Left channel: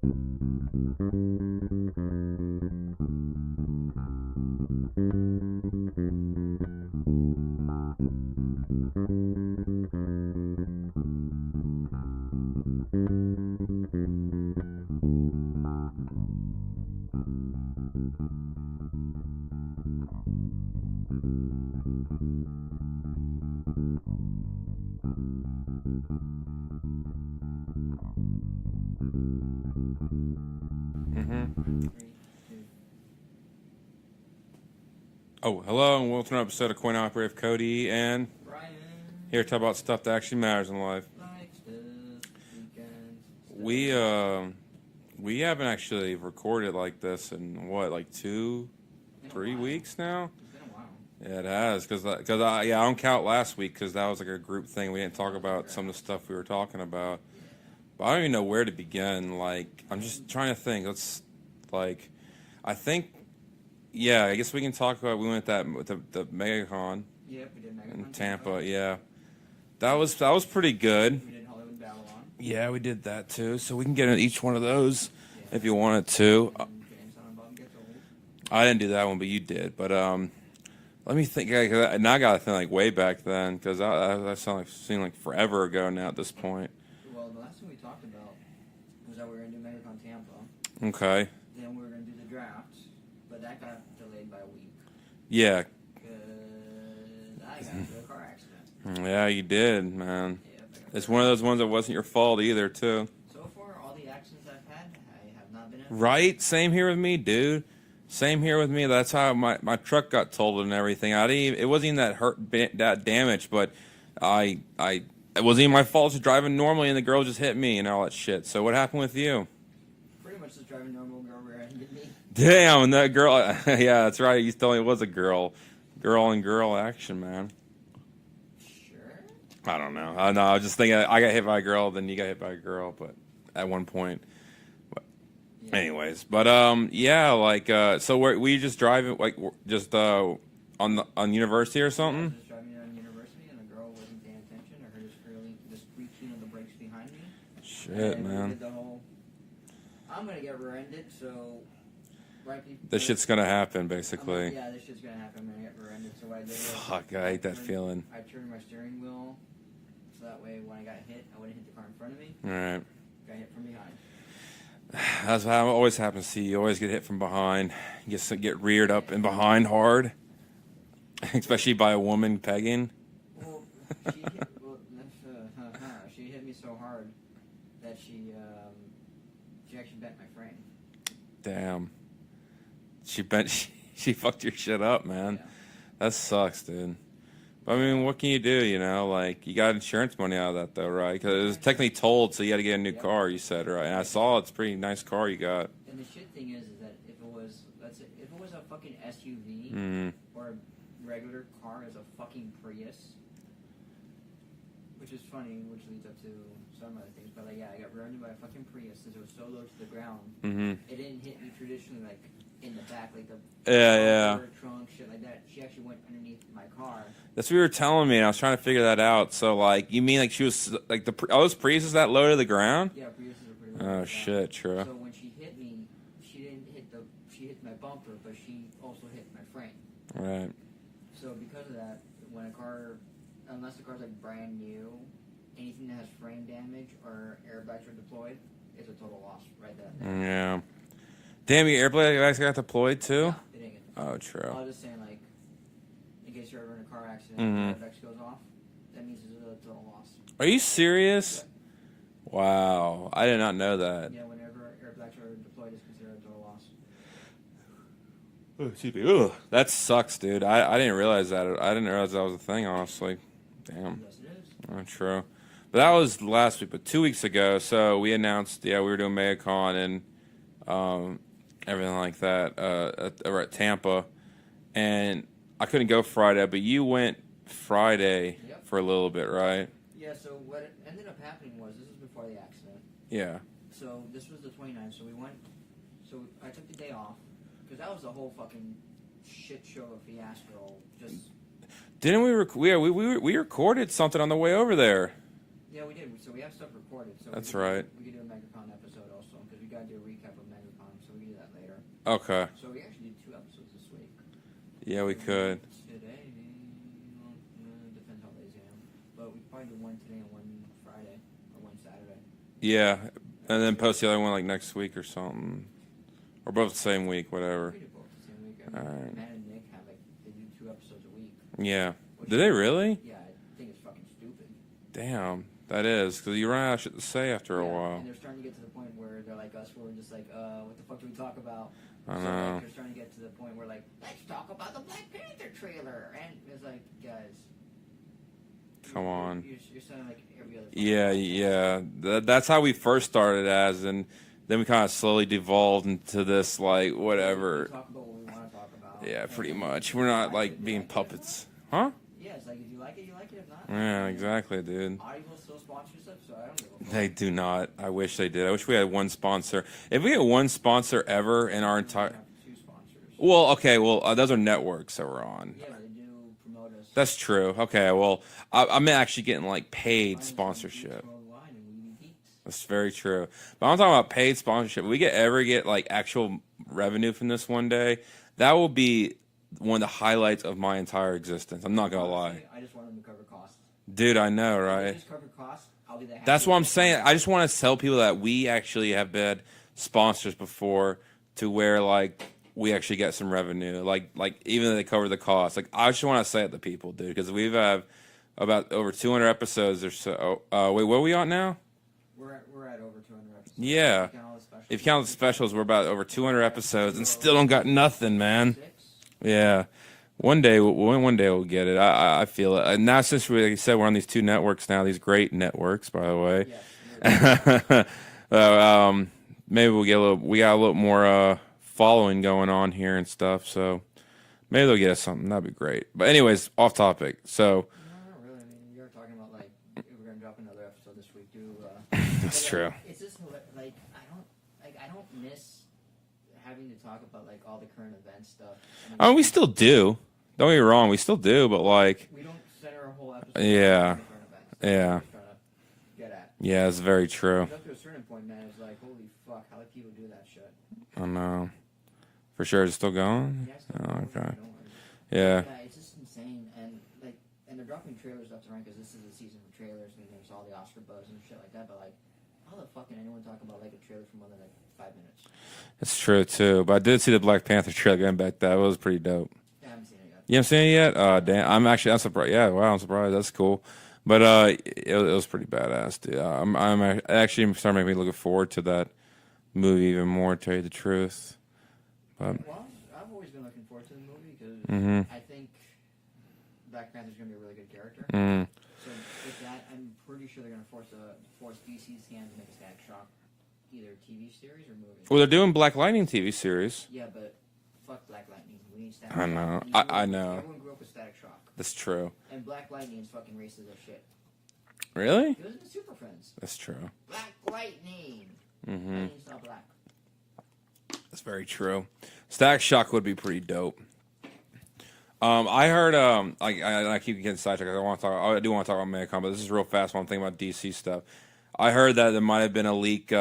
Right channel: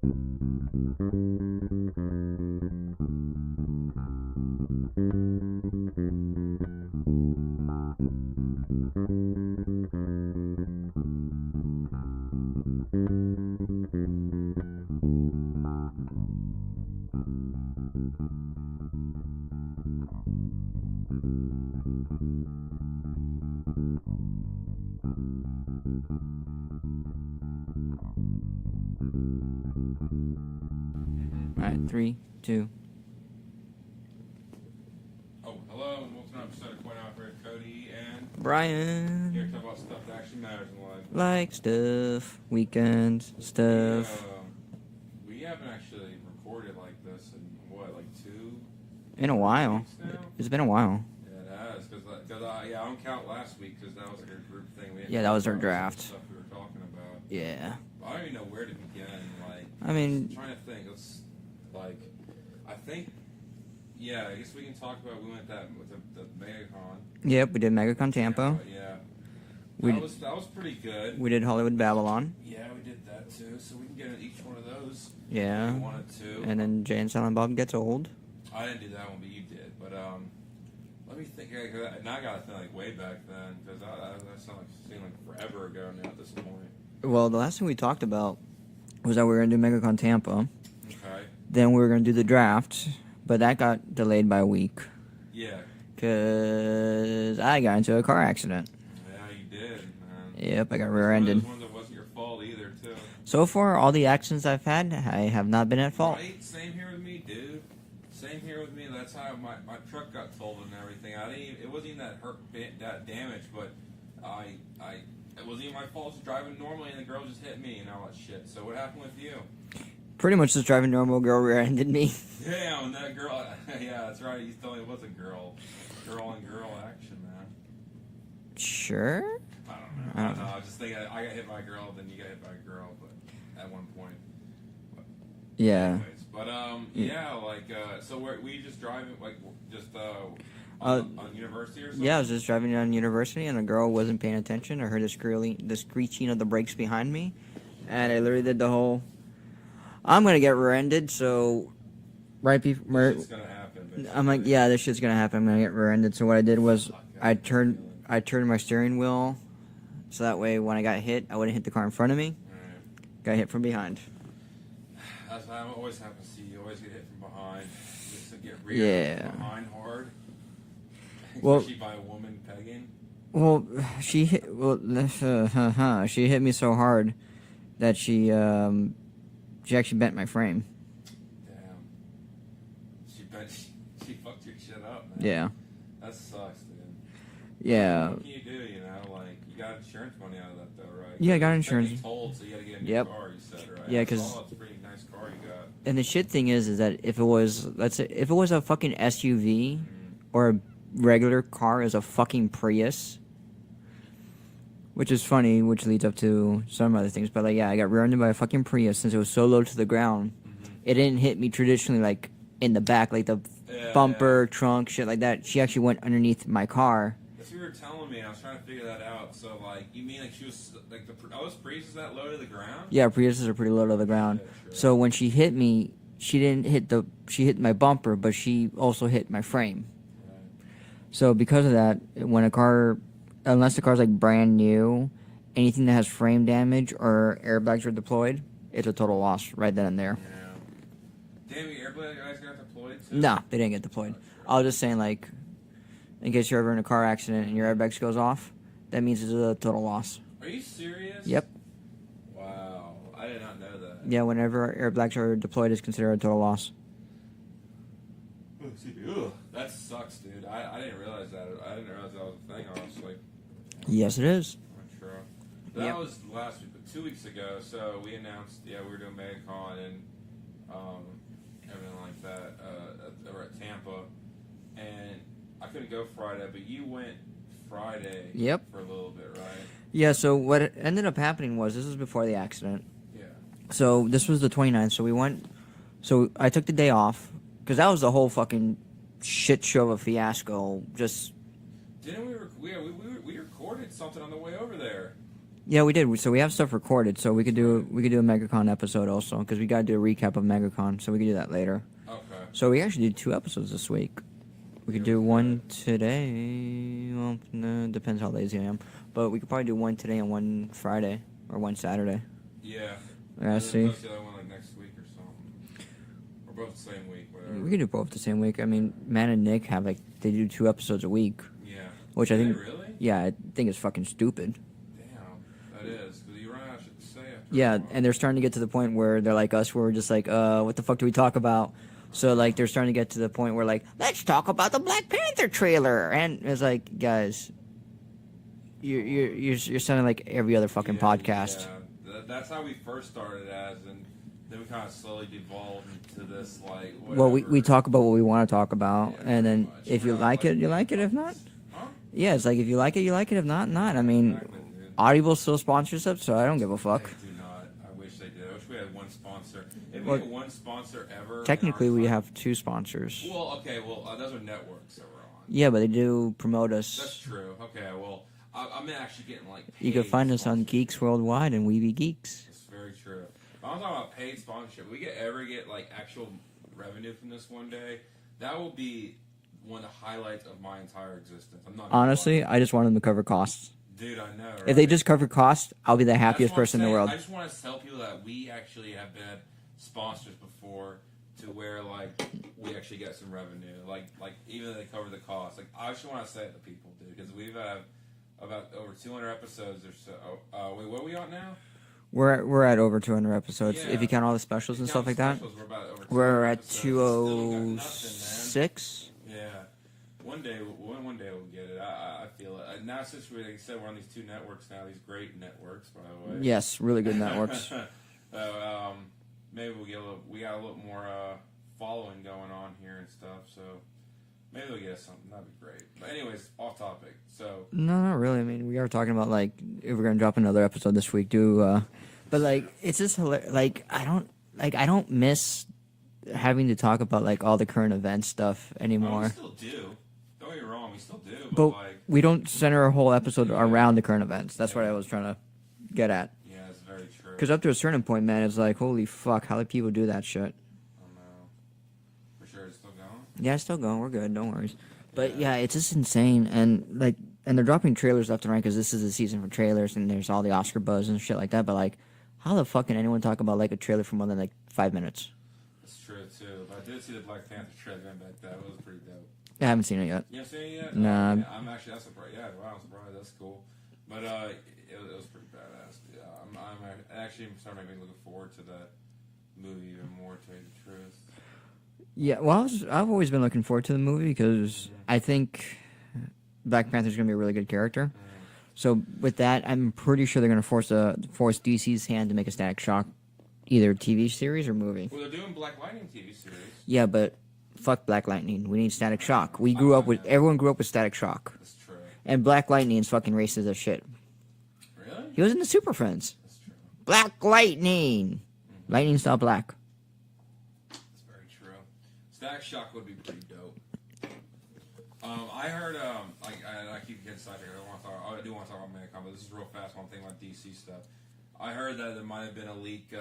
All right, 3, 2. Oh, hello, and welcome to an episode of Coin Operative. Cody and Brian. here to talk about stuff that actually matters in life. Like stuff, weekends, stuff. We haven't actually recorded like this in what, like 2 in a while. weeks now? It's been a while. Yeah, it has, because I don't count last week because that was like a group thing. We didn't Yeah, that talk was our about some of draft. the stuff we were talking about. Yeah. But I don't even know where to begin. Like, I I'm mean- just trying to think. I guess we can talk about, we went with the MegaCon. Yep, we did MegaCon Tampa. Yeah. That was pretty good. We did Hollywood Babylon. Yeah, we did that too. So we can get into each one of those Yeah. if you wanted to. And then Jay and Silent Bob Gets Old. I didn't do that one, but you did. But let me think. Now I gotta think like way back then, because that seemed like forever ago now at this point. Well, the last thing we talked about was that we were going to do MegaCon Tampa. Okay. Then we were going to do the draft, but that got delayed by a week. Yeah. Because I got into a car accident. Yeah, you did, man. Yep, I got It's rear-ended. one of those ones that wasn't your fault either, too. So far, all the accidents I've had, I have not been at fault. Right? Same here with me, dude. Same here with me. That's how my truck got totaled and everything. It wasn't even that damage, but it wasn't even my fault. Just driving normally, and the girl just hit me and all that shit. So what happened with you? Pretty much just driving normal, girl rear-ended me. Damn, and that girl. Yeah, that's right. You told me it was a girl. Girl on girl action, man. Sure? I don't know. I was just thinking I got hit by a girl, then you got hit by a girl, but at one point. Yeah. Anyways, but yeah, like so were you just driving like just on University or something? Yeah, I was just driving on University, and a girl wasn't paying attention. I heard the screeching of the brakes behind me, and I literally did the whole. I'm gonna get rear-ended, so right before this shit's gonna happen, basically. I'm like, yeah, this shit's gonna happen. I'm gonna get rear-ended. So what I did was I turned my steering wheel, so that way when I got hit, I wouldn't hit the car in front of me. All right. Got hit from behind. That's how it always happens to you. You always get hit from behind. You get reared up and behind hard, especially by a woman pegging. Well, she hit. She hit me so hard that she actually bent my frame. Damn. She fucked your shit up, man. Yeah. That sucks, dude. Yeah. I mean, what can you do, you know? Like, you got insurance money out of that, though, right? Yeah, I got it's technically insurance. told, so you got to get a new car, you said, right? Yeah, I saw it's a pretty nice car you got. And the shit thing is that if it was, let's say, if it was a fucking SUV or a regular car as a fucking Prius, which is funny, which leads up to some other things. But, like, yeah, I got rear-ended by a fucking Prius since it was so low to the ground. It didn't hit me traditionally, like, in the back, like the bumper, trunk, shit like that. She actually went underneath my car. That's what you were telling me, and I was trying to figure that out. So, like, you mean like she was, like, those Priuses that low to the ground? Yeah, Priuses are pretty low to the ground. Shit, true. So when she hit me, she hit my bumper, but she also hit my frame. Right. So because of that, when a car, unless the car's like brand new, anything that has frame damage or airbags are deployed, it's a total loss right then and there. Yeah. Damn, your airbags got deployed too? No, they didn't get deployed. Oh, true. I was just saying, like, in case you're ever in a car accident and your airbags goes off, that means it's a total loss. Are you serious? Yep. Wow. I did not know that. Yeah, whenever airbags are deployed, it's considered a total loss. Excuse me. Ugh. That sucks, dude. I didn't realize that. I didn't realize that was a thing, honestly. Damn. Yes, it is. Oh, true. But that was last week, but 2 weeks ago, so we announced, we were doing MegaCon and everything like that over at Tampa. And I couldn't go Friday, but you went Friday for a little bit, right? Yeah, so what ended up happening was, this was before the accident. Yeah. So this was the 29th, so we went, so I took the day off, because that was the whole fucking shit show of a fiasco, just... Didn't we recorded something on the way over there? Yeah, we did. So we have stuff recorded, so we That's could do right. we could do a MegaCon episode also because we got to do a recap of MegaCon, so we could do that later. Okay. So we actually did 2 episodes this week. We Yeah, could do we one could. today. Well, no, depends how lazy I am. But we could probably do one today and one Friday or one Saturday. Yeah. Yeah, And then see. post the other one like next week or something. Or both the same week, whatever. We could do both the same week. I mean, Alright. Matt and Nick have they do 2 episodes a week. Yeah. Which Do I they think- really? Yeah, I think it's fucking stupid. Damn. That is. Because you run out of shit to say after a Yeah, while. and they're starting to get to the point where they're like us, where we're just like, what the fuck do we talk about? So like they're starting to get to the point where like, let's talk about the Black Panther trailer, and it's like, guys, you're sounding like every other fucking podcast. Yeah. That's how we first started as, and then we kind of slowly devolved into this like whatever. Well, we talk about what we want to talk about, Yeah, and pretty then much. if We're you not, like it, you being like it. If not, puppets. Huh? yeah, it's like if you like it, you like it. If not, not. Yeah, I mean, exactly, dude. Audible still sponsors us, so I don't give a fuck. They do not. I wish they did. I wish we had one sponsor. If we had one sponsor ever in our Technically, entire, we have 2 sponsors. well, okay, well, those are networks that we're on. Yeah, but they do promote us. That's true. Okay, well, I'm actually getting like paid. You can find us on sponsorship. Geeks Worldwide and We Be Geeks. That's very true. But I'm talking about paid sponsorship. If we ever get like actual revenue from this one day, that will be one of the highlights of my entire existence. I'm not gonna Honestly, lie. I just want them to cover costs. Dude, I know, right? If they just cover costs, I'll be the happiest That's what I'm person in saying. the world. I just want to tell people that we actually have been sponsors before, to where like we actually get some revenue. Like even though they cover the cost. Like I just want to say it to people, dude, because we've had about over 200 episodes or so. Wait, what are we on now? We're at over 200 episodes. Yeah. If you count all the specials If and you count stuff the like specials, we're about over that. 200 We're at episodes. And still don't got nothing, man. 6? Yeah. One day we'll get it. I feel it. And now since we, like you said, we're on these 2 networks now, these great networks, by the way. Yes, really good networks. Maybe we got a little more following going on here and stuff. So maybe they'll get us something. That'd be great. But anyways, off topic. So No, not really. I mean, we are talking about like if we're gonna drop another episode this week. But like, true. it's just hilarious. Like I don't miss having to talk about like all the current event stuff anymore. we still do. Don't get me wrong, we still do. But like, we don't center our whole episode Yeah. around the current events. That's what Yeah. I was trying to get at. yeah, it's very true. Because up to a certain point, man, it's like, holy fuck, how do people do that shit? I know. For sure, it's still going. Yeah, it's still going. We're Okay. good. Don't worry. Yeah. But yeah, it's just insane. And they're dropping trailers left and right because this is the season for trailers and there's all the Oscar buzz and shit like that. But like, how the fuck can anyone talk about like a trailer for more than like 5 minutes? That's true too. But I did see the Black Panther trailer going back. That was pretty dope. I haven't seen it yet. You haven't seen it yet? Nah. Damn. I'm surprised. Yeah, wow, I'm surprised. That's cool. But it was pretty badass, dude. I'm actually starting to make me looking forward to that movie even more. To tell you the truth. Yeah, well, I've always been looking forward to the movie because Mm-hmm. I think Black Panther's gonna be a really good character. Mm. So with that, I'm pretty sure they're gonna force DC's hand to make a Static Shock, either TV series or movie. Well, they're doing Black Lightning TV series. Yeah, but fuck Black Lightning. We need Static I Shock. know. We grew I up with know. everyone grew up with Static Shock, That's true. and Black Lightning's fucking racist as shit. Really? He was in the Super Friends. That's true. Black Lightning. Mm-hmm. Lightning's not black. That's very true. Static Shock would be pretty dope. I heard. I keep getting sidetracked. I do want to talk about MegaCon, but this is real fast while I'm thinking about DC stuff. I heard that there might have been a leak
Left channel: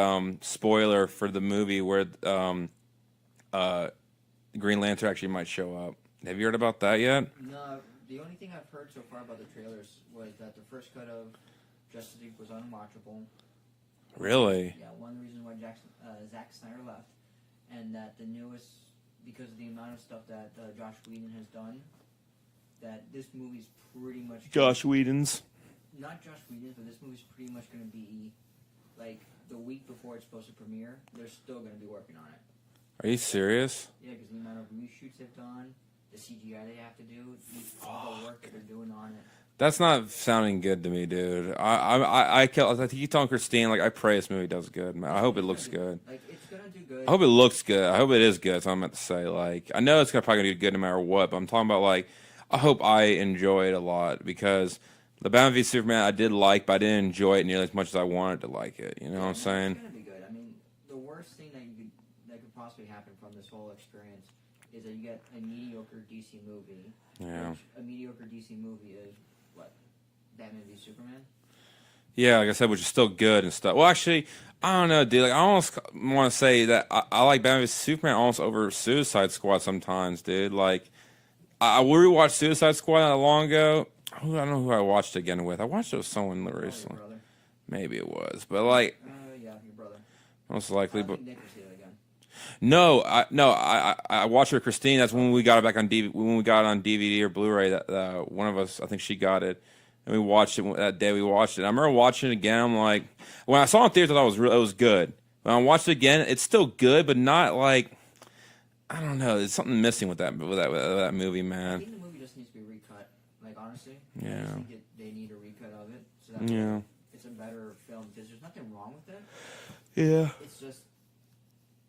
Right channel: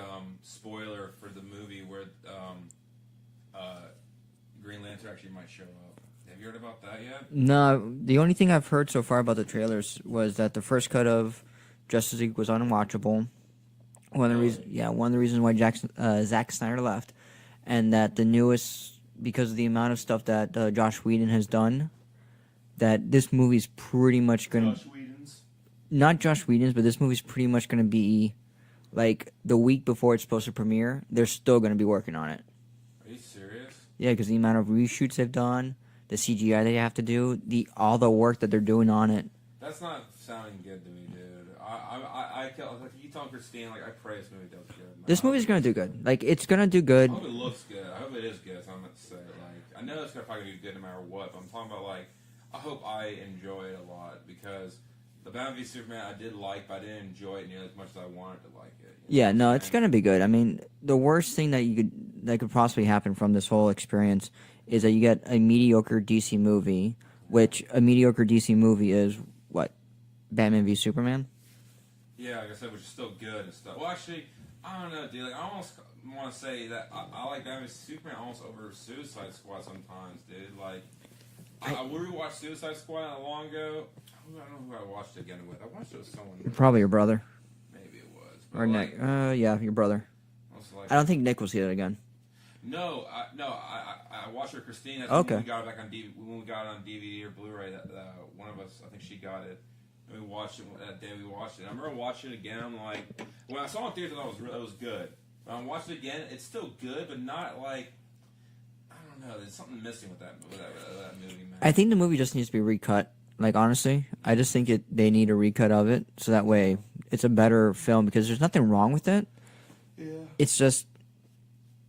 spoiler for the movie where Green Lantern actually might show up. Have you heard about that yet? No, the only thing I've heard so far about the trailers was that the first cut of Justice League was unwatchable. Really? One of the reasons why Zack Snyder left, and that the newest, because of the amount of stuff that Josh Whedon has done, that this movie's pretty much going Whedon's. not Josh Whedon's, but this movie's pretty much going to be like the week before it's supposed to premiere. They're still going to be working on it. Are you serious? Yeah, because the amount of reshoots they've done, the CGI they have to do, all the work that they're doing on it. That's not sounding good to me, dude. I keep telling Christine, like, I pray this movie does good, man. This I hope movie's it going looks to do good. Like, it's going to do good. I hope it looks good. I hope it is good. That's what I meant to say. Like, I know it's probably gonna do good no matter what. But I'm talking about like, I hope I enjoy it a lot because the Batman v Superman I did like, but I didn't enjoy it nearly as much as I wanted to like it. You know Yeah, what I'm no, saying? it's going to be good. I mean, the worst thing that could possibly happen from this whole experience is that you get a mediocre DC movie, which a mediocre DC movie is what? Batman v Superman? Yeah, like I said, which is still good and stuff. Well, actually, I don't know, dude. Like, I almost want to say that I like Batman vs Superman almost over Suicide Squad sometimes, dude. Like, I rewatched Suicide Squad not long ago. I don't know who I watched it again with. I watched it with someone. Probably your brother. Maybe it was, but Or like, yeah, your brother. most likely. I don't think Nick will see it again. No, I watched it with Christine. That's when Okay. we got it back on DVD. When we got it on DVD or Blu-ray, that one of us, I think she got it, and we watched it that day. We watched it. I remember watching it again. I'm like, when I saw it in theaters, I thought it was good. When I watched it again, it's still good, but not like, I don't know. There's something missing with that movie, man. I think the movie just needs to be recut. Like, honestly, I just think they need a recut of it, so that way it's a better film, because there's nothing wrong with it. Yeah. It's just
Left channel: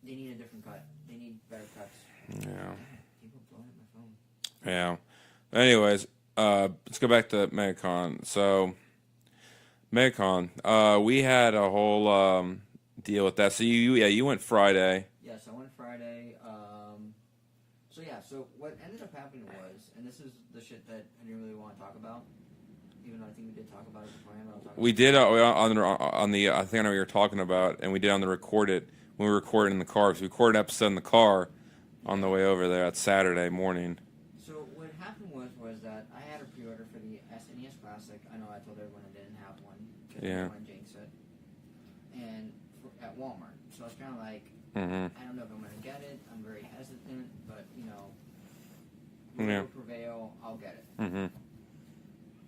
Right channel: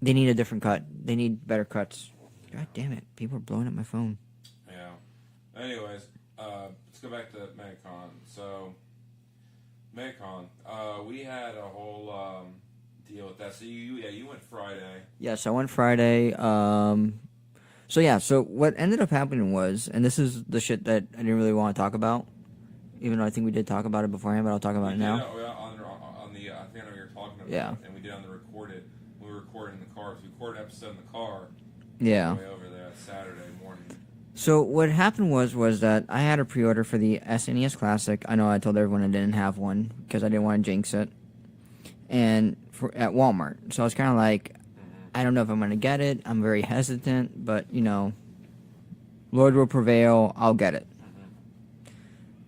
they need a different cut. They need better cuts. Yeah. God damn it. People are blowing up my phone. Yeah. Anyways, let's go back to MegaCon. So, MegaCon, we had a whole deal with that. So you went Friday. Yes, I went Friday. So what ended up happening was, and this is the shit that I didn't really want to talk about, even though I think we did talk about it beforehand, but I'll talk about We it did now. on the I think I know what you're talking about, Yeah. and we did on the recorded when we recorded in the car. So we recorded an episode in the car on the way over there. That's Saturday morning. So what happened was that I had a pre-order for the SNES Classic. I know I told everyone I didn't have one because I didn't want to jinx it. And at Walmart. So I was kind of like, I don't know if I'm going to get it. I'm very hesitant, but, Lord will prevail. I'll get it.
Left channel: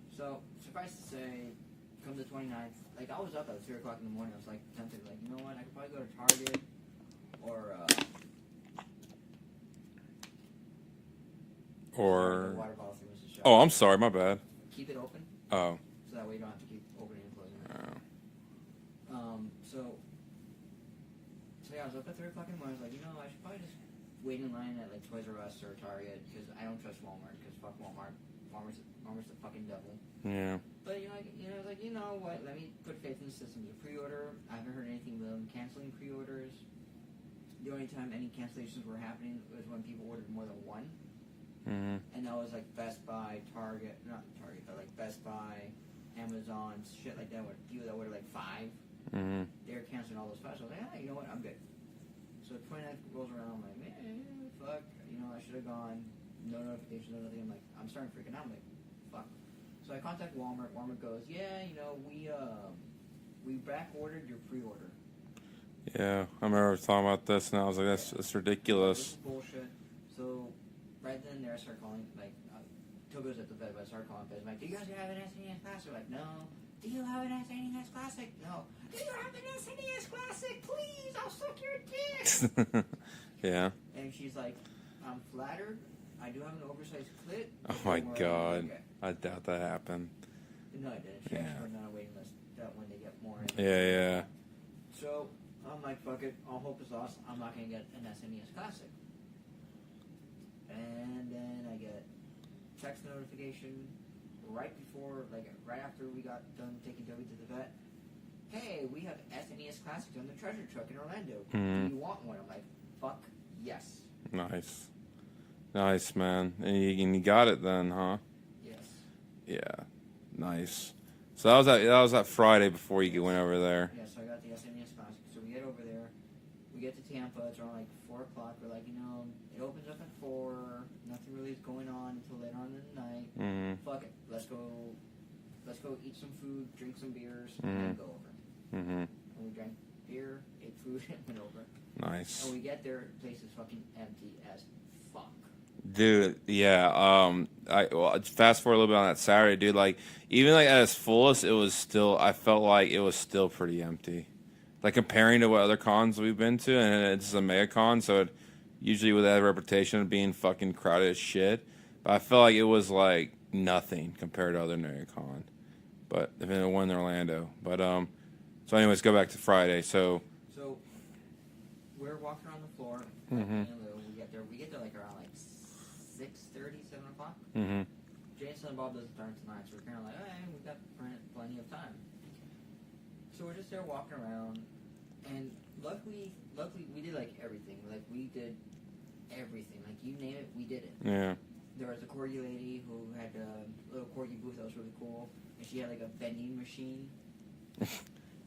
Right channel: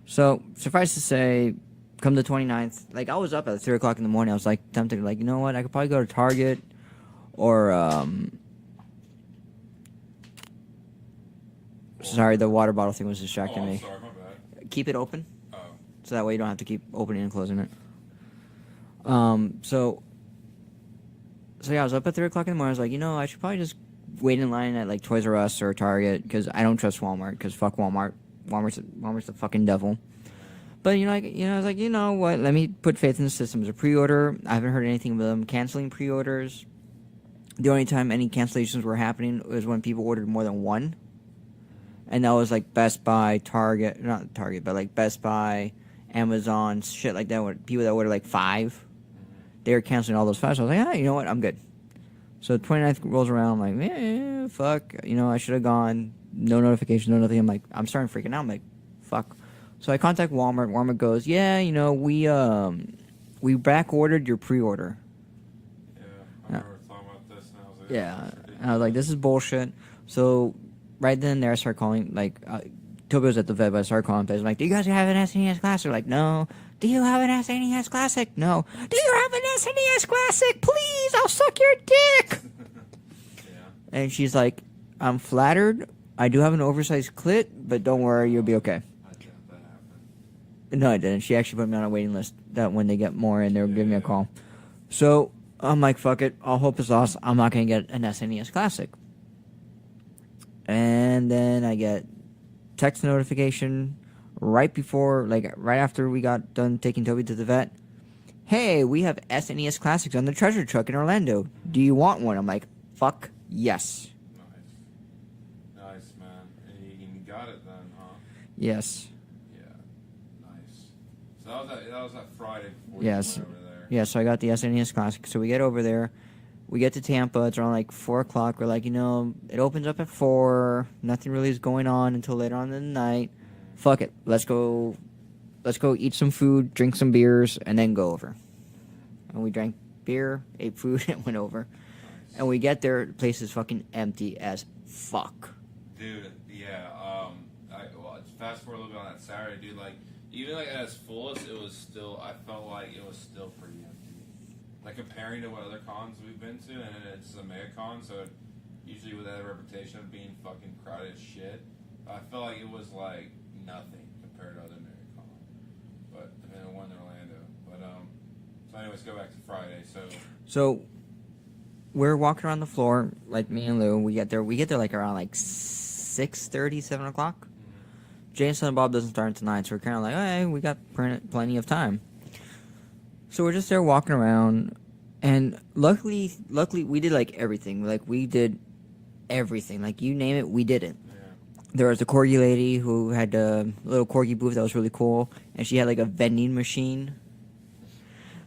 So suffice to say, come the 29th, like, I was up at 3 o'clock in the morning. I was, like, tempted, like, you know what? I could probably go to Target or sorry, the water bottle thing was distracting Oh, I'm me. sorry. My bad. Keep it open. Oh. So that way you don't have to keep opening and closing it. So yeah, I was up at 3 o'clock in the morning. I was like, I should probably just wait in line at like Toys R Us or Target because I don't trust Walmart because fuck Walmart. Walmart's the fucking devil. Yeah. But I was like, you know what? Let me put faith in the system. As a pre-order, I haven't heard anything about them canceling pre-orders. The only time any cancellations were happening was when people ordered more than one. And that was like Best Buy, Target, not Target, but like Best Buy, Amazon, shit like that. With people that ordered like 5, they were canceling all those 5. So I was like, you know what? I'm good. So the 29th rolls around. I'm like, fuck. I should have gone. No notification, no nothing. I'm like, I'm starting freaking out. I'm like, fuck. So I contact Walmart. Walmart goes, yeah, we back ordered your pre-order. Yeah, I remember talking about this, and I was like, that's ridiculous. I was like, this is bullshit. So right then and there, I started calling, like, Toby was at the vet, but I started calling places. I'm like, do you guys have an SNES Classic? They're like, no. Do you have an SNES Classic? No. Do you have an SNES Classic? Please, I'll suck your dick. Yeah. And she's like, I'm flattered. I do have an oversized clit, but don't worry, you'll be okay. I doubt that happened. No, I didn't. She actually put me on a waiting list that when they get more in, they'll give me a call. Yeah. So I'm like, fuck it. All hope is lost. I'm not going to get an SNES Classic. And then I get text notification right after we got done taking Toby to the vet. Hey, we have SNES Classics on the treasure truck in Orlando. Do you want one? I'm like, fuck yes. Nice, man. And you got it then, huh? Yes. Yeah. Nice. So that was that Friday before you went over there. Yeah, so I got the SNES Classic. So we get over there. We get to Tampa. It's around like 4 o'clock. We're like, it opens up at 4. Nothing really is going on until later on in the night. Fuck it. Let's go eat some food, drink some beers, and then go over. And we drank beer, ate food, and went over. Nice. And we get there, the place is fucking empty as fuck. Dude, yeah. Fast forward a little bit on that Saturday, dude. Like, even like at its fullest, I felt like it was still pretty empty. Like, comparing to what other cons we've been to, and it's a MegaCon, so it usually with that reputation of being fucking crowded as shit. But I felt like it was like nothing compared to other MegaCon. But if it won in Orlando. But so anyways, go back to Friday. So we're walking around the floor, like me and Lou. We get there like around like 6:30, 7 o'clock. Jay and Silent Bob doesn't start until 9, so we're kind of like, hey, we got plenty of time. So we're just there walking around, and luckily we did like everything. Like, we did everything. Like, you name it, we did it. yeah. There was a corgi lady who had a little corgi booth that was really cool, and she had like a vending machine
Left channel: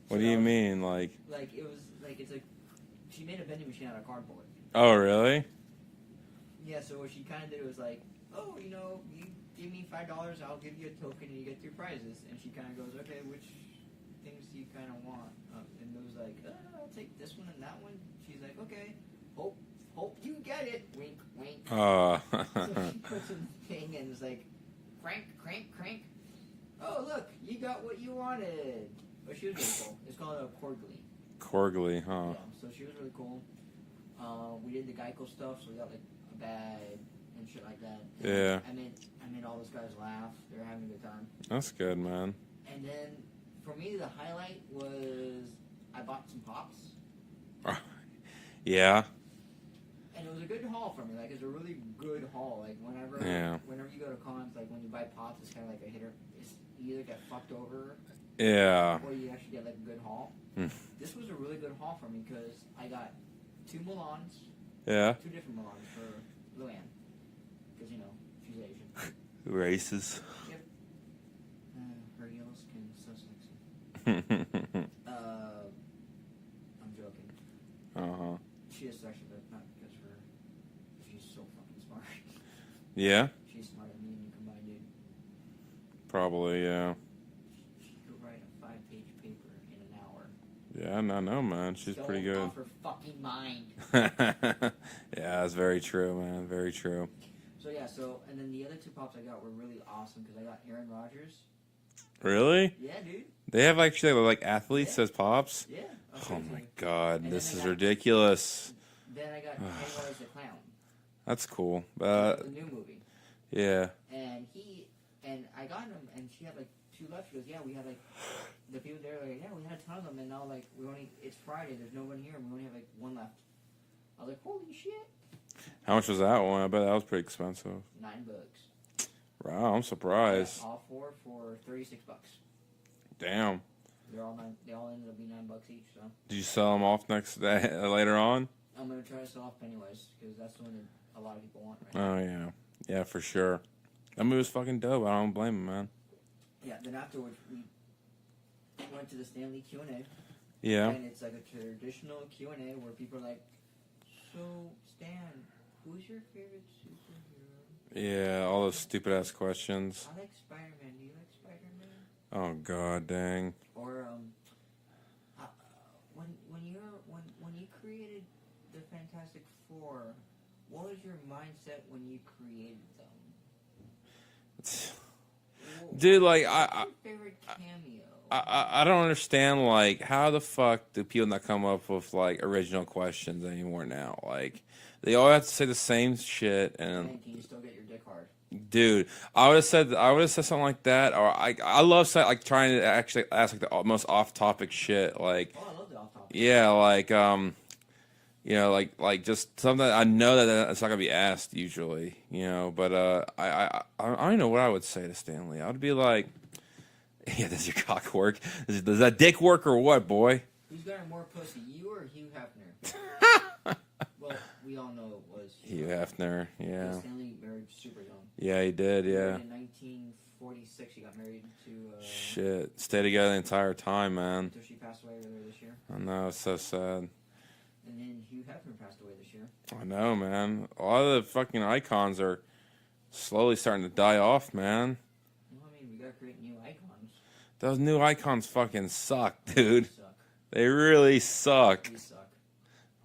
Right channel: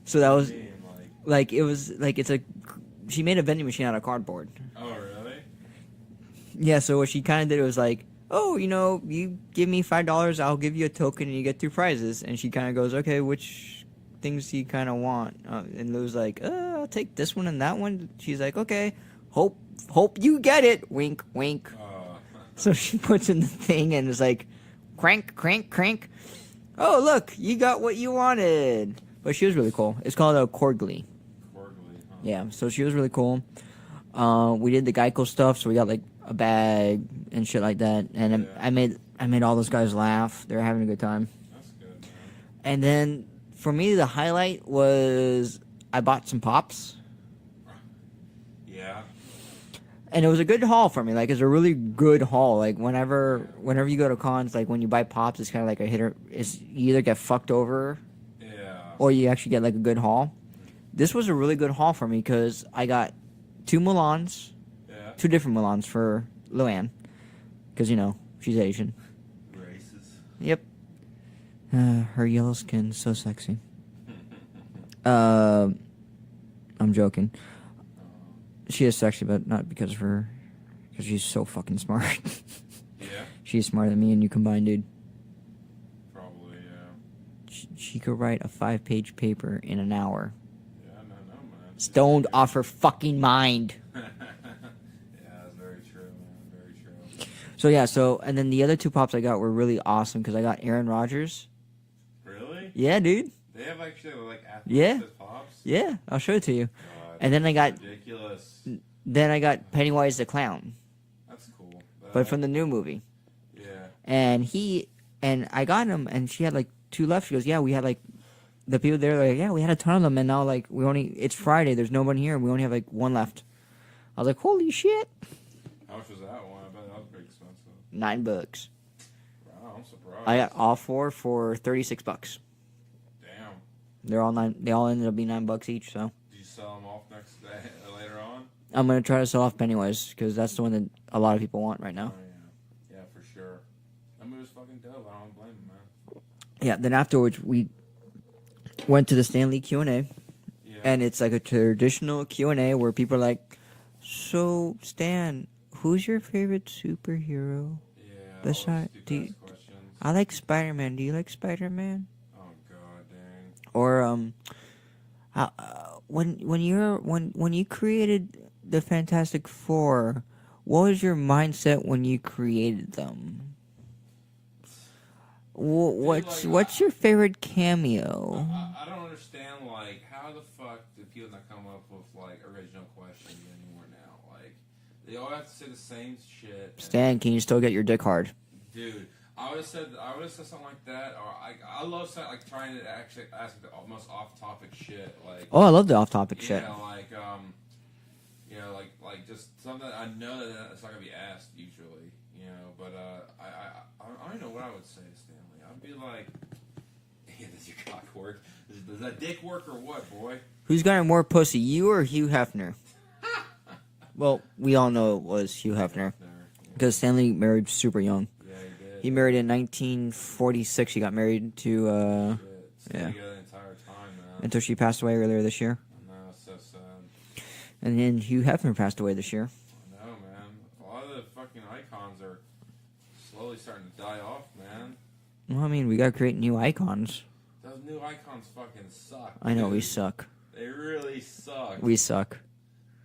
So what that do was you mean? like it was like it's a. She made a vending machine out of cardboard. Oh, really? Yeah. So what she kind of did was like, oh, you give me $5, I'll give you a token, and you get 2 prizes. And she kind of goes, okay, which things do you kind of want? And Lou's like, I'll take this one and that one. She's like, okay, hope you get it. Wink, wink. So she puts in the thing and is like, crank, crank, crank. Oh, look, you got what you wanted. But she was really cool. It's called a Corgly. Corgly, huh? Yeah, so she was really cool. We did the Geico stuff, so we got like a bag and shit like that. And Yeah. I made all those guys laugh. They were having a good time. That's good, man. And then for me, the highlight was I bought some pops. Yeah. And it was a good haul for me. Like, it's a really good haul. Like, whenever Yeah. you go to cons, like, when you buy pops, it's kind of like a hitter. You either get fucked over, Yeah. or you actually get, like, a good haul. This was a really good haul for me because I got 2 Mulans. Yeah. 2 different Mulans for Luann. Because, she's Asian. Races. Yep. Her yellow skin, so sexy. I'm joking. Uh-huh. She is sexy, but not because of her. Because she's so fucking smart. Yeah? She's smarter than me and you combined, dude. Probably, yeah. She could write a 5-page paper in an hour. Yeah, no, man. She's Stoned pretty off her fucking mind. good. Yeah, that's very true, man. Very true. So, yeah, and then the other 2 pops I got were really awesome because I got Aaron Rodgers. Really? Yeah, dude. They have actually like athletes Yeah. as pops? Yeah, I'll show it to you. God. And then this I got- is ridiculous. Then I got Pennywise the Clown, That's cool. but from the new movie. Yeah. And I got him, and she had like 2 left. She goes, yeah, we had like, the people there were like, yeah, we had a ton of them, and now like it's Friday, there's no one here, and we only have like 1 left. I was like, holy shit. How much was that one? I bet that was pretty expensive. $9. Wow, I'm surprised. I got all 4 for $36. Damn. They're all 9. They all ended up being $9 each. So Did you sell them off next day later on? I'm gonna try to sell off Pennywise because that's the one that a lot of people want right now. Oh yeah, yeah, for sure. That movie was fucking dope. I don't blame him, man. Yeah. Then afterwards we went to the Stanley Q&A, Yeah. and it's like a traditional Q&A where people are like, "So Stan, who's your favorite superhero?" Yeah, Let's all those try- stupid do ass you- questions. I like Spider-Man. Do you like Spider-Man? Oh god, dang. Or when you created the Fantastic Four, what was your mindset when you created them? Dude, What's your favorite cameo? I don't understand, like, how the fuck do people not come up with like original questions anymore now? Like, they all have to say the same shit. And, Stan, can you still get your dick hard? dude, I would have said something like that, or I love like trying to actually ask like the most off topic shit, like Oh, I love the off-topic yeah, shit. like like just something that I know that it's not gonna be asked usually, But I don't even know what I would say to Stanley. I would be like, yeah, does your cock work? Does that dick work or what, boy? Who's got more pussy, you or Hugh Hefner? Well, we all know it was Hugh Hefner. Yeah. Because Stanley married super young. Yeah, he did. He married in 1946. He got married to Shit, stay together the entire time, man. until she passed away earlier this year. I know, it's so sad. And then Hugh Hefner passed away this year. I know, man. A lot of the fucking icons are slowly starting to die off, man. Well, I mean, we gotta create new icons. Those new icons fucking suck, I dude. know we suck. They really suck. We suck.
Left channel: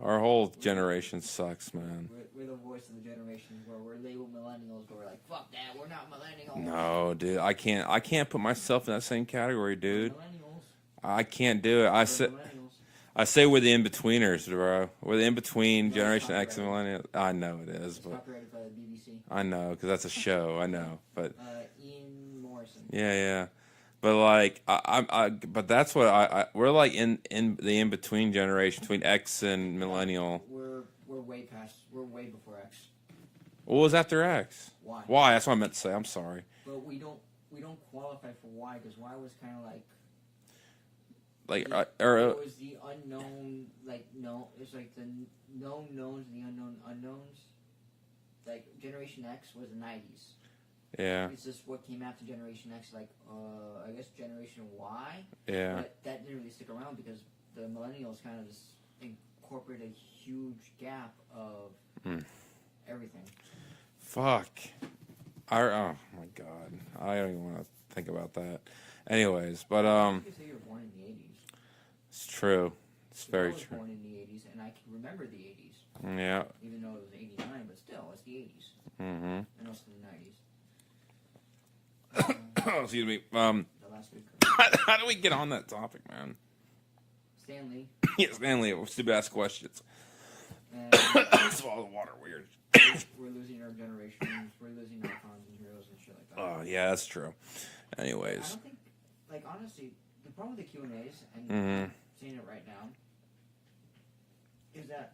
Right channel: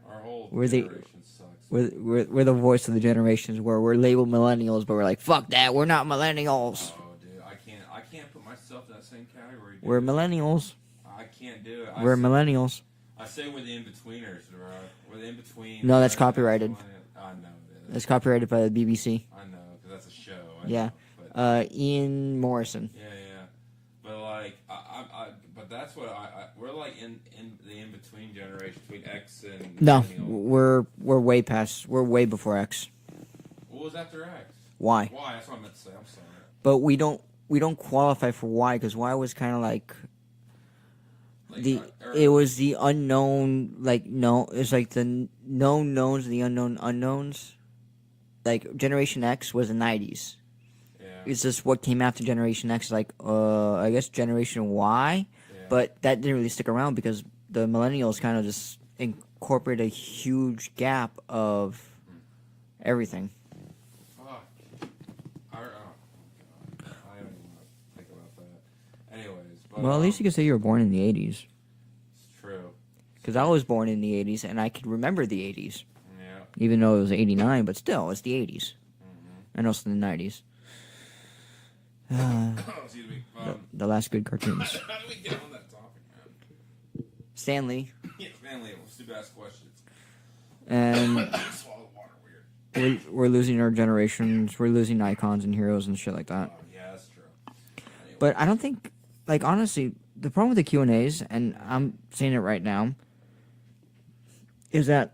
Our whole We're the- generation sucks, man. We're the voice of the generations where we're labeled millennials, but we're like, fuck that, we're not millennials. No, dude, I can't put myself in that same category, dude. We're millennials. I can't do it. We're millennials. I say we're the in-betweeners, bro. We're the in-between. No, that's Generation X and copyrighted. millennial. I know it is. It's copyrighted by the BBC. I know, because that's a show. I Yeah. know, but Ian Morrison. yeah. But like, but that's what we're like in the in-between generation between X and millennial. No, we're way past. We're way before X. What was after X? Y. Why? That's what I meant to say. I'm sorry. But we don't qualify for Y because Y was kind of like Like, it was the unknown. Like no, it's like the known knowns, the unknown unknowns. Like Generation X was the 90s. Yeah. It's just what came after Generation X, like, I guess Generation Y. Yeah. But that didn't really stick around because the millennials kind of just incorporate a huge gap of everything. Fuck. Oh my god. I don't even want to think about that. Anyways, but Well, at least you could say you were born in the 80s. it's true. Because I was born in the 80s, and I could remember the 80s. Yeah. Even though it was 89, but still, it's the 80s. Mm-hmm. And also the 90s. Excuse me. The last good cartoons. How do we get on that topic, man? Stanley. Yeah, Stanley. Stupid ass questions. And Swallow the water weird. we're losing our generations. We're losing icons and heroes and shit like that. Oh, yeah, that's true. Anyways. But I don't think, like, honestly, the problem with the Q&As, and I'm saying it right now, is that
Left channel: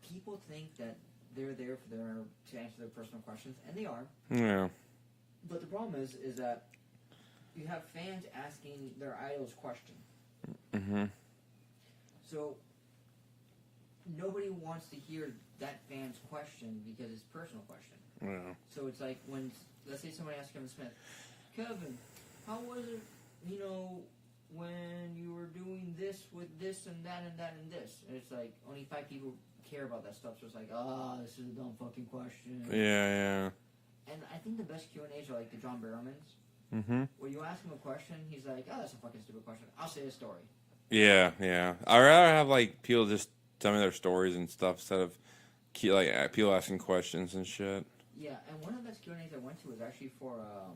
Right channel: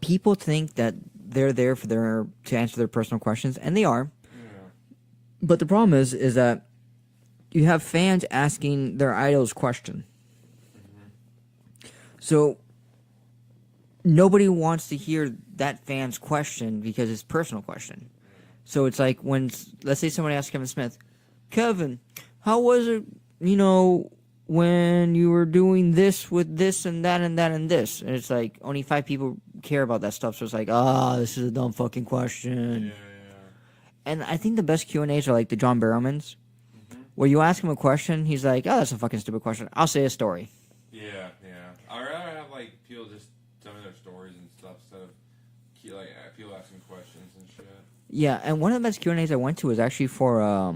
people think that they're there to answer their personal questions, and they are. Yeah. But the problem is that you have fans asking their idols question. Mm-hmm. So nobody wants to hear that fan's question because it's a personal question. Yeah. So it's like when, let's say somebody asks Kevin Smith, Kevin, how was it, when you were doing this with this and that and that and this? And it's like only 5 people care about that stuff. So it's like, this is a dumb fucking question. Yeah. And I think the best Q&As are like the John Barrowmans, where you ask him a question, he's like, that's a fucking stupid question. I'll say a story. Yeah. I'd rather have like people just tell me their stories and stuff instead of people asking questions and shit. Yeah, and one of the best Q&As I went to was actually for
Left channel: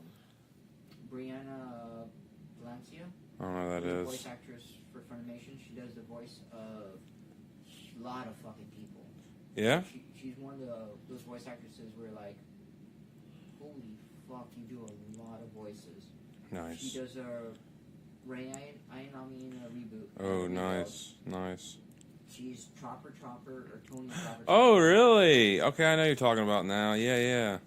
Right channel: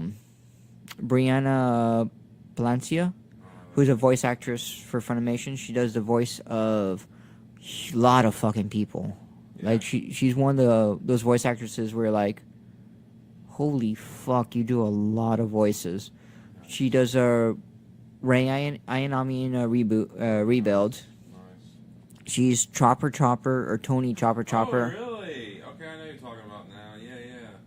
Brianna Palancia, who's a voice actress for Funimation. She does the voice of a lot of fucking people. Yeah? Like she's one of those voice actresses where like, holy fuck, you do a lot of voices. Nice. She does a Rei Ayanami in a Rebuild. Nice. She's Chopper or Tony Chopper. Oh, really? Okay, I know you're talking about now. Yeah.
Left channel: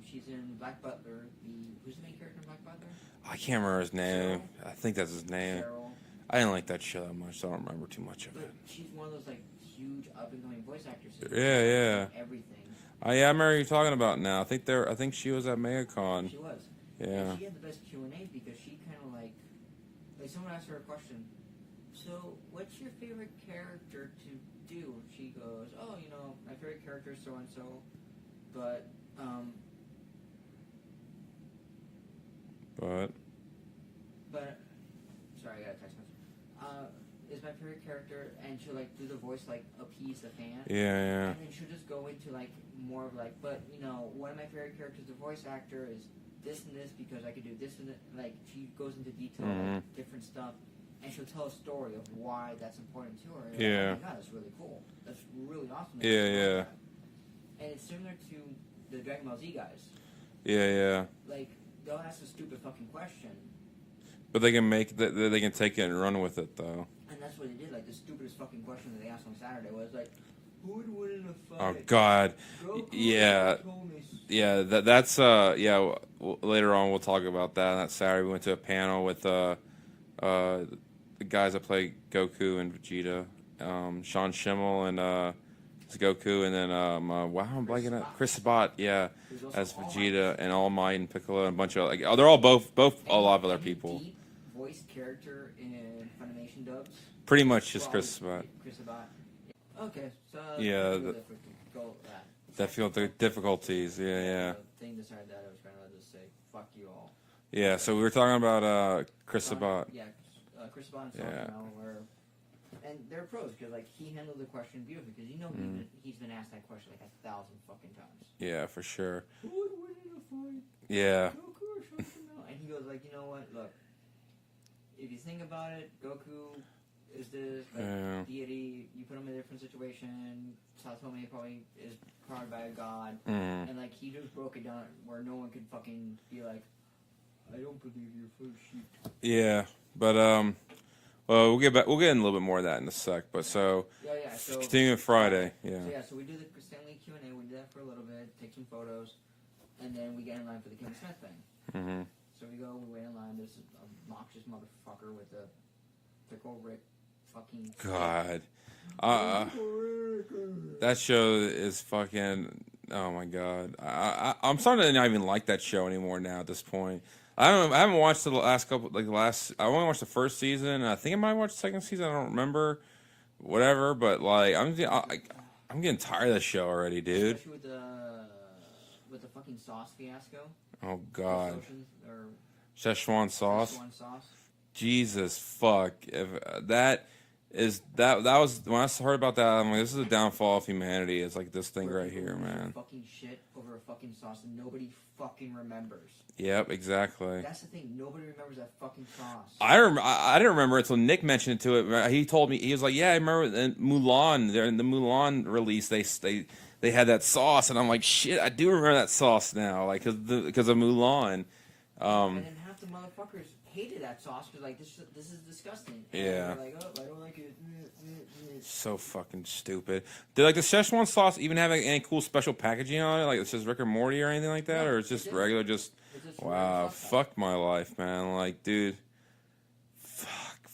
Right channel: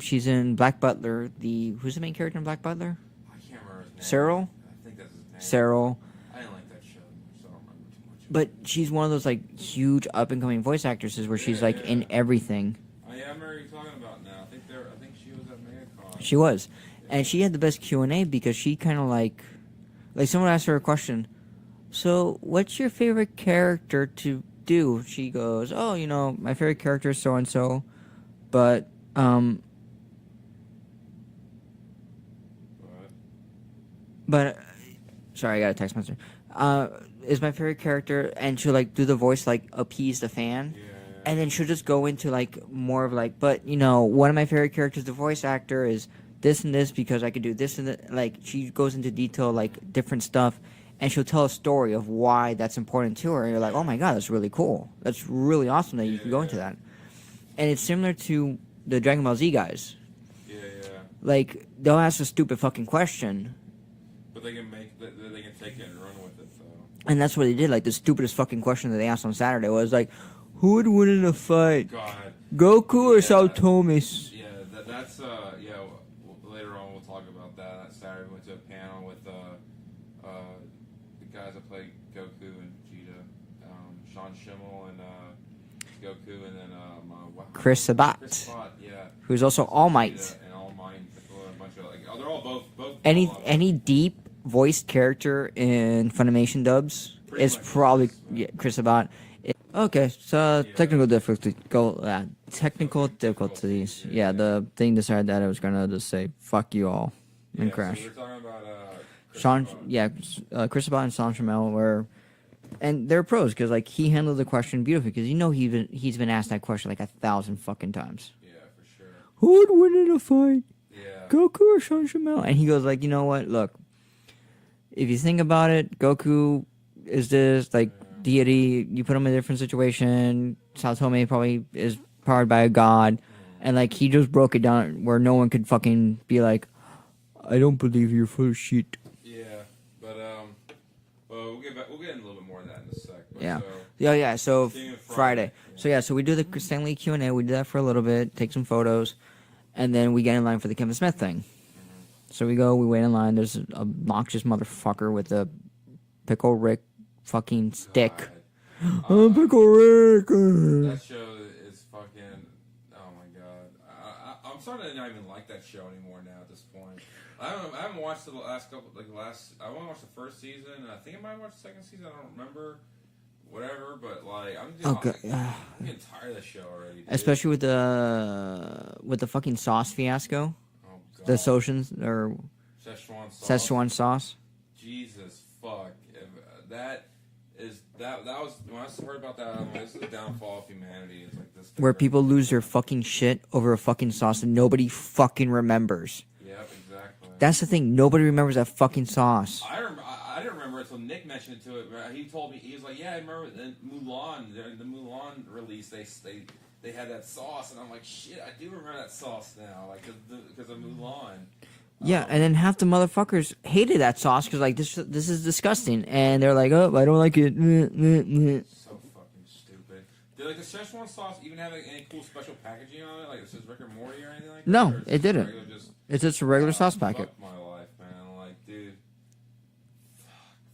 She's in Black Butler. Who's the main character in Black Butler? I can't remember his name. Cyril? I think that's his name. Cyril. I didn't like that show that much, so I don't remember too much of But it. she's one of those like huge up and coming voice actresses where she's like in everything. Oh, yeah, I remember who you're talking about now. I think she was at MegaCon. She was, Yeah. and she had the best Q&A because she kind of like someone asked her a question. So, what's your favorite character to do? She goes, "Oh, my favorite character is so and so, but sorry, I got a text message. Is my favorite character," and she'll like do the voice like appease the fan. Yeah. And then she'll just go into like more of like, but one of my favorite characters, the voice actor, is this and this because I could do this and that. Like she goes into detail, like different stuff, and she'll tell a story of why that's important to her. And you're like, oh my god, that's really cool. That's really awesome that you can go into that. And it's similar to the Dragon Ball Z guys. Yeah. Like they'll ask a stupid fucking question. But they can they can take it and run with it though. And that's what they did. Like the stupidest fucking question that they asked on Saturday was like, who would win in a fight? Oh, God. Goku or Saotomis? Yeah, later on we'll talk about that. That Saturday we went to a panel with the guys that play Goku and Vegeta, Sean Schimmel and Goku, and then Chris Sabat. Chris Sabat, yeah, who's also All Might, and All Might and Piccolo and a bunch of they're all both any deep voiced character in Funimation dubs pretty is much probably Chris Sabat. Okay, so technical difficulties. Technical difficulties. Yeah, the thing decided that I was gonna just say fuck you all. Yeah, so we were talking about Chris Sabat. Yeah, Chris Sabat and Sean Schimmel were. And they're pros because like he handled the question beautifully because he's been asked that question like 1,000 fucking times. Yeah, for sure. Who would win in a fight? Yeah. Goku or Sean Schimmel? And he goes like, you know what? Look, if you think about it, Goku is this like deity. You put him in a different situation. Saotome probably is powered by a god, and like he just broke it down where no one could fucking be like, I don't believe you're full of shit. Yeah, but well, we'll get in a little bit more of that in a sec. But so continuing Friday. Yeah. So we do the Stanley Q&A. We do that for a little bit, take some photos, and then we get in line for the Kevin Smith thing. So we wait in line. There's an obnoxious motherfucker with a Pickle Rick fucking stick. God. Pickle Rick. That show is fucking Oh my god, I'm starting to not even like that show anymore now. At this point, I haven't watched the last couple, like the last. I only watched the first season. And I think I might watch the second season. I don't remember. Whatever, but like I'm getting tired of the show already, dude. Especially with the fucking sauce fiasco. Oh god, The Socians or Szechuan sauce. Szechuan sauce. Jesus fuck! If that was when I heard about that, I'm like, this is the downfall of humanity. It's like this thing Where right people here, lose their man. fucking shit over a fucking sauce and nobody fucking remembers. Yep, exactly. That's the thing. Nobody remembers that fucking sauce. I didn't remember it until Nick mentioned it to it. He told me, he was like, "Yeah, I remember in Mulan. In the Mulan release, they had that sauce," and I'm like, "Shit, I do remember that sauce now, like because of Mulan." Yeah, and then half the motherfuckers hated that sauce because like this is disgusting, and Yeah. they're like, "Oh, I don't like it." So fucking stupid. Did like the Szechuan sauce even have like, any cool special packaging on it? Like it says Rick or Morty or anything like that? No, or it's it just didn't. Regular, just It's just a regular sauce packet. Fuck my life, man. Like, dude.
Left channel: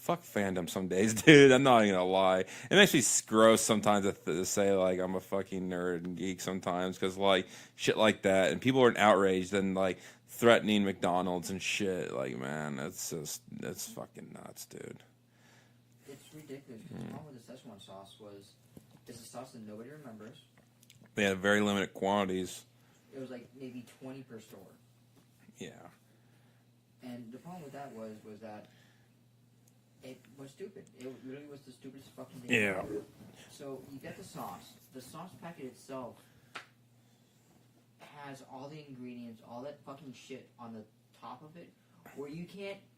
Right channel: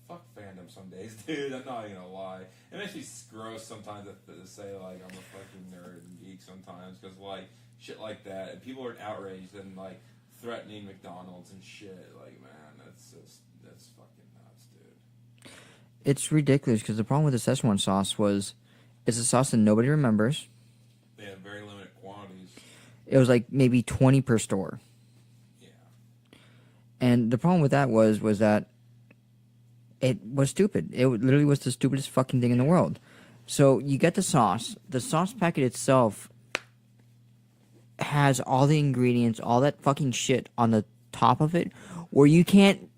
Fuck fandom some days, dude. I'm not even gonna lie. It makes me gross sometimes to say like I'm a fucking nerd and geek sometimes because like shit like that, and people are outraged and like threatening McDonald's and shit. Like, man, it's fucking nuts, dude. It's ridiculous because the problem with the Szechuan sauce was it's a sauce that nobody remembers. They had very limited quantities. It was like maybe 20 per store. Yeah. And the problem with that was that it was stupid. It literally was the stupidest fucking thing in the world. So you get the sauce. The sauce packet itself has all the ingredients, all that fucking shit on the top of it, where you can't.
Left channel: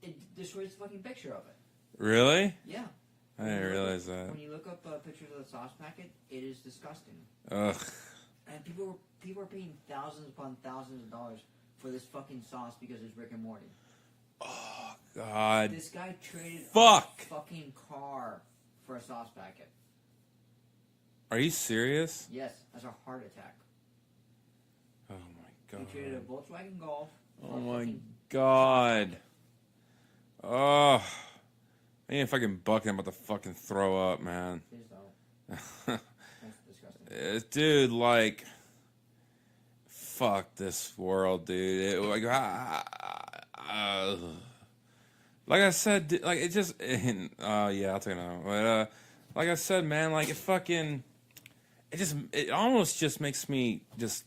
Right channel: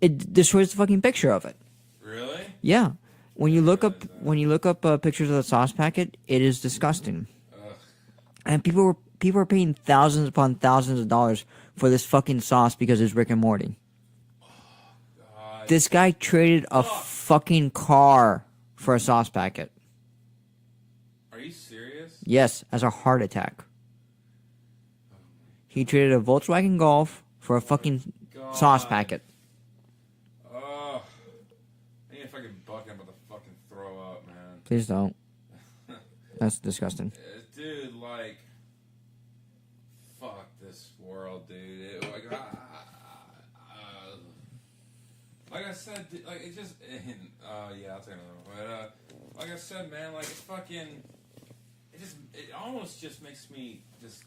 It destroys the fucking picture of it. Really? Yeah. When you didn't look up realize that. when you look up pictures of the sauce packet, it is disgusting. Ugh. And people are paying thousands upon thousands of dollars for this fucking sauce because it's Rick and Morty. God. This guy traded a Fuck. fucking car for a sauce packet. Are you serious? Yes, as a heart attack. Oh my god. He traded a Volkswagen Golf for a fucking sauce packet. Oh. I ain't fucking bucket. I'm about to fucking throw up, man. Please don't. That's disgusting. Dude, like, fuck this world, dude. Like I said, like it just, yeah, I'll take it out. But like I said, man, like it almost just makes me just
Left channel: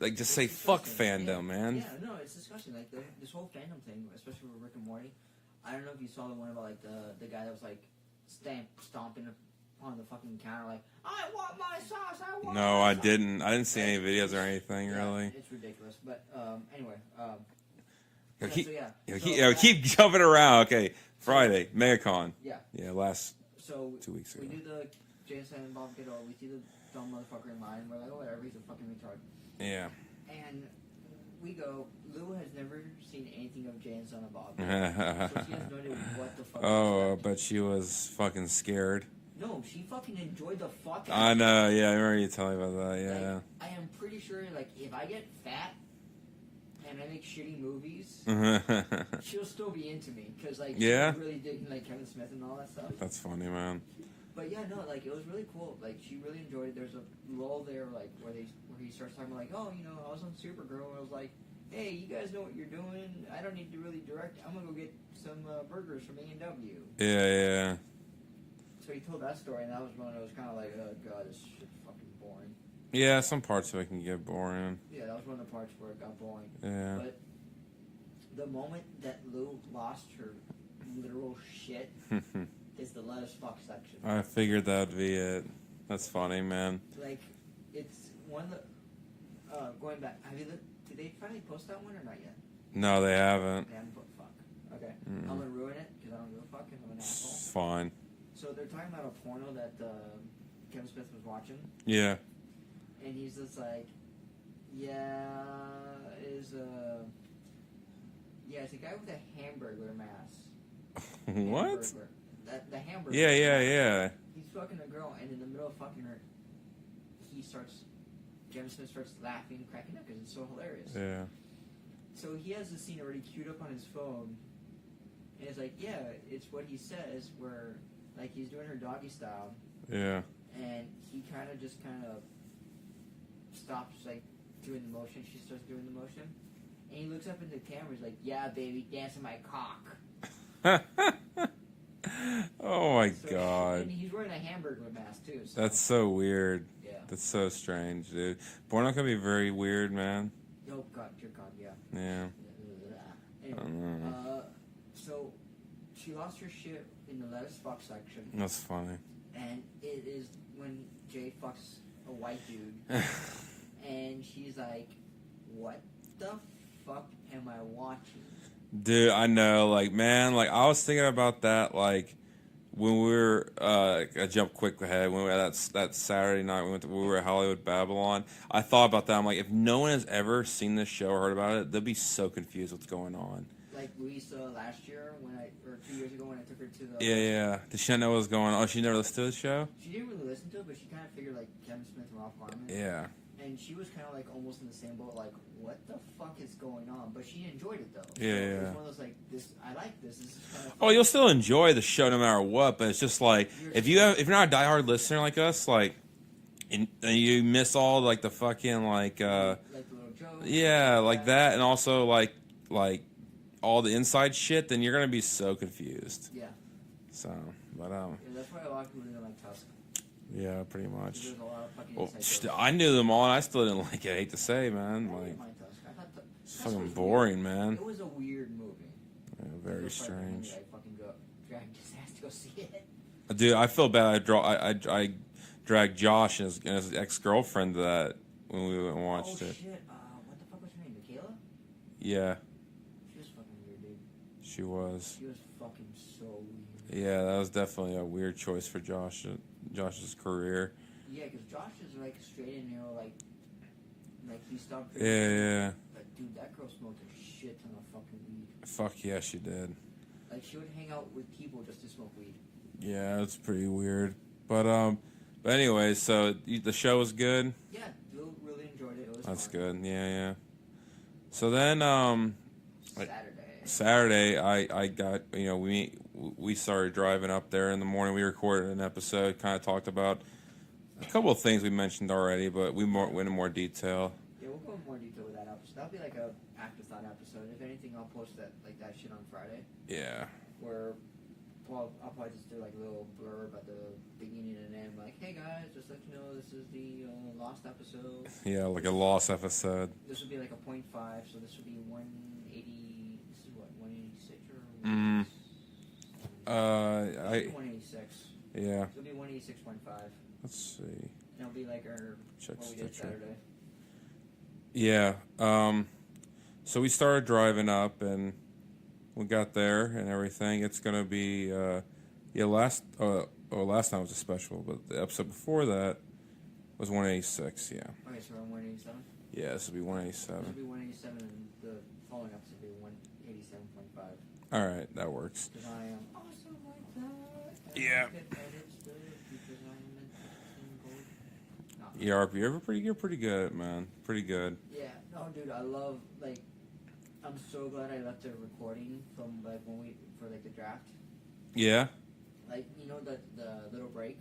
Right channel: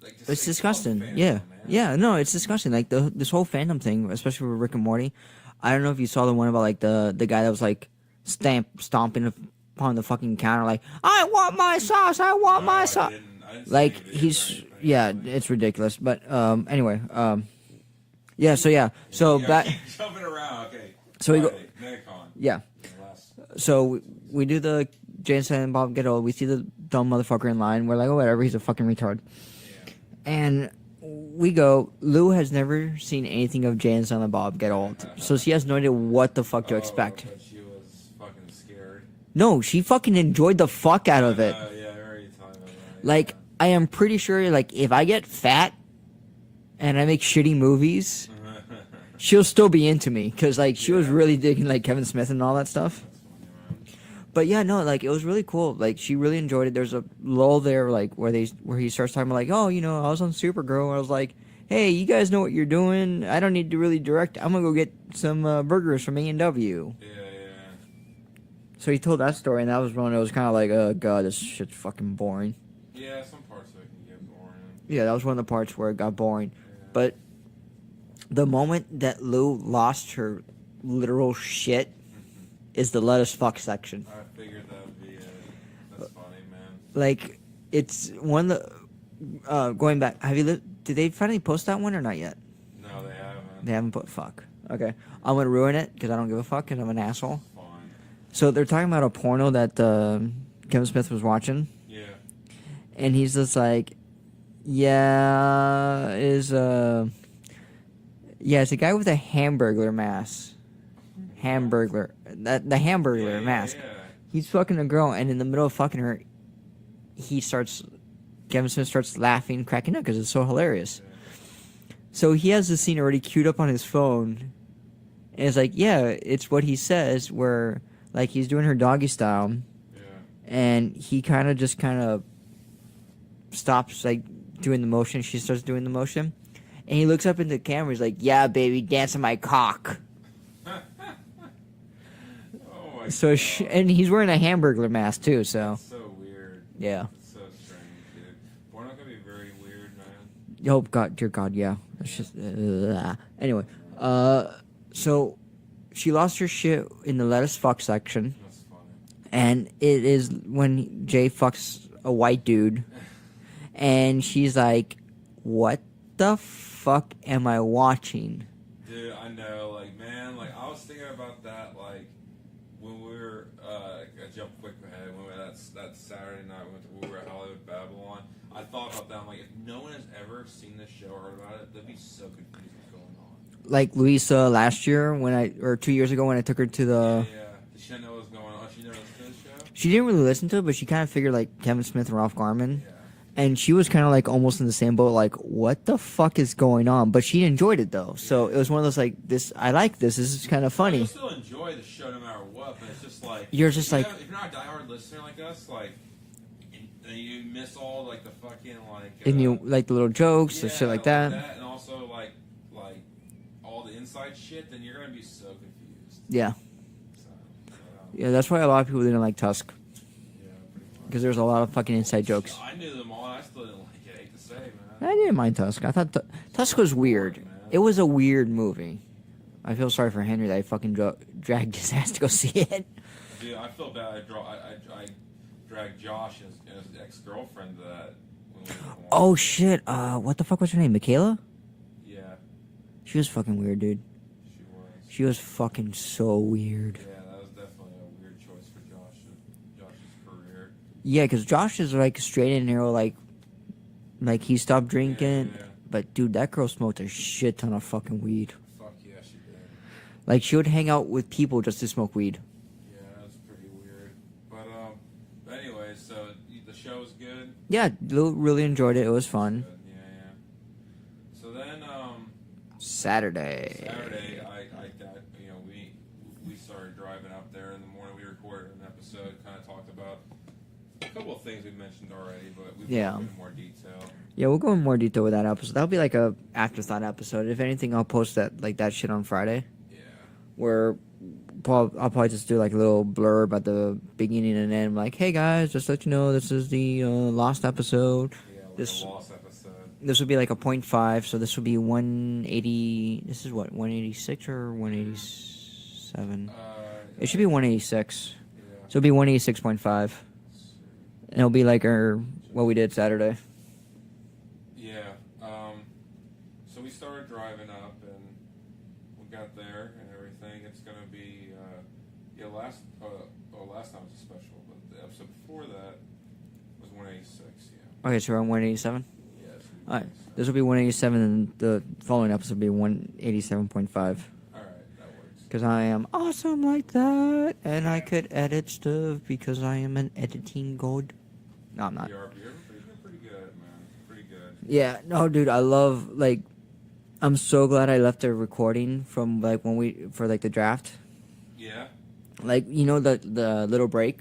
like just It's say disgusting. fuck fandom, Yeah, man. yeah, no, it's disgusting. Like this whole fandom thing, especially with Rick and Morty. I don't know if you saw the one about like the guy that was like stomping upon the fucking counter, like I want my sauce, I want my sauce. I didn't see Like any videos he's or anything. yeah, really. it's ridiculous. But anyway, yeah, so keep jumping around. Okay, So we go- Friday, MegaCon. yeah, Last. so we do the Jay and Silent Bob Get Old. We see the dumb motherfucker in line. We're like, oh whatever, he's a fucking retard. Yeah. And we go. Lou has never seen anything of Jay and Silent Bob Get Old, so she has no idea what the fuck to expect. But she was fucking scared. No, she fucking enjoyed the fuck out of it. Yeah, I remember you telling me about that. Yeah. Like, I am pretty sure, like, if I get fat and I make shitty movies, she'll still be into me. Because, like, she was Yeah? really digging, like, Kevin Smith and all that stuff. That's funny, man. But, yeah, no, like, it was really cool. Like, she really enjoyed it. There's a lull there, like, where he starts talking about, like, oh, you know, I was on Supergirl. I was like, hey, you guys know what you're doing. I don't need to really direct. I'm going to go get some burgers from A&W. Yeah. So he told that story, and that was one that was kind of like, oh, God, this shit's fucking boring. Yeah, some parts of it can get boring. Yeah, that was one of the parts where it got boring. Yeah. But the moment that Lou lost her literal shit is the let us fuck section. I figured that'd be it. That's funny, man. Like, it's one of the... going back, did they finally post that one or not yet? No, they haven't. They haven't put fuck. Okay. I'm going to ruin it because I don't give a fuck because I'm an asshole. Fine. So they're talking about a porno that Kevin Smith was watching. Yeah. And he's just like, yeah, it's a guy with a Hamburglar mask. Hamburglar. The Hamburglar mask. Yeah. He's fucking a girl, and in the middle of fucking her, Kevin Smith starts laughing, cracking up because it's so hilarious. Yeah. So he has this scene already queued up on his phone, and it's like, yeah, it's what he says, where, like, he's doing her doggy style, Yeah. and he kind of stops like doing the motion. She starts doing the motion, and he looks up into the camera. He's like, "Yeah, baby, dance on my cock." Oh my So god! and he's wearing a Hamburglar mask too. So That's so weird. yeah. That's so strange, dude. Porno can be very weird, man. Oh God, dear God, yeah. Yeah. It's just, anyway, so she lost her shit in the let us fuck section, That's funny. and it is when Jay fucks a white dude, and she's like, "What the fuck am I watching?" Dude, I know, like, man, like, I was thinking about that, like, when we were, I jumped quick ahead, when we were that Saturday night, we were at Hollywood Babylon, I thought about that, I'm like, if no one has ever seen this show or heard about it, they'll be so confused what's going on. Like Louisa last year or 2 years ago when I took her to the... Yeah. Did she not know what was going on? Oh, she never listened to the show? She didn't really listen to it, but she kind of figured, like, Kevin Smith and Ralph Garman. Yeah. And she was kind of like almost in the same boat, like, what the fuck is going on? But she enjoyed it though, so Yeah. it was one of those like, I like this. This is kind of funny. Well, you'll still enjoy the show no matter what, but it's just like if you're not a diehard listener like us, like, and you miss all like the fucking like and you like the little jokes, and shit like that. and also like all the inside shit, then you're gonna be so confused. Yeah, So, but yeah, that's why a lot of people didn't like Tusk yeah, pretty much. because there's a lot of fucking inside jokes. I knew them all, and I still didn't like it. I hate to say, man. I didn't mind Tusk. I thought Tusk was boring, weird. man. It was a weird movie. I feel sorry for strange. Henry that I fucking dragged his ass to go see it. Dude, I feel bad. I dragged Josh and his ex-girlfriend to that when we went and watched Oh it. shit! What the fuck was her name? Michaela? Yeah, She was fucking weird, dude. she was. She was fucking so weird. Yeah, that was definitely a weird choice for Josh's career. Yeah, because Josh is like straight in here, like he stopped drinking. Yeah. But dude, that girl smoked a shit ton of fucking weed. Fuck yeah, she did. Like she would hang out with people just to smoke weed. Yeah, it's pretty weird. But anyway, so the show was good. Yeah, really enjoyed it. It was That's fun. good. Yeah. So then Saturday, I got, we started driving up there in the morning. We recorded an episode, kind of talked about a couple of things we mentioned already, but we went into more detail. Yeah, we'll go in more detail with that episode. That'll be like a afterthought episode. If anything, I'll post that shit on Friday. Yeah. Where I'll probably just do like a little blurb at the beginning and end, like, "Hey guys, just to let you know, this is the lost episode. Yeah, like a lost episode. This would be like a 0.5, so this would be 180. This is what, 186 or 187? It should be 186. Yeah. So it'll be 186.5. Let's see. And it'll be like what we did Saturday. Yeah. So we started driving up and we got there and everything. It's gonna be last time was a special, but the episode before that was 186. Yeah. Okay, so we're on 187. Yeah, this will be Alright, 187. this will be 187, and the following episode will be 187.5. All right, that works. Because I am awesome like that, and I Yeah. could edit stuff because I am an editing god. No, I'm not. You're pretty good, man. Pretty good. Yeah, no, dude, I love, like, I'm so glad I left the recording from, like, for, like, the draft. Yeah. Like, you know, the little break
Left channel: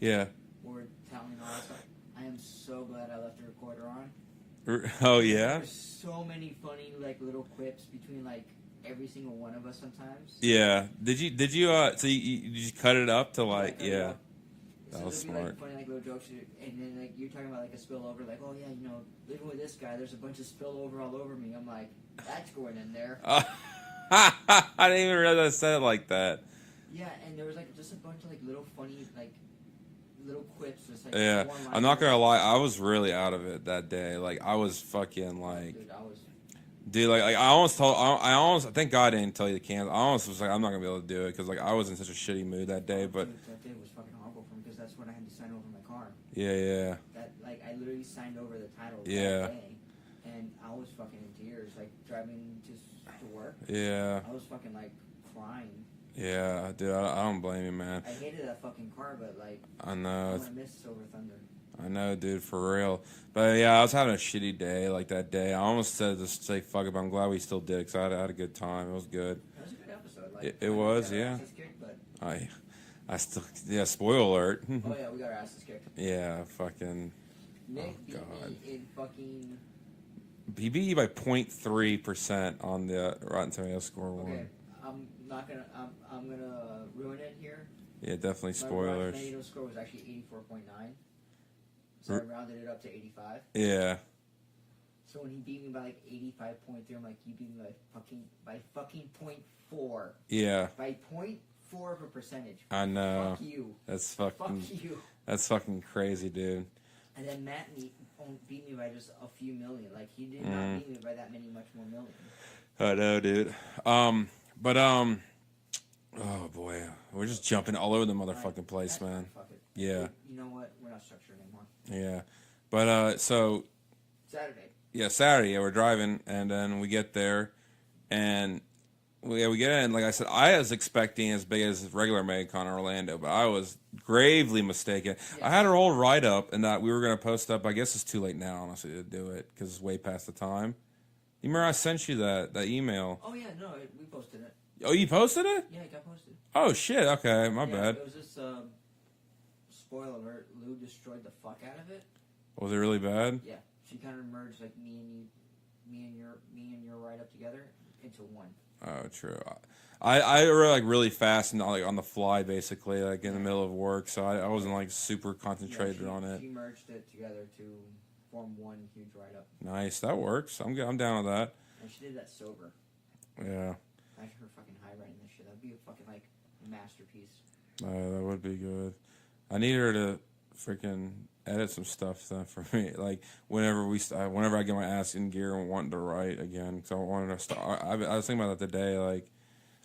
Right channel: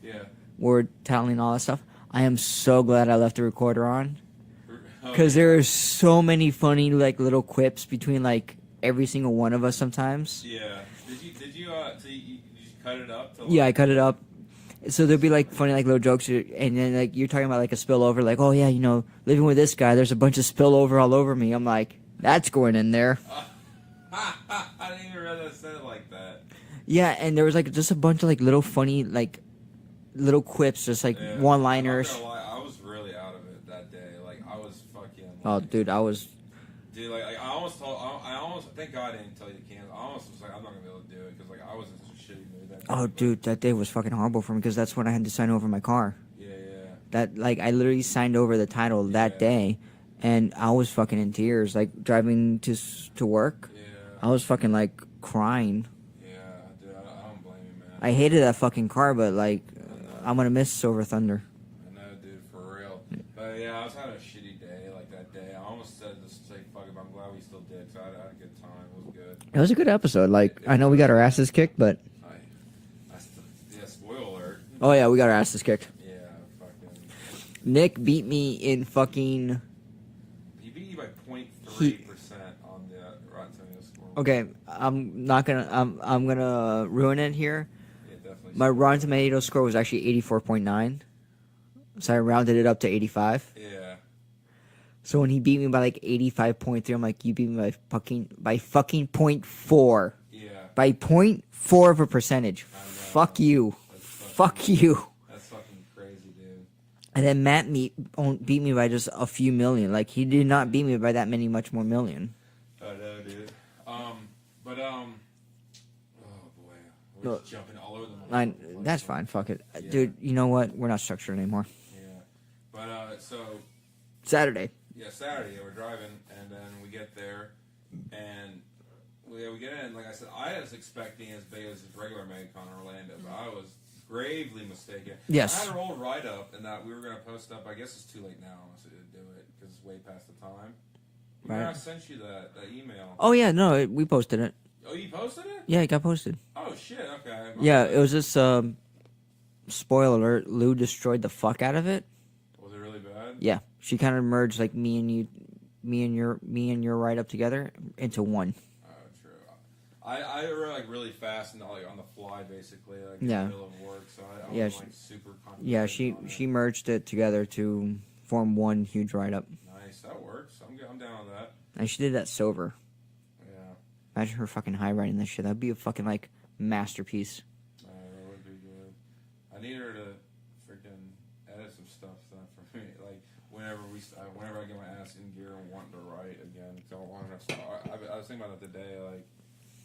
Yeah. where we're telling all that stuff? I am so glad I left the recorder on. Oh, Because there are so many funny, like, little quips between, like, every single one of us sometimes. Yeah. Did you so you just cut it up to like? Yeah, I cut it up. So there'd be, like, smart. funny, like, little jokes, and then, like, you're talking about, like, a spillover, like, oh, yeah, you know, living with this guy, there's a bunch of spillover all over me. I'm like, that's going in there. I didn't even realize I said it like that. Yeah, and there was, like, just a bunch of, like, little funny, like, little quips, just, like, Yeah. one-liners. I'm not gonna lie, I was really out of it that day. Like I was fucking Oh, like, dude, I was... dude, like I almost thank God I didn't tell you to cancel. I almost was like, I'm not gonna be able to do it because like I was in such a shitty mood that day. Oh, but, dude, that day was fucking horrible for me because that's when I had to sign over my car. Yeah. That, like, I literally signed over the title that Yeah. day, and I was fucking in tears, like, driving to work. Yeah. I was fucking, like, crying. Yeah, dude, I don't blame you, man. I hated that fucking car, but, like, I know. I'm gonna miss Silver Thunder. I know, dude, for real. But yeah, I was having a shitty day like that day. I almost said just say fuck it, but I'm glad we still did because I had a good time. It was good. It was a good episode. Like, It I know we was, got our yeah. asses kicked, but... I still, yeah, spoiler alert. Oh, yeah, we got our asses kicked. Yeah, fucking. Nick beat me in fucking. He beat you by 0.3% on the Rotten Tomatoes score. Okay, I'm not gonna. I'm gonna ruin it here. Yeah, definitely. My Rotten spoiler. Tomatoes score was actually 84.9, so I rounded it up to 85. Yeah. So when he beat me by like 85.3, I'm like, you beat me by fucking 0.4. Yeah. By 0.4 of a percentage. I know. Fuck you. That's fucking. Fuck you. That's fucking crazy, dude. And then Matt beat me by just a few million. Like, he did not beat me by that many much more million. I know, dude. Oh boy, we're just jumping all over the motherfucking place. That's man. fine. Fuck it, Yeah. dude. You know what? We're not structured anymore. Yeah, but so Saturday. yeah, Saturday. Yeah, we're driving, and then we get there, and we get in. Like I said, I was expecting as big as regular MegaCon in Orlando, but I was gravely mistaken. Yes. I had a whole write up, and that we were going to post up. I guess it's too late now, honestly, to do it because it's way past the time. You remember I sent you that email? Oh yeah, no, we posted it. Oh, you posted it? Yeah, it got posted. Oh shit! Okay. My Yeah, bad. it was just spoiler alert. Lou destroyed the fuck out of it. Was it really bad? Yeah, she kind of merged like me and your write up together into one. Oh, true. I wrote like really fast and like on the fly, basically, like in Yeah. the middle of work, so I wasn't Yeah, like super Yeah, concentrated on it. she merged it together to form one huge write up, Nice, that works. I'm down with that. and she did that sober. Yeah, Imagine her fucking high writing this shit. That'd be a fucking like masterpiece. that would be good. I need her to freaking edit some stuff for me. Like whenever I get my ass in gear and wanting to write again, because I wanted to start. I was thinking about that today. Like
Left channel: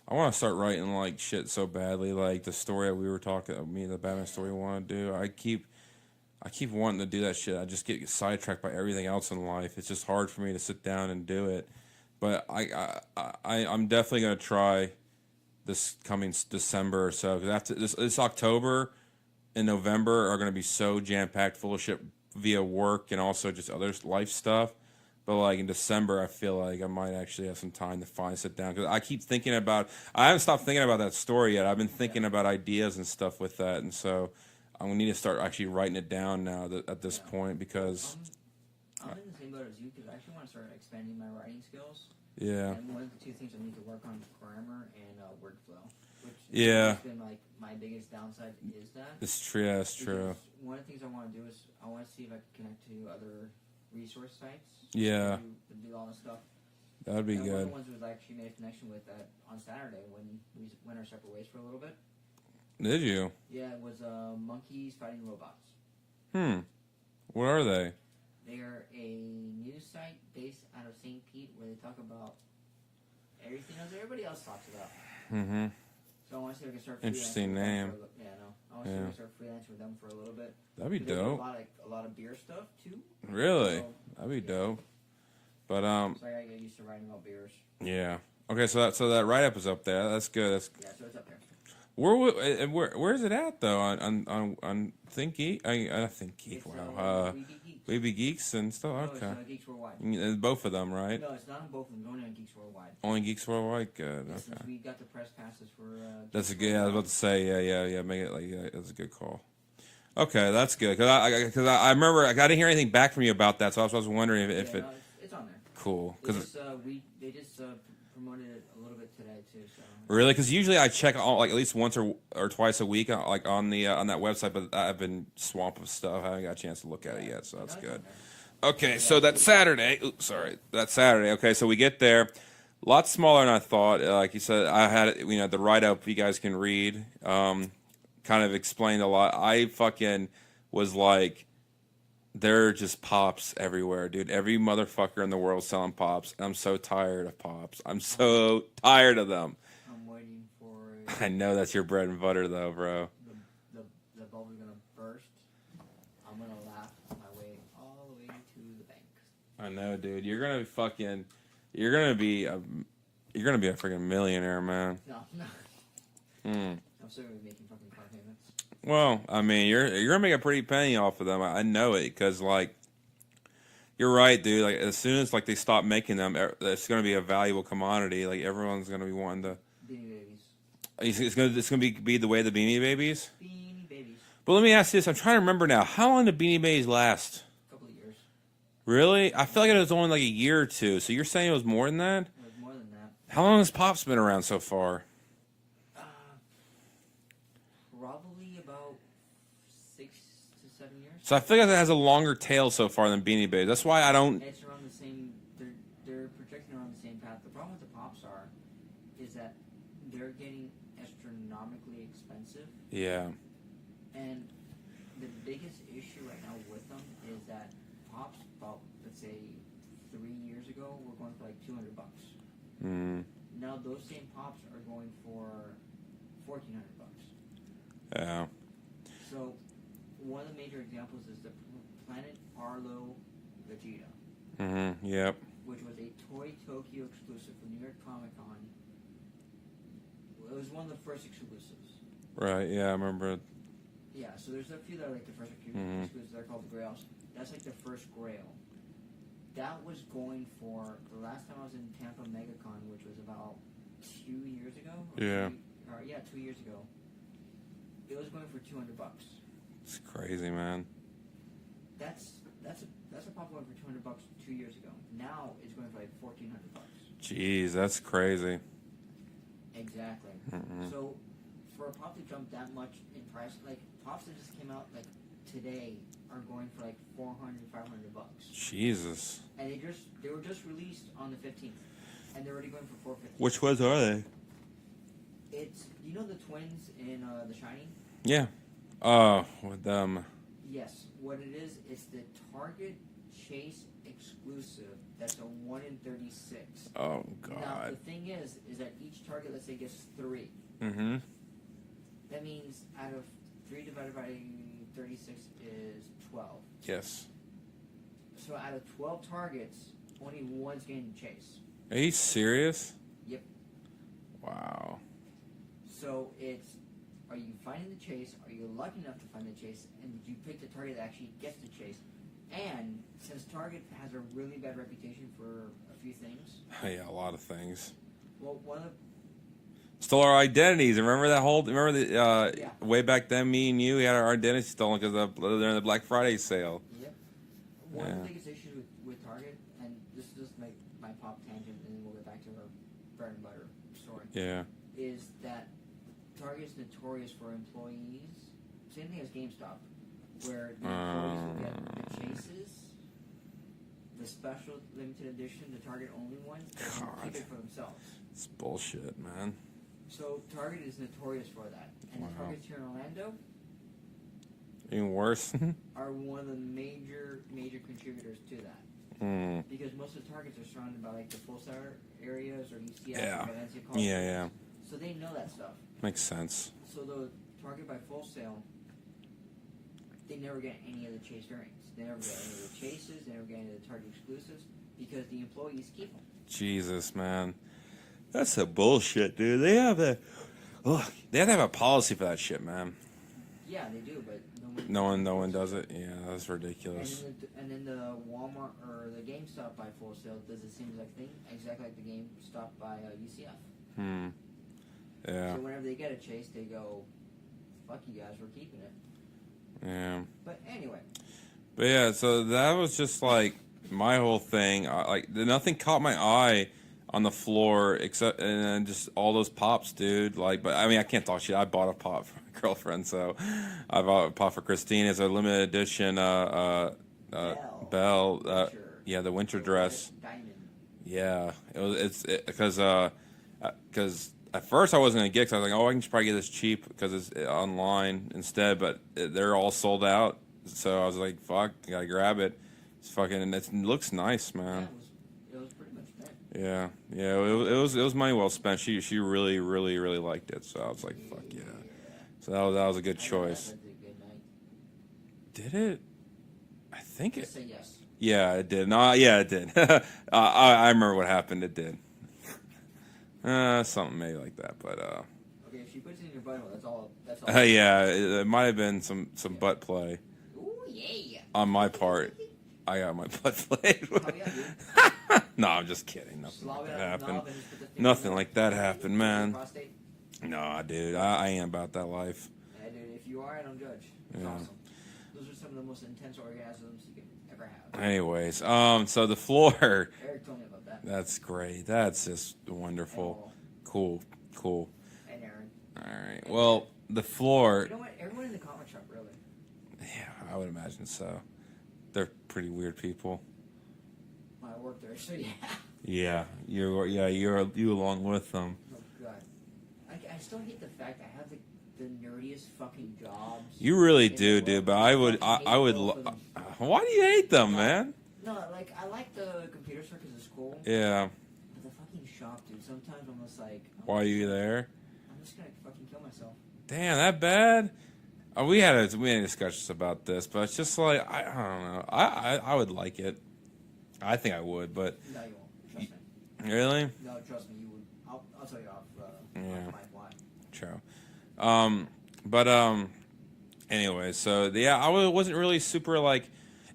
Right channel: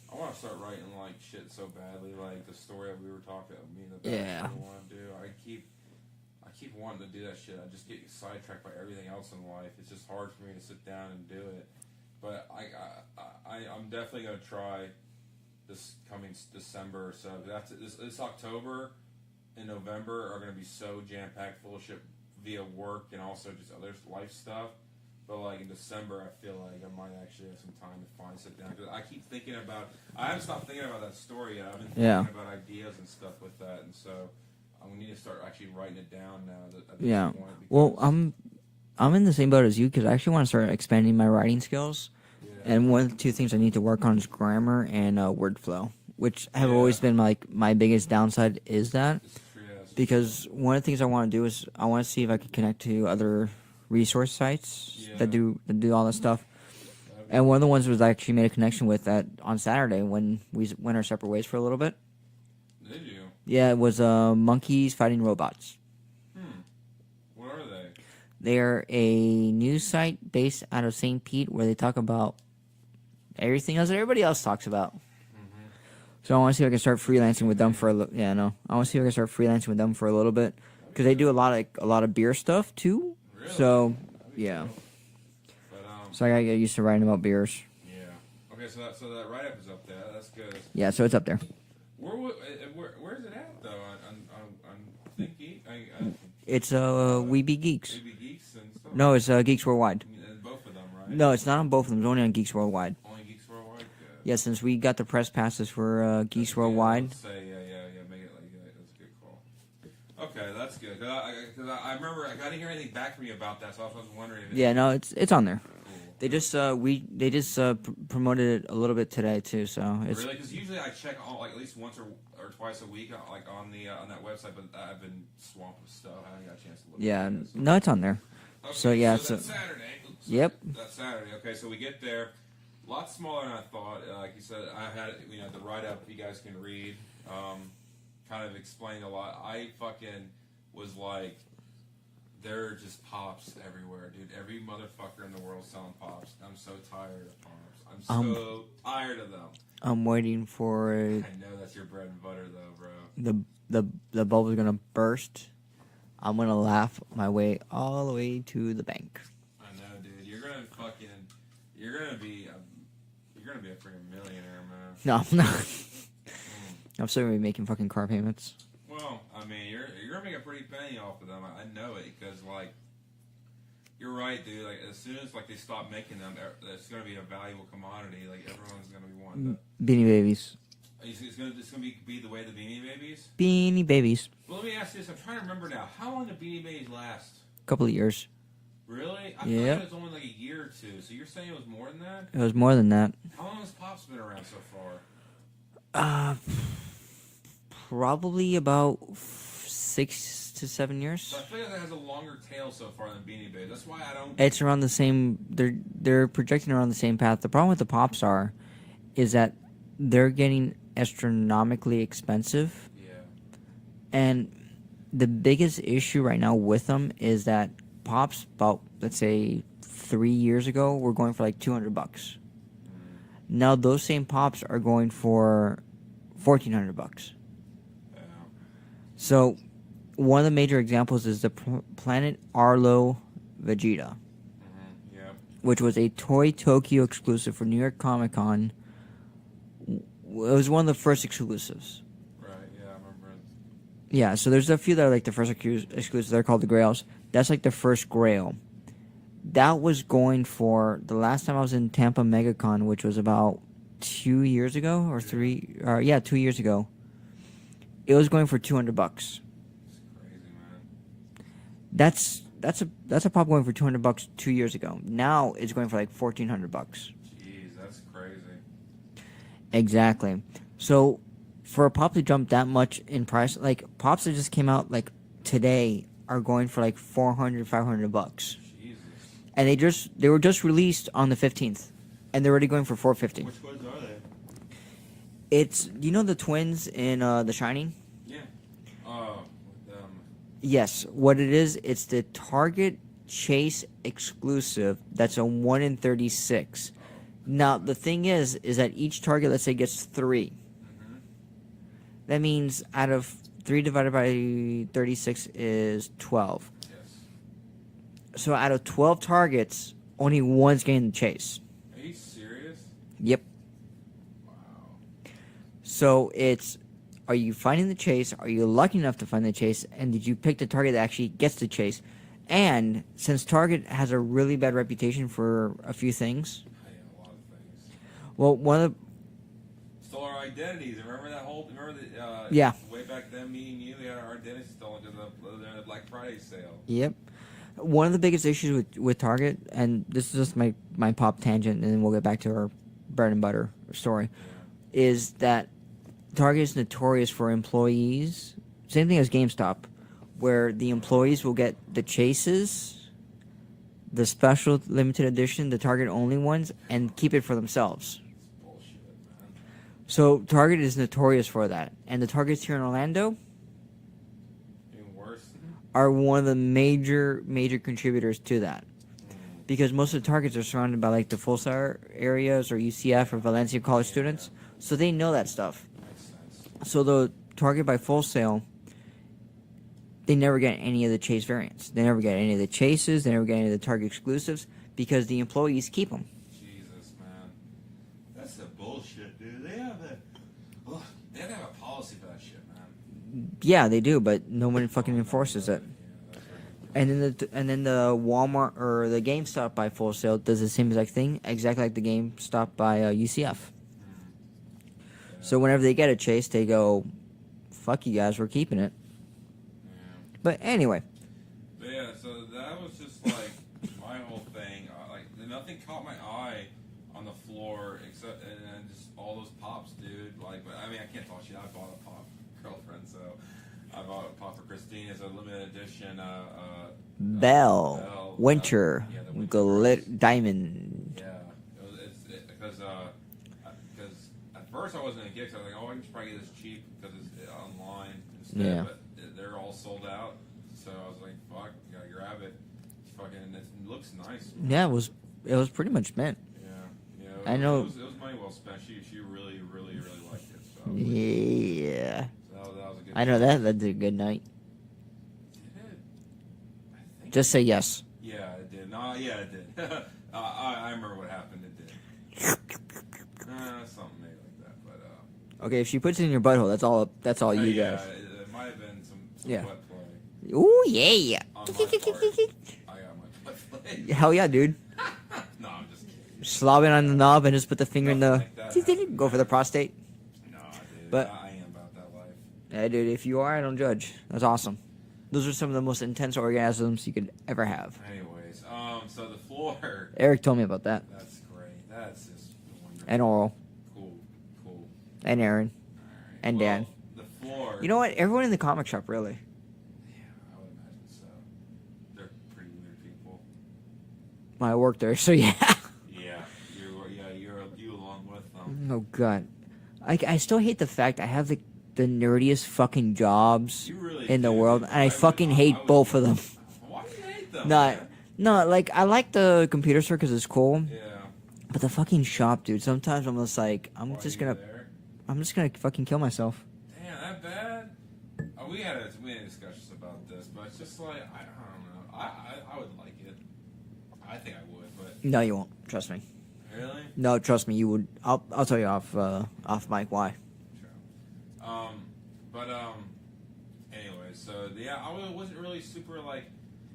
I want to start writing like shit so badly. Like the story that we were talking, me and the Batman story I want to do. I keep wanting to do that shit. I just get sidetracked by everything else in life. It's just hard for me to sit down and do it. But I'm definitely gonna try this coming December or so. Because after this October and November are gonna be so jam packed, full of shit via work and also just other life stuff. But like in December, I feel like I might actually have some time to sit down because I keep thinking about. I haven't stopped thinking about that story yet. I've been thinking about ideas and stuff with that, and so I'm gonna need to start actually writing it down now at this point. Because I'm in the same boat as you because I actually want to start expanding my writing skills. yeah, And one of the two things I need to work on is grammar and word flow, which have always been like my biggest downside is that. it's true. Yeah, it's Because one of the things I want to do is I want to see if I could connect to other resource sites that do all this stuff. That'd be And one of the ones was I actually made a connection with that on Saturday when we went our separate ways for a little bit. Did you? Yeah, it was monkeys fighting robots. What are they? They're a news site based out of St. Pete where they talk about everything else that everybody else talks about. Mm-hmm. So I want to see if I can start freelancing with them name. for a little. Yeah, no, I want to see if I can start freelancing with them for a little bit That'd be because they do dope. a lot of beer stuff too. Really? So That'd be yeah. dope. But So I gotta get used to writing about beers. yeah. Okay, so that write up is up there. That's good. Yeah, so it's up there. Where's it at though? On Thinky? I think It's We Be Geeks. We Be Geeks and stuff. No, it's Okay. Geeks Worldwide. Both of them, right? No, it's not on both of them. It's only on Geeks Worldwide. Only Geeks Worldwide. Good. Yeah, since we got the press passes for That's Geeks a good, I was Worldwide. about to say yeah. Make it like that's a good call. Okay, that's good because I remember I didn't hear anything back from you about that, so I was wondering if Yeah, no, it's on there. cool. They just promoted it a little bit today too. So it's, Really, because usually I check like at least once or twice a week, like on that website. But I've been swamped with stuff. I haven't got a chance to look at it yet. So no, it's on there. Okay, So, so yeah, that's Saturday. Oops, sorry, Yep. that's Saturday. Okay, so we get there. A lot smaller than I thought. Like you said, I had the write up you guys can read. Kind of explained a lot. I fucking was like, there are just pops everywhere, dude. Every motherfucker in the world selling pops. I'm so tired of pops. I'm so tired of them. I'm waiting for I know that's your bread and butter, though, bro. the bubble's gonna burst. I'm gonna laugh my way all the way to the bank. I know, dude. You're gonna be a freaking millionaire, man. No, I'm not. I'm still gonna be making fucking car payments. Well, I mean, you're gonna make a pretty penny off of them. I know it because like, you're right, dude. Like as soon as like they stop making them, it's gonna be a valuable commodity. Like everyone's gonna be wanting to. Beanie Babies. It's gonna be the way of the Beanie Babies. Beanie Babies. But let me ask you this: I'm trying to remember now. How long did Beanie Babies last? couple of years. Really? I feel like Yeah. it was only like a year or two. So you're saying it was more than that? It was more than that. How long has Pop's been around so far? Probably about 6 to 7 years. So I feel like it has a longer tail so far than Beanie Babies. That's why I don't. It's around the same. They're projecting around the same path. The problem with the Pops is that they're getting astronomically expensive, Yeah. and the biggest issue right now with them is that Pops, about let's say 3 years ago, were going for like $200. Now those same Pops are going for $1,400. Yeah. So, one of the major examples is the Planet Arlo Vegeta, Yep. which was a Toy Tokyo exclusive for New York Comic Con. It was one of the first exclusives. Right. Yeah, I remember. Yeah, so there's a few that are like the first exclusives. They're called the Grails. That's like the first Grail. That was going for the last time I was in Tampa MegaCon, which was about 2 years ago or 2 years ago. It was going for $200. It's crazy, man. That's a Pop going for $200 2 years ago. Now it's going for like $1,400. Jeez, that's crazy. Exactly. So for a Pop to jump that much in price, like Pops that just came out like today are going for like $400, $500. Jesus. And they were just released on the 15th, and they're already going for $450. Which ones are they? It's the twins in The Shining. Yeah. With them. Yes, what it is, it's the Target Chase exclusive. That's a 1 in 36. Oh, God. Now the thing is that each Target, let's say, gets 3. That means out of 3 divided by 36 is 12. Yes. So out of 12 targets, only one's getting the chase. Are you serious? Yep. Wow. So it's, are you finding the chase? Are you lucky enough to find the chase? And did you pick the target that actually gets the chase? And since Target has a really bad reputation for a few things. Yeah, a lot of things. Well, one of the... Stole our identities. Remember that whole... Yeah. Way back then, me and you, we had our identities stolen because during the Black Friday sale. Yep. One of the biggest issues with Target, and this is just my Pop tangent, and then we'll get back to our bread and butter story. Yeah. Is that Target is notorious for employees. Same thing as GameStop, where the employees will get the chases, the special limited edition, the Target only ones, and keep it for themselves. It's bullshit, man. So Target is notorious for that, and the Targets here in Orlando Even worse. are one of the major contributors to that. Because most of the Targets are surrounded by like the Full Sail areas or UCF or Valencia college students, so they know that stuff. Makes sense. So the Target by Full Sail, they never get any of the chase variants. They never get any of the chases. They never get any of the Target exclusives because the employees keep them. Jesus, man. That's a bullshit, dude. They have to have a policy for that shit, man. Yeah, they do, but no one fucking enforces no one it. does it. Yeah, that's ridiculous. And then the Walmart or the GameStop by Full Sail does the same exact thing, exactly like the GameStop by UCF. Yeah. So whenever they get a chase, they go, "Fuck you guys, we're keeping it." Yeah. But anyway. But yeah, so that was just like my whole thing. Nothing caught my eye on the floor except and then just all those Pops, dude. But I mean, I can't talk shit. I bought a Pop for my girlfriend, so I bought a Pop for Christine. It's a limited edition. Belle. Winter. Yeah, the winter dress. Diamond. Yeah, it's because at first I wasn't gonna get it 'cause I was like, oh, I can just probably get this cheap because it's online instead. Yeah. But they're all sold out, so I was like, fuck, I gotta grab it. It's fucking, and it looks nice, man. Yeah, it was pretty much meant. Yeah. It was money well spent. She really, really, really liked it. So I was like, yeah. So that was a good. I know choice. that did a good night. Did it? I think. Just say yes. Yeah, it did. No, yeah, it did. I remember what happened. It did. Something maybe like that, but Okay, if she puts it in your butthole, that's all. You yeah, it might have been some butt play. Ooh yeah. On my part, I got my butt played. Hell yeah, dude. No, I'm just kidding. Slob it on the knob and just put the finger in the. Nothing like that happened, Go man. for the prostate. Nah, dude, But- I ain't about that life. Yeah, dude. If you are, I don't judge. That's awesome. Those are some of the most intense orgasms you could ever have. Anyways, so the floor. Eric told me about that. That's great. That's just wonderful. And Oral. Cool. And Aaron. All right. And well, Dad. the floor. You know what? Everyone in the comic shop, really. Yeah, I would imagine so. They're pretty weird people. Well, I work there, so yeah. Yeah, you along with them. Oh god, I still hate the fact I have the nerdiest fucking jobs. You really in do, the world. dude. But I fucking hate both of them. Why do you hate them, man? No, like I like the computer store because it's cool. Yeah. But the fucking shop, dude. Sometimes I'm just like, Why are you there? I'm just gonna fucking kill myself. Damn, that bad? We had discussions about this, but it's just like I don't know. I would like it. I think I would, but No, you won't. Trust me. really? No, trust me. You would. I'll tell you off mic why. True. Anyway, so yeah, I wasn't really super like.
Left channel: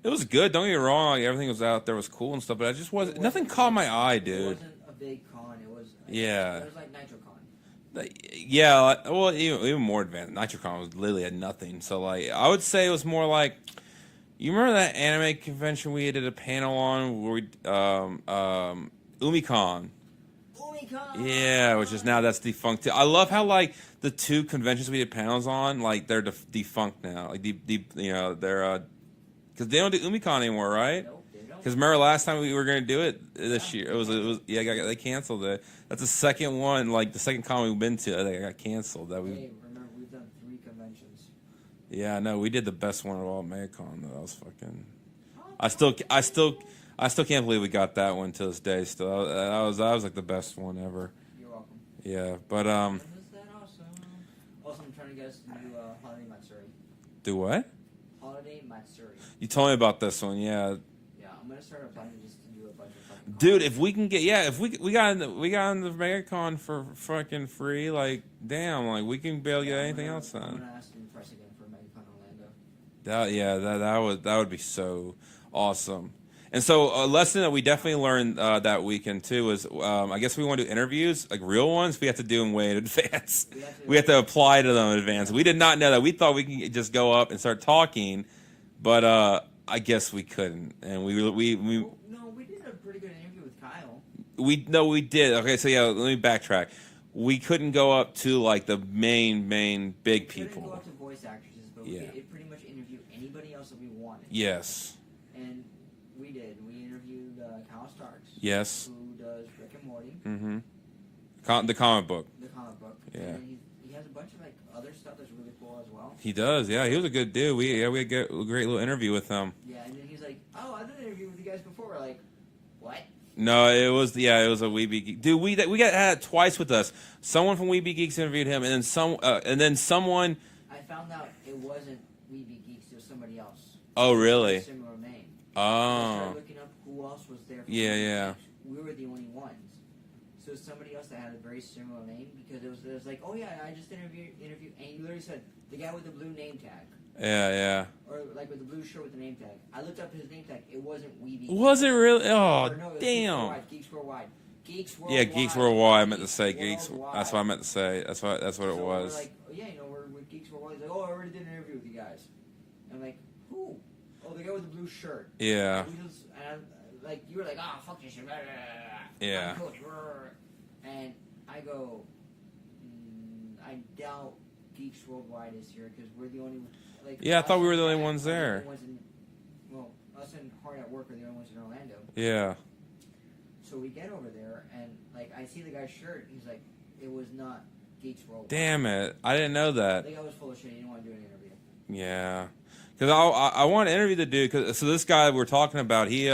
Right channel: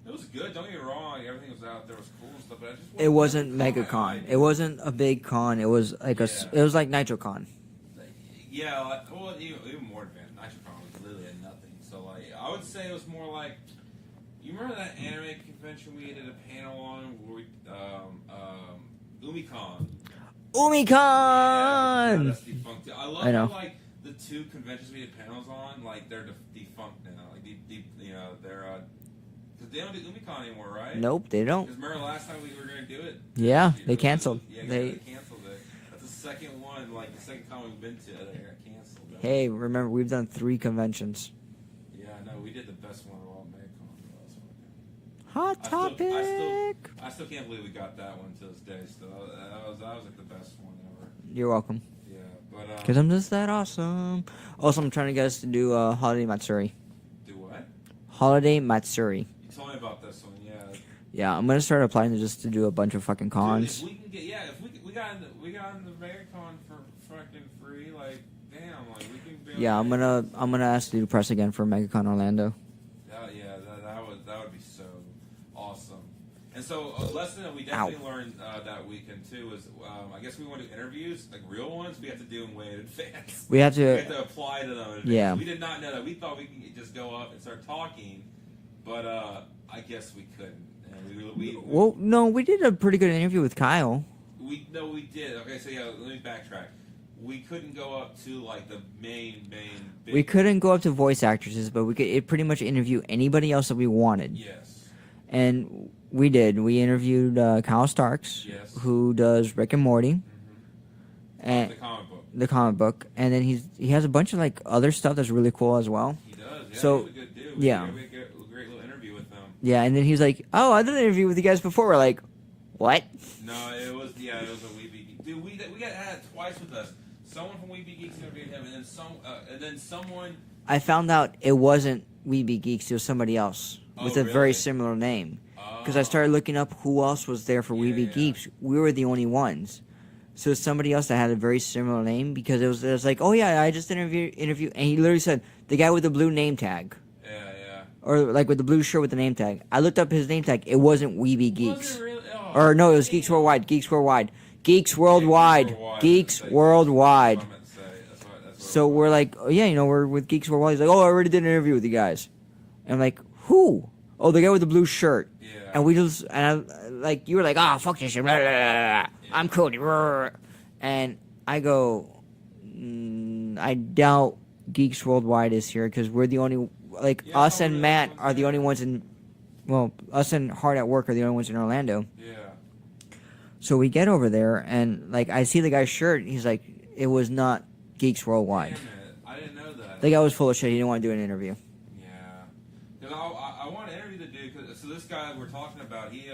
It was good. Don't get me wrong. Like, everything was out there was cool and stuff, but I just wasn't. It wasn't nothing caught my MegaCon. eye, dude. It wasn't a big con. It was like Yeah. it was like NitroCon. Yeah, well, even more advanced. NitroCon was literally at nothing. So like, I would say it was more like. You remember that anime convention we did a panel on where we Umicon? Umicon. Yeah, which is now that's defunct too. I love I how know. like the two conventions we did panels on, like they're defunct now. Like they're because they don't do Umicon anymore, right? Nope, they don't. Because remember last time we were gonna do it? Yeah, this year, they canceled. They canceled it. That's the second one, like the second con we've been to. I think it got canceled. Hey, remember we've done 3 conventions. Yeah, no, we did the best one of all, MegaCon. That was fucking. Hot I still can't believe we got that one to this day. Still, that was like the best one ever. You're welcome. Yeah, but Because I'm just that awesome. Also, I'm trying to get us to do Holiday Matsuri. do what? Holiday Matsuri. You told me about this one. Yeah, Yeah, I'm gonna start applying to just to do a bunch of fucking cons. dude. If we can get if we got in the MegaCon for fucking free, like damn, like we can barely. Yeah, I'm gonna ask to do press again for MegaCon Orlando. That would be so awesome. And so a lesson that we definitely learned that weekend too was I guess we want to do interviews like real ones. We have to do them way in advance. We have to apply to them in advance. Yeah. We did not know that. We thought we could just go up and start talking, but I guess we couldn't. And Well, no, we did a pretty good interview with Kyle. we did. Okay, so yeah, let me backtrack. We couldn't go up to like the main big. We couldn't go up to voice actresses, but we could pretty much interview anybody else that we wanted. Yes. And we did. We interviewed Kyle Starks. Yes. Who does Rick and Morty. Mm-hmm. And The comic book. The comic book. Yeah. And then he has a bunch of like other stuff that's really cool as well. He does. Yeah, So- he was a good dude. We yeah. we had a great little interview with him. Yeah, and then he's like, "Oh, I did an interview with you guys before." We're like, "What?" No, it was a Weeby Geek. Dude, we got had twice with us. Someone from Weeby Geeks interviewed him, and then someone. I found out it wasn't Weeby Geeks. It was somebody else. Oh, with a really? very similar name. Because I started looking up who else was there for Yeah, Weeby yeah. Geeks. We were the only ones. So it's somebody else that had a very similar name because it was like, oh yeah, I just interview, and he literally said the guy with the blue name tag. Yeah. Or like with the blue shirt with the name tag. I looked up his name tag. It wasn't Weeby Geeks. Was it really? Oh, Or no, it was Geeks damn. Worldwide. Geeks Worldwide. Geeks Yeah, Worldwide. Geeks Worldwide. Geeks I meant to say Worldwide. That's what I meant to say. That's what it was. So we're like, oh yeah, we're with Geeks Worldwide. He's like, oh, I already did an interview with you guys. And I'm like, who? Oh, the guy with the blue shirt. Yeah. And we just, you were like, ah, fuck this shit. Blah, blah, blah, blah. Yeah. I'm Cody. And I go, I doubt Geeks Worldwide is here because we're the only, Yeah, I us thought we were and the only Matt ones are the there. only ones in, well, us and Hard at Work are the only ones in Orlando. Yeah. So we get over there and I see the guy's shirt. He's like, it was not Geeks Worldwide. Damn it! I didn't know that. The guy was full of shit. He didn't want to do an interview. Yeah. Because I want to interview the dude. So this guy we're talking about, he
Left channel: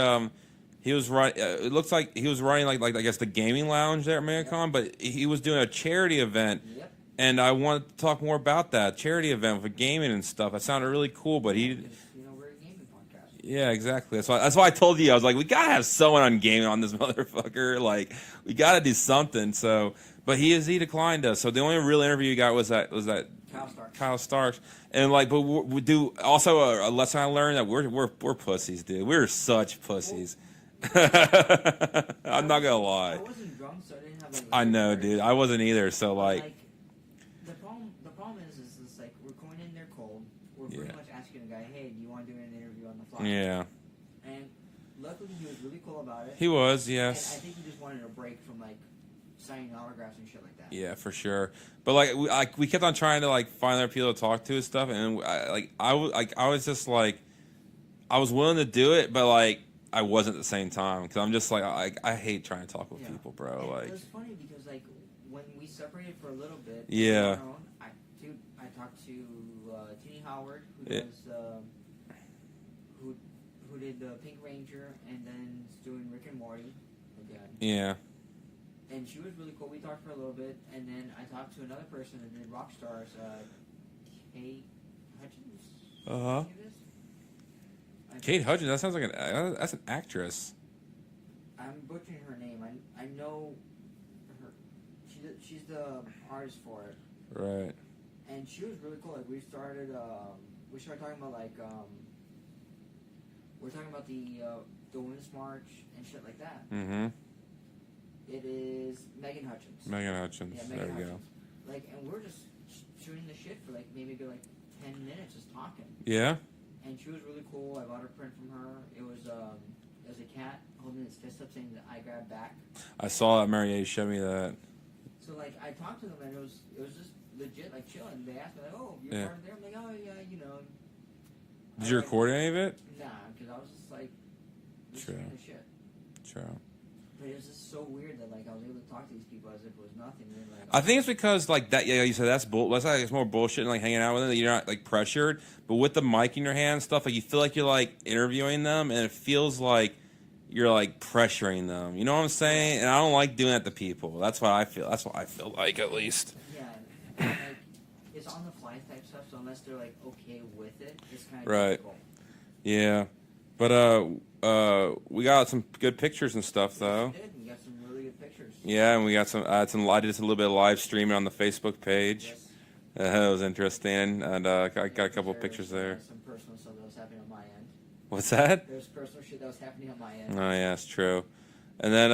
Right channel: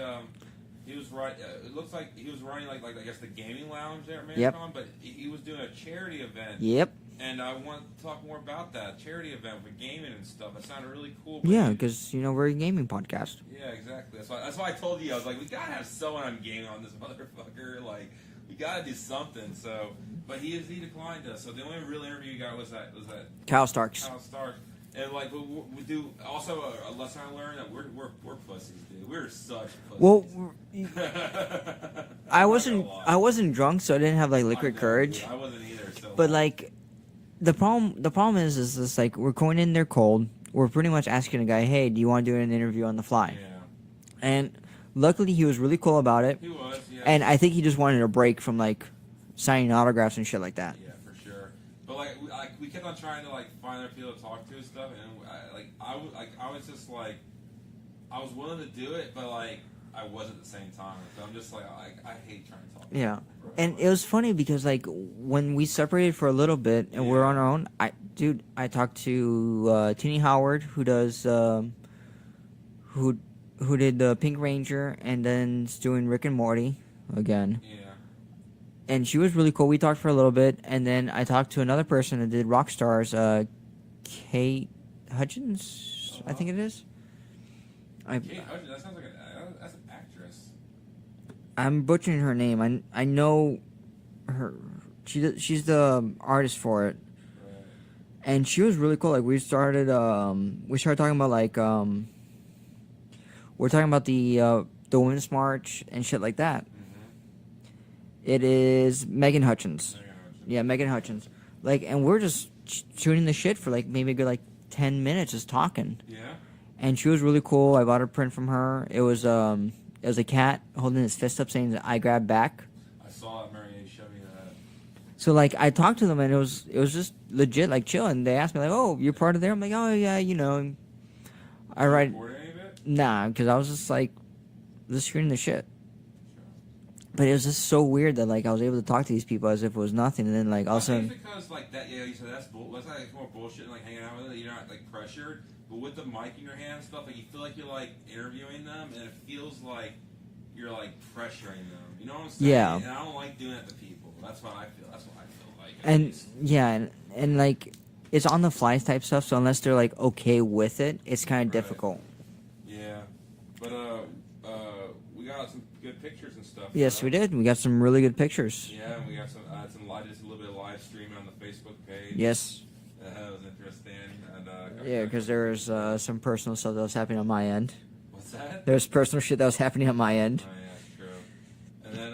was running. It looks like he was running like I guess the gaming lounge there at MegaCon, but he was doing a charity event. Yep. And I want to talk more about that charity event for gaming and stuff. That sounded really cool. But Yeah, because we're a gaming podcast. yeah, exactly. That's why I told you I was like, we gotta have someone on gaming on this motherfucker. Like, we gotta do something. So, but he declined us. So the only real interview you got was that Kyle Starks. Kyle Starks. And but we do also a lesson I learned that we're pussies, dude. We're such pussies. Well, I'm not gonna lie. I wasn't drunk, so I didn't have liquid I know, courage. dude. I wasn't either. So, But the problem is this we're going in there cold. were pretty much asking a guy, "Hey, do you want to do an interview on the fly?" Yeah. And luckily, he was really cool about it. He was, yes. And I think he just wanted a break from like signing autographs and shit like that. Yeah, for sure. But like we kept on trying to like find other people to talk to and stuff, and I was just like, I was willing to do it, but like I wasn't at the same time because I'm just like I hate trying to talk with people, bro. And like, it was funny because like when we separated for a little bit and we're on our own, I talked to Teeny Howard who does who did the Pink Ranger and then is doing Rick and Morty again. Yeah. And she was really cool. We talked for a little bit, and then I talked to another person that did Rockstars, Kate Hutchins, I think it is. Kate Hutchins, that sounds like that's an actress. I'm butchering her name. I know her. She's the artist for it. Right. And she was really cool. Like we started talking about like we're talking about the Women's March and shit like that. Mm-hmm. It is Megan Hutchins. Megan Hutchins. Yeah, Megan Hutchins. Like, and we're just shooting the shit for like maybe a good like 10 minutes just talking. Yeah. And she was really cool. I bought a print from her. It was a cat holding his fist up saying "I grab back." I saw that. Mary showed me that. So like I talked to them and it was just legit like chill. And they asked me like, "Oh, you're part of there?" I'm like, "Oh yeah, you know." Did you record any of it? Nah, because I was just like, just shooting the shit. Sure. But it was just so weird that like I was able to talk to these people as if it was nothing, and then like also, I think it's because like that. Yeah, you said that's bull. That's like it's more bullshit and like hanging out with them. That you're not like pressured, but with the mic in your hand and stuff, like you feel like you're like interviewing them, and it feels like you're like pressuring them. You know what I'm saying? Yeah. And I don't like doing that to people. That's what I feel. That's what I feel like at and, least. Yeah, and like it's on the fly type stuff. So unless they're like okay with it, it's kind of difficult. Yeah, but we got some good pictures and stuff. Yes, though. we did. We got some really good pictures. Yeah, and we got some. I did just a little bit of live streaming on the Facebook page. Yes. That was interesting, and got a couple pictures there. Some personal stuff that was happening on my end. What's that? There's personal shit that was happening on my end. Oh yeah, it's true. And then,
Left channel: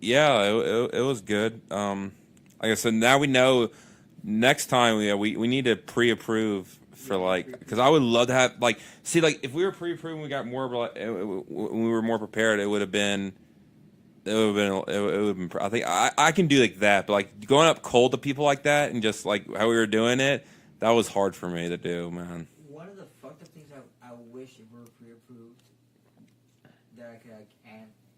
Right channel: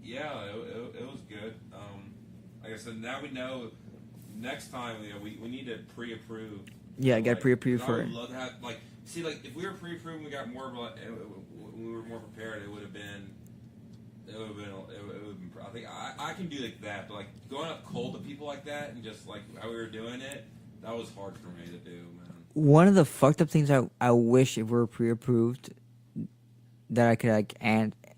yeah, it was good. Like I said, now we know. Next time we need to pre-approve. Yeah, get pre-approved. Because I would love to have like see like if we were pre-approved, we got more when we were more prepared. It would have been. It would have been. I think I can do like that, but like going up cold to people like that and just like how we were doing it, that was hard for me to do, man. One of the fucked up things I wish if we were pre-approved that I could like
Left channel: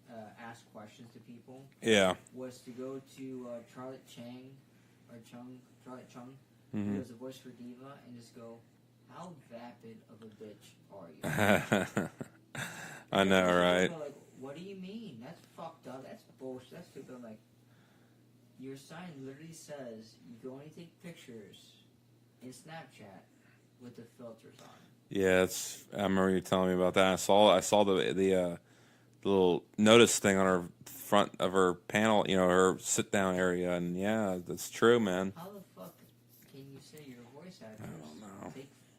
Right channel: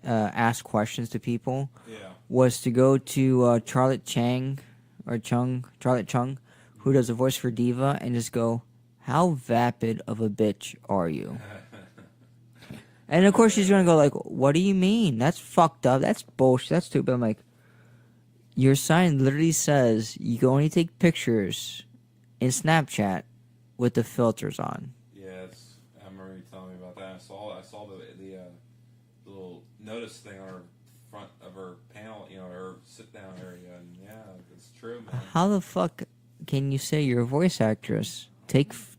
ask questions to people. Yeah. Was to go to Charlotte Chung, who does a voice for Diva, and just go, "How vapid of a bitch are you?" And of course she's gonna go like, "What do you mean? That's fucked up. That's bullshit. That's stupid." I'm like, your sign literally says you can only take pictures in Snapchat with the filters on. Yeah, I remember you telling me about that. I saw the little notice thing on her front of her panel, her sit down area, and yeah, that's true, man. How the fuck can you say you're a voice actress?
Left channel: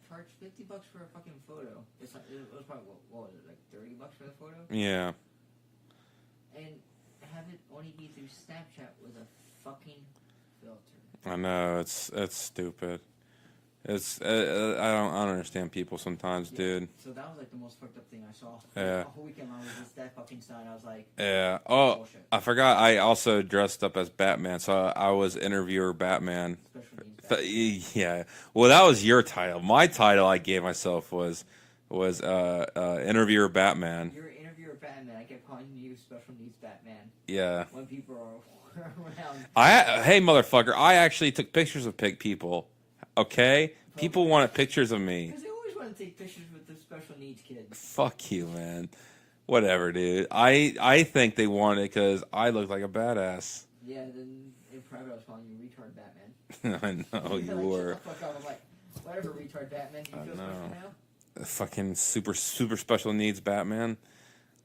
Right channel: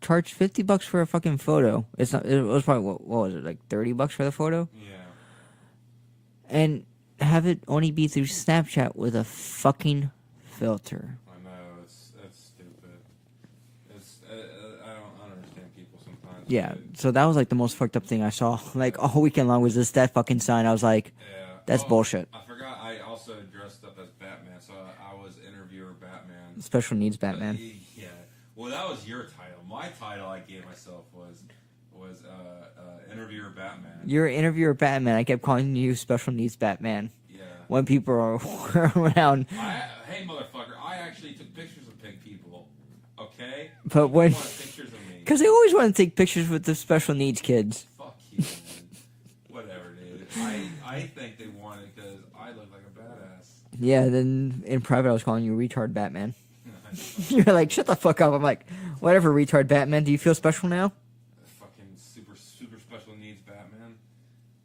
Charge $50 for a fucking photo. It's not. It was probably what was it, like $30 for the photo? Yeah. And have it only be through Snapchat with a fucking filter. I know it's stupid. It's I don't understand people sometimes, dude. So that was like the most fucked up thing I saw. Like all weekend long was that fucking sign. I was like, that's bullshit. I forgot. I also dressed up as Batman, so I was interviewer Batman. Special needs Batman. Yeah. Well, that was your title. My title I gave myself was interviewer Batman. You're interviewer Batman. I kept calling you special needs Batman. Yeah. When people are around. Hey, motherfucker! I actually took pictures of pig people. Okay, but people wanted pictures of me because they always want to take pictures with the special needs kids. Fuck you, man. Whatever, dude. I think they want it because I look like a badass. Yeah. Then in private, I was calling you retard Batman. I know. You're like, shut the fuck up. I'm like, whatever, retard Batman. Do you feel special now? Fucking super special needs Batman.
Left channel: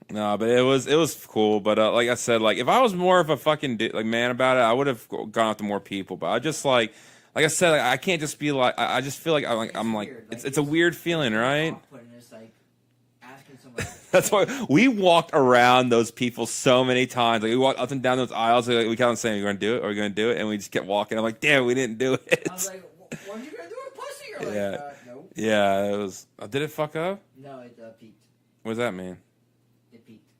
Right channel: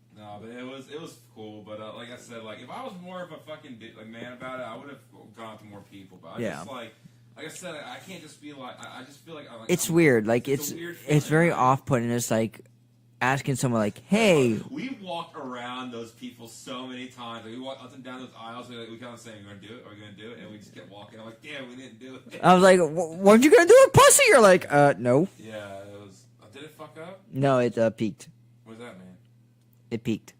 No, but it was cool. But like I said, like if I was more of a fucking man about it, I would have gone out to more people. But I just like I said, I can't just be like. I just feel like it's weird. Like it's a weird feeling, it's very right? off-putting. It's like asking someone like, That's "Hey," why we walked around those people so many times. Like we walked up and down those aisles. Like, we kept on saying, "We're gonna do it. We're gonna do it," and we just kept walking. I'm like, "Damn, we didn't do it." I was like, "Weren't you gonna do it, pussy?" You're like, Yeah. no, Yeah, it was. Did it fuck up? no, it peaked. What does that mean? It peaked.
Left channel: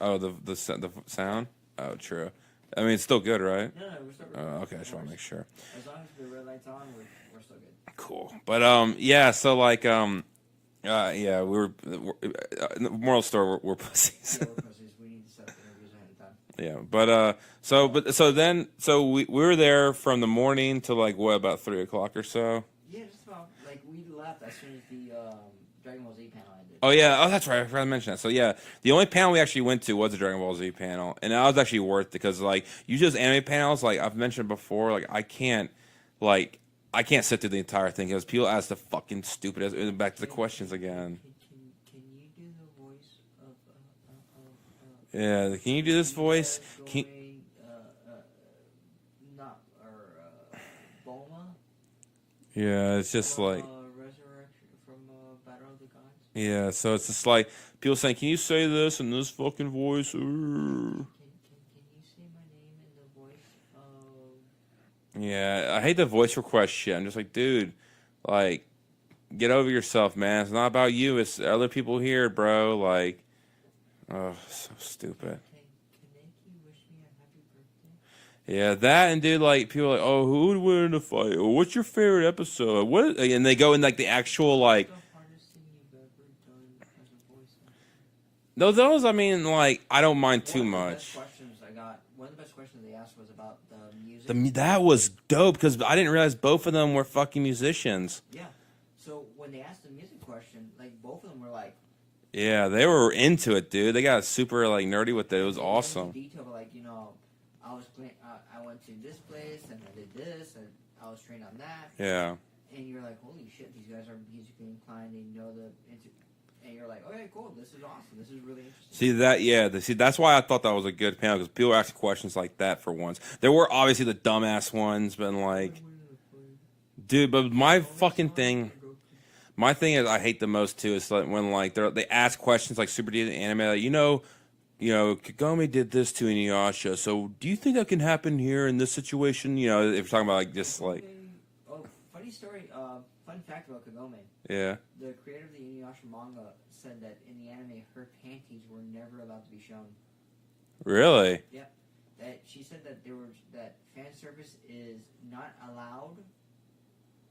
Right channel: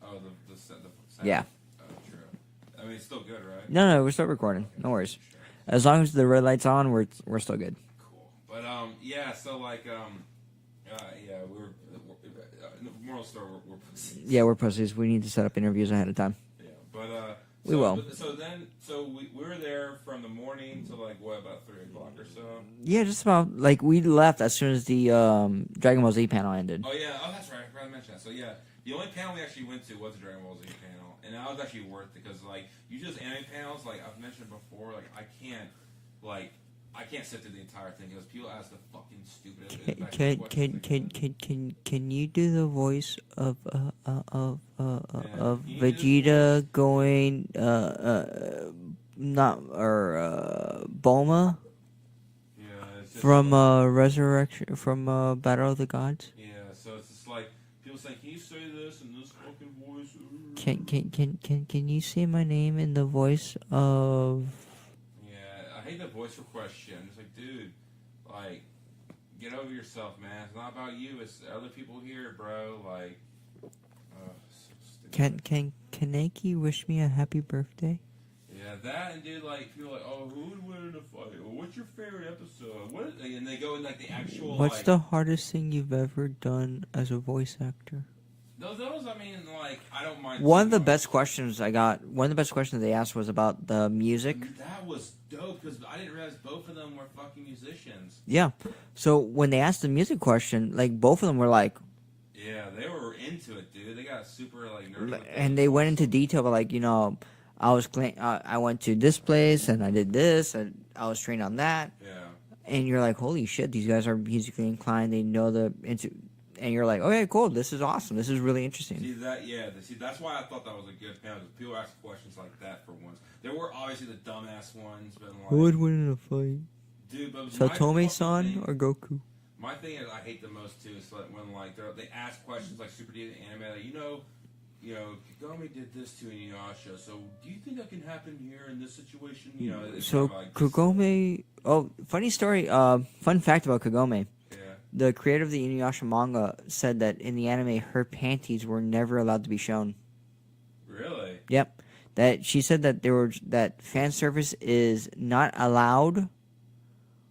Oh, the sound. Yeah. Oh, true. I mean, it's still good, right? No, we're still recording. Okay, No worries. make sure. As long as the red light's on, we're still good. Cool. But yeah. So like yeah, moral story, we're pussies. Yeah, we're pussies. We need to set up interviews ahead of time. Yeah, but so we were there from the morning to like what, about 3 o'clock or so. Yeah, just about. Like, we left as soon as the Dragon Ball Z panel ended. Oh yeah, that's right. I forgot to mention that. So yeah, the only panel we actually went to was the Dragon Ball Z panel, and that was actually worth it because like usually those anime panels, like I've mentioned before, like I can't sit through the entire thing because people ask the fucking stupid back to the questions again. Can you do the voice of Yeah, of can you do this Vegeta voice? going Bulma Yeah, it's just from like, Resurrection from Battle of the Gods? yeah. So it's just like people saying, "Can you say this in this fucking voice?" Can you say my name in the voice of? Yeah, I hate the voice request shit. I'm just like, dude, like, get over yourself, man. It's not about you. It's other people here, bro. Like, oh, so stupid. Can Kaneki wish me a happy birthday? Yeah, that and dude, like, people are like, oh, who would win in a fight? Or what's your favorite episode? What? And they go in like the actual What's like. the hardest thing you've ever done as a voice actor? No, those. I mean, like, I don't mind. One of the much. best questions I got. One of the best questions they asked was about the music. I mean, that was dope because I didn't realize both of them were fucking musicians. Yeah. So when they asked the music question, like both of them were like, Yeah, they were into it, dude. They got super like nerdy with it. and they went into detail, but like, I went to this place and I did this and I was trained on that. Yeah. And you're like, holy shit, these guys are musically inclined. They know and you're like, okay, cool. This is awesome. This is really interesting. See that? Yeah. That's why I thought that was a good panel because people ask questions like that for once. There were obviously the dumbass ones, but like, who would win in a fight? Dude, but my fucking Satomi-san thing, or Goku? my thing is, I hate the most too is like when like they ask questions like super deep in anime, like, Kagome did this to Inuyasha. So do you think that can happen here in this situation? If you're talking about like this, Kagome. Oh, funny story. Fun fact about Kagome. yeah. The creator of the Inuyasha manga said that in the anime, her panties were never allowed to be shown. Really? Yep. That she said that fan service is not allowed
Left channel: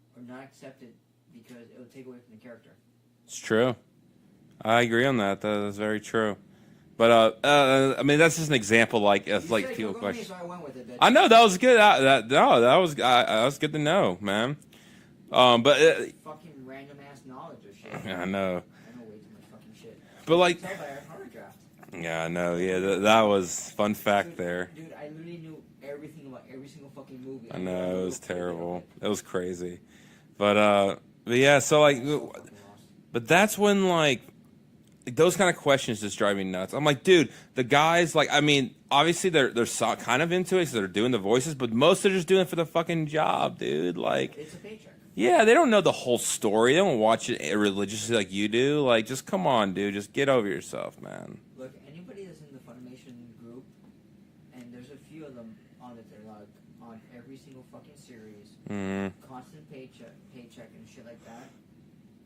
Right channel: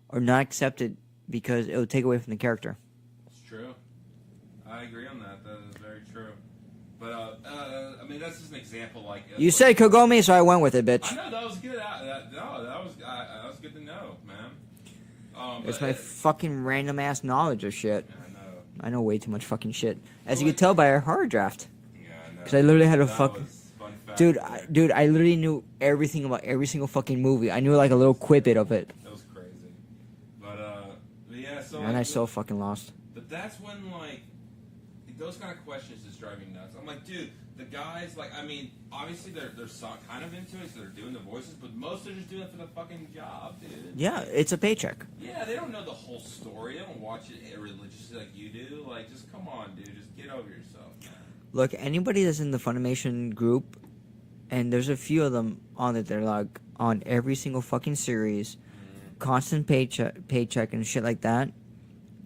or not accepted because it would take away from the character. It's true. I agree on that. That is very true. But I mean, that's just an example. Like You said Kagome, so I went with it, bitch. I know that was good. That was good to know, man. But fucking random ass knowledge of shit. yeah, I know. I know way too much fucking shit. But As you like- can tell by our horror draft. Yeah, I know. So I literally had a that fuck- was fun fact Dude, there. dude, I literally knew everything about every single fucking movie. I knew No, like a it little was quibbit of terrible. it. It was crazy. But yeah, so like, And I so fucking lost. but that's when like those kind of questions just drive me nuts. I'm like, dude, the guys, like, I mean, obviously they're kind of into it because they're doing the voices, but most are just doing it for the fucking job, dude. Yeah, Like, it's a paycheck. yeah, they don't know the whole story. They don't watch it religiously like you do. Like, just come on, dude. Just get over yourself, man. Look, anybody that's in the Funimation group, and there's a few of them on it, they're like on every single fucking series, constant paycheck and shit like that.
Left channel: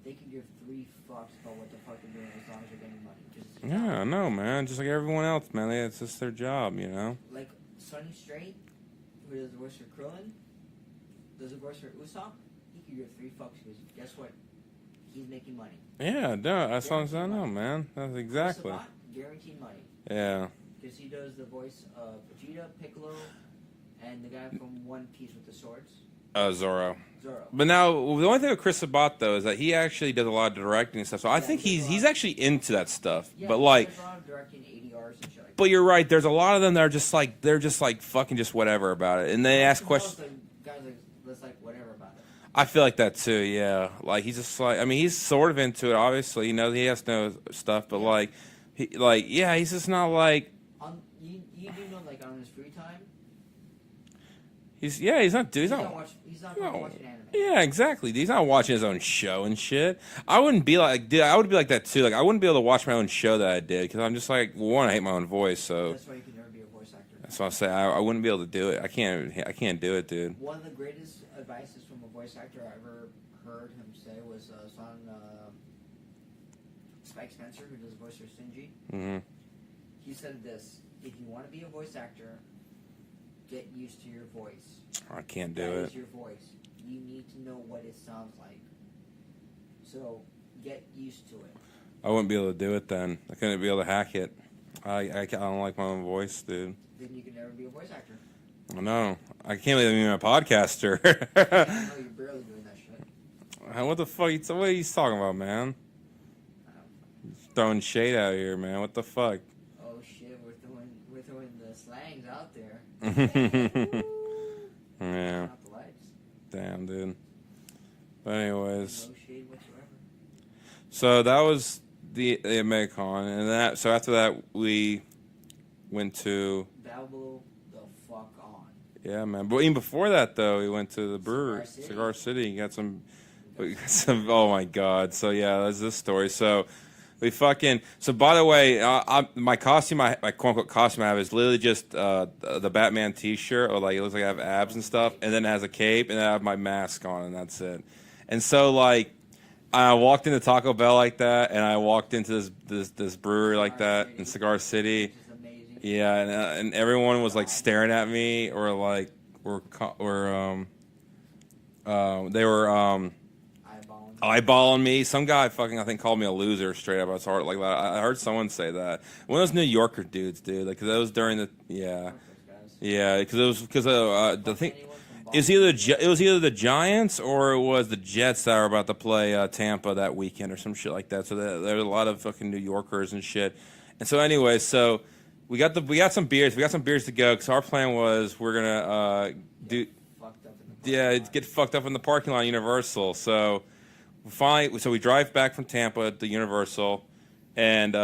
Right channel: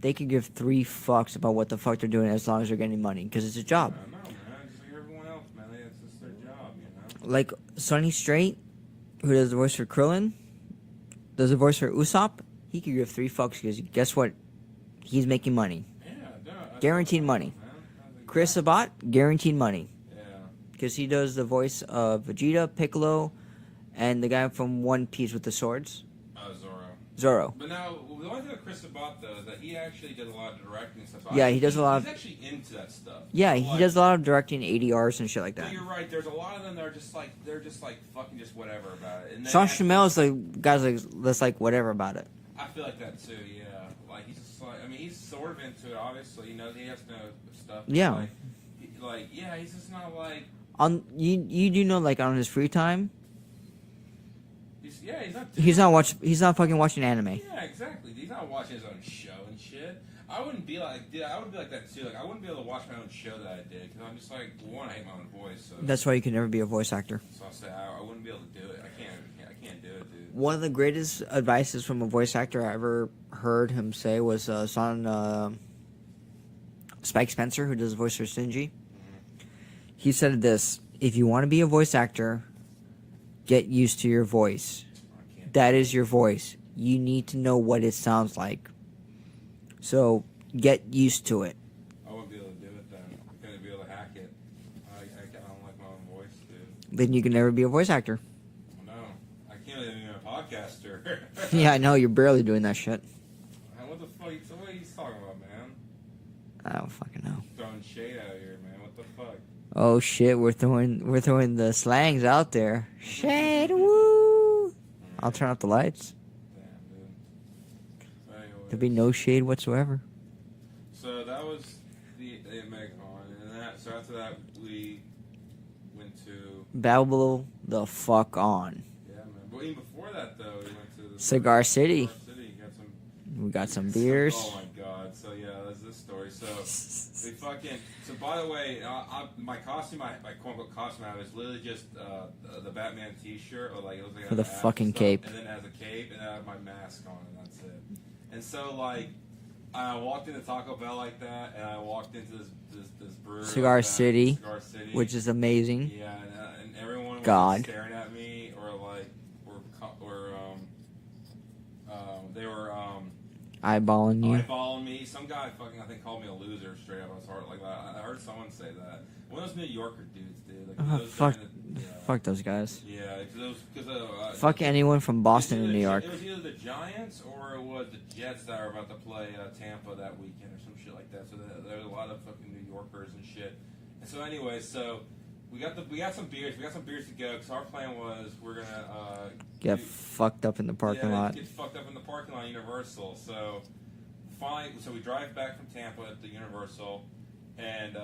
They could give 3 fucks about what the fuck they're doing as long as they're getting money because it's a job. Yeah, I know, man. Just like everyone else, man. It's just their job, Like Sonny Strait, who does the voice for Krillin, does the voice for Usopp. He could give 3 fucks because guess what? He's making money. Yeah, no, Guaranteed money. man. That's exactly. Chris Sabat, guaranteed money Yeah. because he does the voice of Vegeta, Piccolo, and the guy from One Piece with the swords, Zoro. Zoro. But now, the only thing with Chris Sabat, though, is that he actually does a lot of directing and stuff. So I Yeah, think he does a lot he's of- actually into that stuff. Yeah, but he like, does a lot of directing, ADRs and shit like that. But you're right. There's a lot of them that are just like they're just like fucking just whatever about it, and they Josh ask Duhamel's questions. the guy's that's like whatever about it. I feel like that too. Yeah, like he's just like, I mean, he's sort of into it. Obviously, he has to know stuff, but Yeah. he's just not like. On you do know like on his free time, He's not doing. He's not fucking watching anime. Yeah, exactly. He's not watching his own show and shit. I wouldn't be like, dude, I would be like that too. Like, I wouldn't be able to watch my own show that I did because I'm just like, well, one, I hate my own voice. So That's why you can never be a voice actor. that's why I say I wouldn't be able to do it. I can't do it, dude. One of the greatest advices from a voice actor I ever heard him say was on Spike Spencer, who does the voice for Shinji. Mm-hmm. He said this: if you want to be a voice actor, get used to your voice. I can't. That is your voice. You need to know what it sounds like. So get used to it. I wouldn't be able to do it then. I couldn't be able to hack it. I don't like my own voice, dude. Then you can never be a voice actor. I know. I can't believe I'm a podcaster. Yeah, I know. You're barely doing that shit. What the fuck? What are you talking about, man? I don't fucking know. Throwing shade out here, man. What the fuck? Oh shit, we're throwing the slangs out there. Shade, woo. Yeah. I'll turn off the lights. Damn, dude. But anyways. There'd be no shade whatsoever. So that was the MegaCon, and so after that we went to Babble the fuck on. Yeah, man. But even before that, though, we went to the Cigar City. Cigar City. We got some beers. Oh my god. So yeah, that's this story. So we fucking. So by the way, my costume, my quote unquote costume I have is literally just the Batman T-shirt, or like it looks like I have With a abs and fucking stuff, cape. and then it has a cape, and then I have my mask on, and that's it. And so like. I walked into Taco Bell like that, and I walked into this brewery Cigar like that, City, Cigar City, which is amazing. Yeah, and everyone was God. like staring at me, or like they were eyeballing me. Some guy fucking I think called me a loser straight up. It's hard like that. I heard someone say that. One of those New Yorker dudes, dude. Like 'cause that was during the Fuck those guys. Yeah, because it was fuck anyone from Boston. It was either the Giants or it was the Jets that were about to play Tampa that weekend or some shit like that. So there were a lot of fucking New Yorkers and shit. And so anyway, so we got some beers. We got some beers to go because our plan was we're gonna get fucked up in the parking lot. Yeah, get fucked up in the parking lot at Universal. So we drive back from Tampa to Universal, and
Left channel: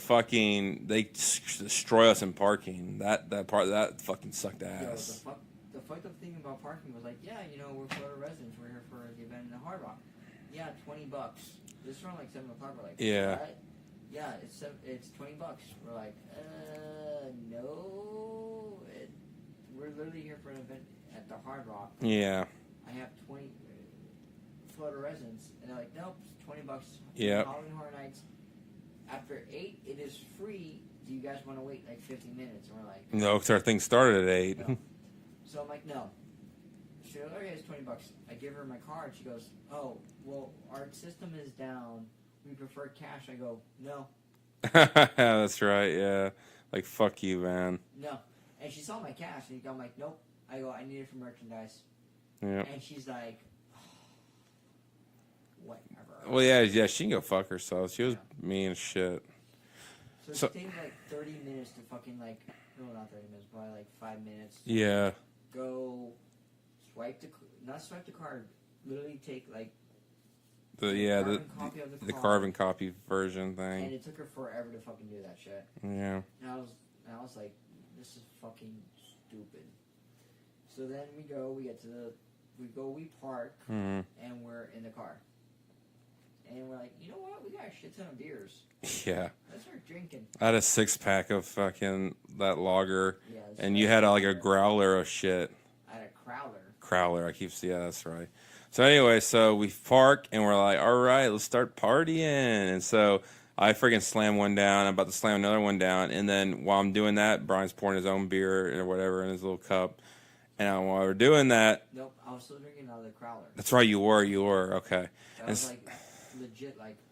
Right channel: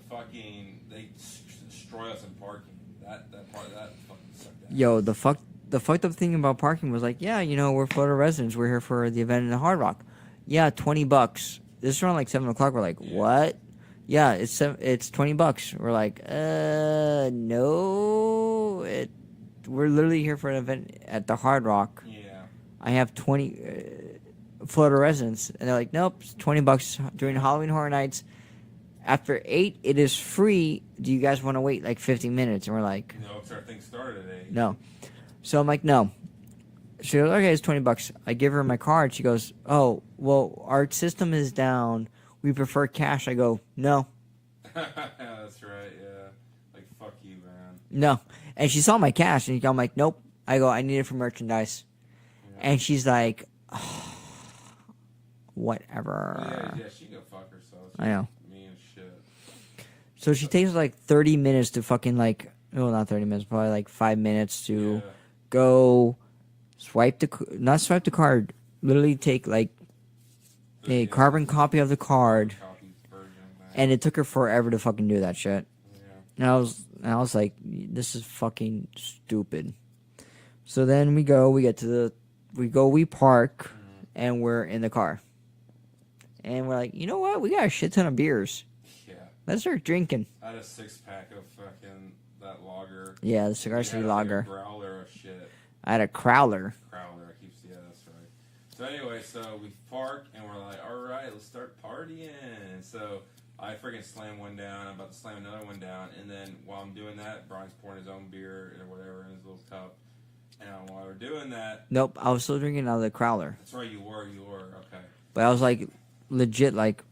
fucking they destroy us in parking. That fucking sucked ass. Yo, the fucked up thing about parking was like, yeah, we're Florida residents. We're here for the event in the Hard Rock. Yeah, $20. This is around like 7 o'clock. We're like, what? Yeah, it's $20. We're like, no, we're literally here for an event at the Hard Rock. Yeah. I have 20 Florida residents, and they're like, nope, it's $20 during Halloween Horror Nights. After 8, it is free. Do you guys want to wait like 50 minutes? And we're like, no, because our thing started at 8. No. So I'm like, no. She goes, okay, it's $20. I give her my card. She goes, oh, well, our system is down. We prefer cash. I go, no. That's right. Yeah. Like, fuck you, man. No. And she saw my cash, and I'm like, nope. I go, I need it for merchandise. Yeah. And she's like, oh, whatever. Well, yeah, she can go fuck herself. She was mean as shit. So she takes like 30 minutes to fucking like, well, not 30 minutes, probably like 5 minutes to go not swipe the card, literally take like a carbon copy of the card. Carbon copy version thing. And it took her forever to fucking do that shit. Yeah. And I was like, this is fucking stupid. So then we park, and we're in the car. And we're like, you know what? We got a shit ton of beers. Yeah. Let's start drinking. I had a 6-pack of fucking that lager. Yeah, and you had like a growler of shit. I had a crowler. Yeah, that's right. So anyway, so we park and we're like, all right, let's start partying. And so I freaking slam one down. I'm about to slam another one down. And then while I'm doing that, Brian's pouring his own beer or whatever in his little cup. And while we're doing that... Nope, I was still drinking out of the crowler. That's right, you were. Okay. But I was like, legit, like,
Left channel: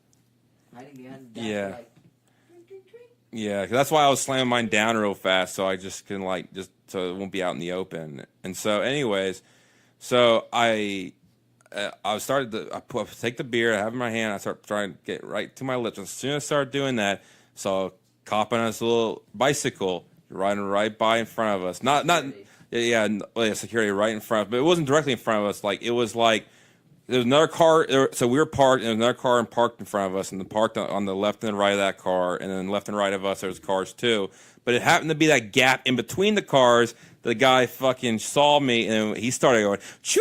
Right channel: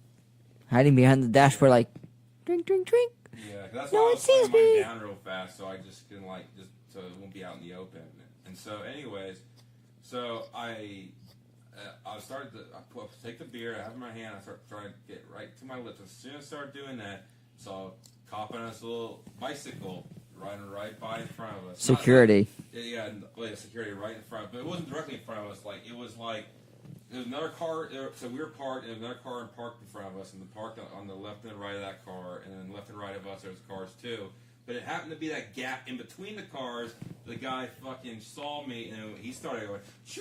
hiding behind the dashboard, like, drink, drink, drink. Yeah, 'cause that's why I was slamming mine down real fast, so I just can, like, so it won't be out in the open. And so, anyways, so I take the beer, I have it in my hand, I start trying to get right to my lips. As soon as I start doing that, saw a cop on his little bicycle riding right by in front of us. Security. Security right in front. But it wasn't directly in front of us. Like, it was like, there was another car. So we were parked, and there was another car parked in front of us, and parked on the left and the right of that car, and then left and right of us, there was cars too. but it happened to be that gap in between the cars. The guy fucking saw me, and he started going, choo,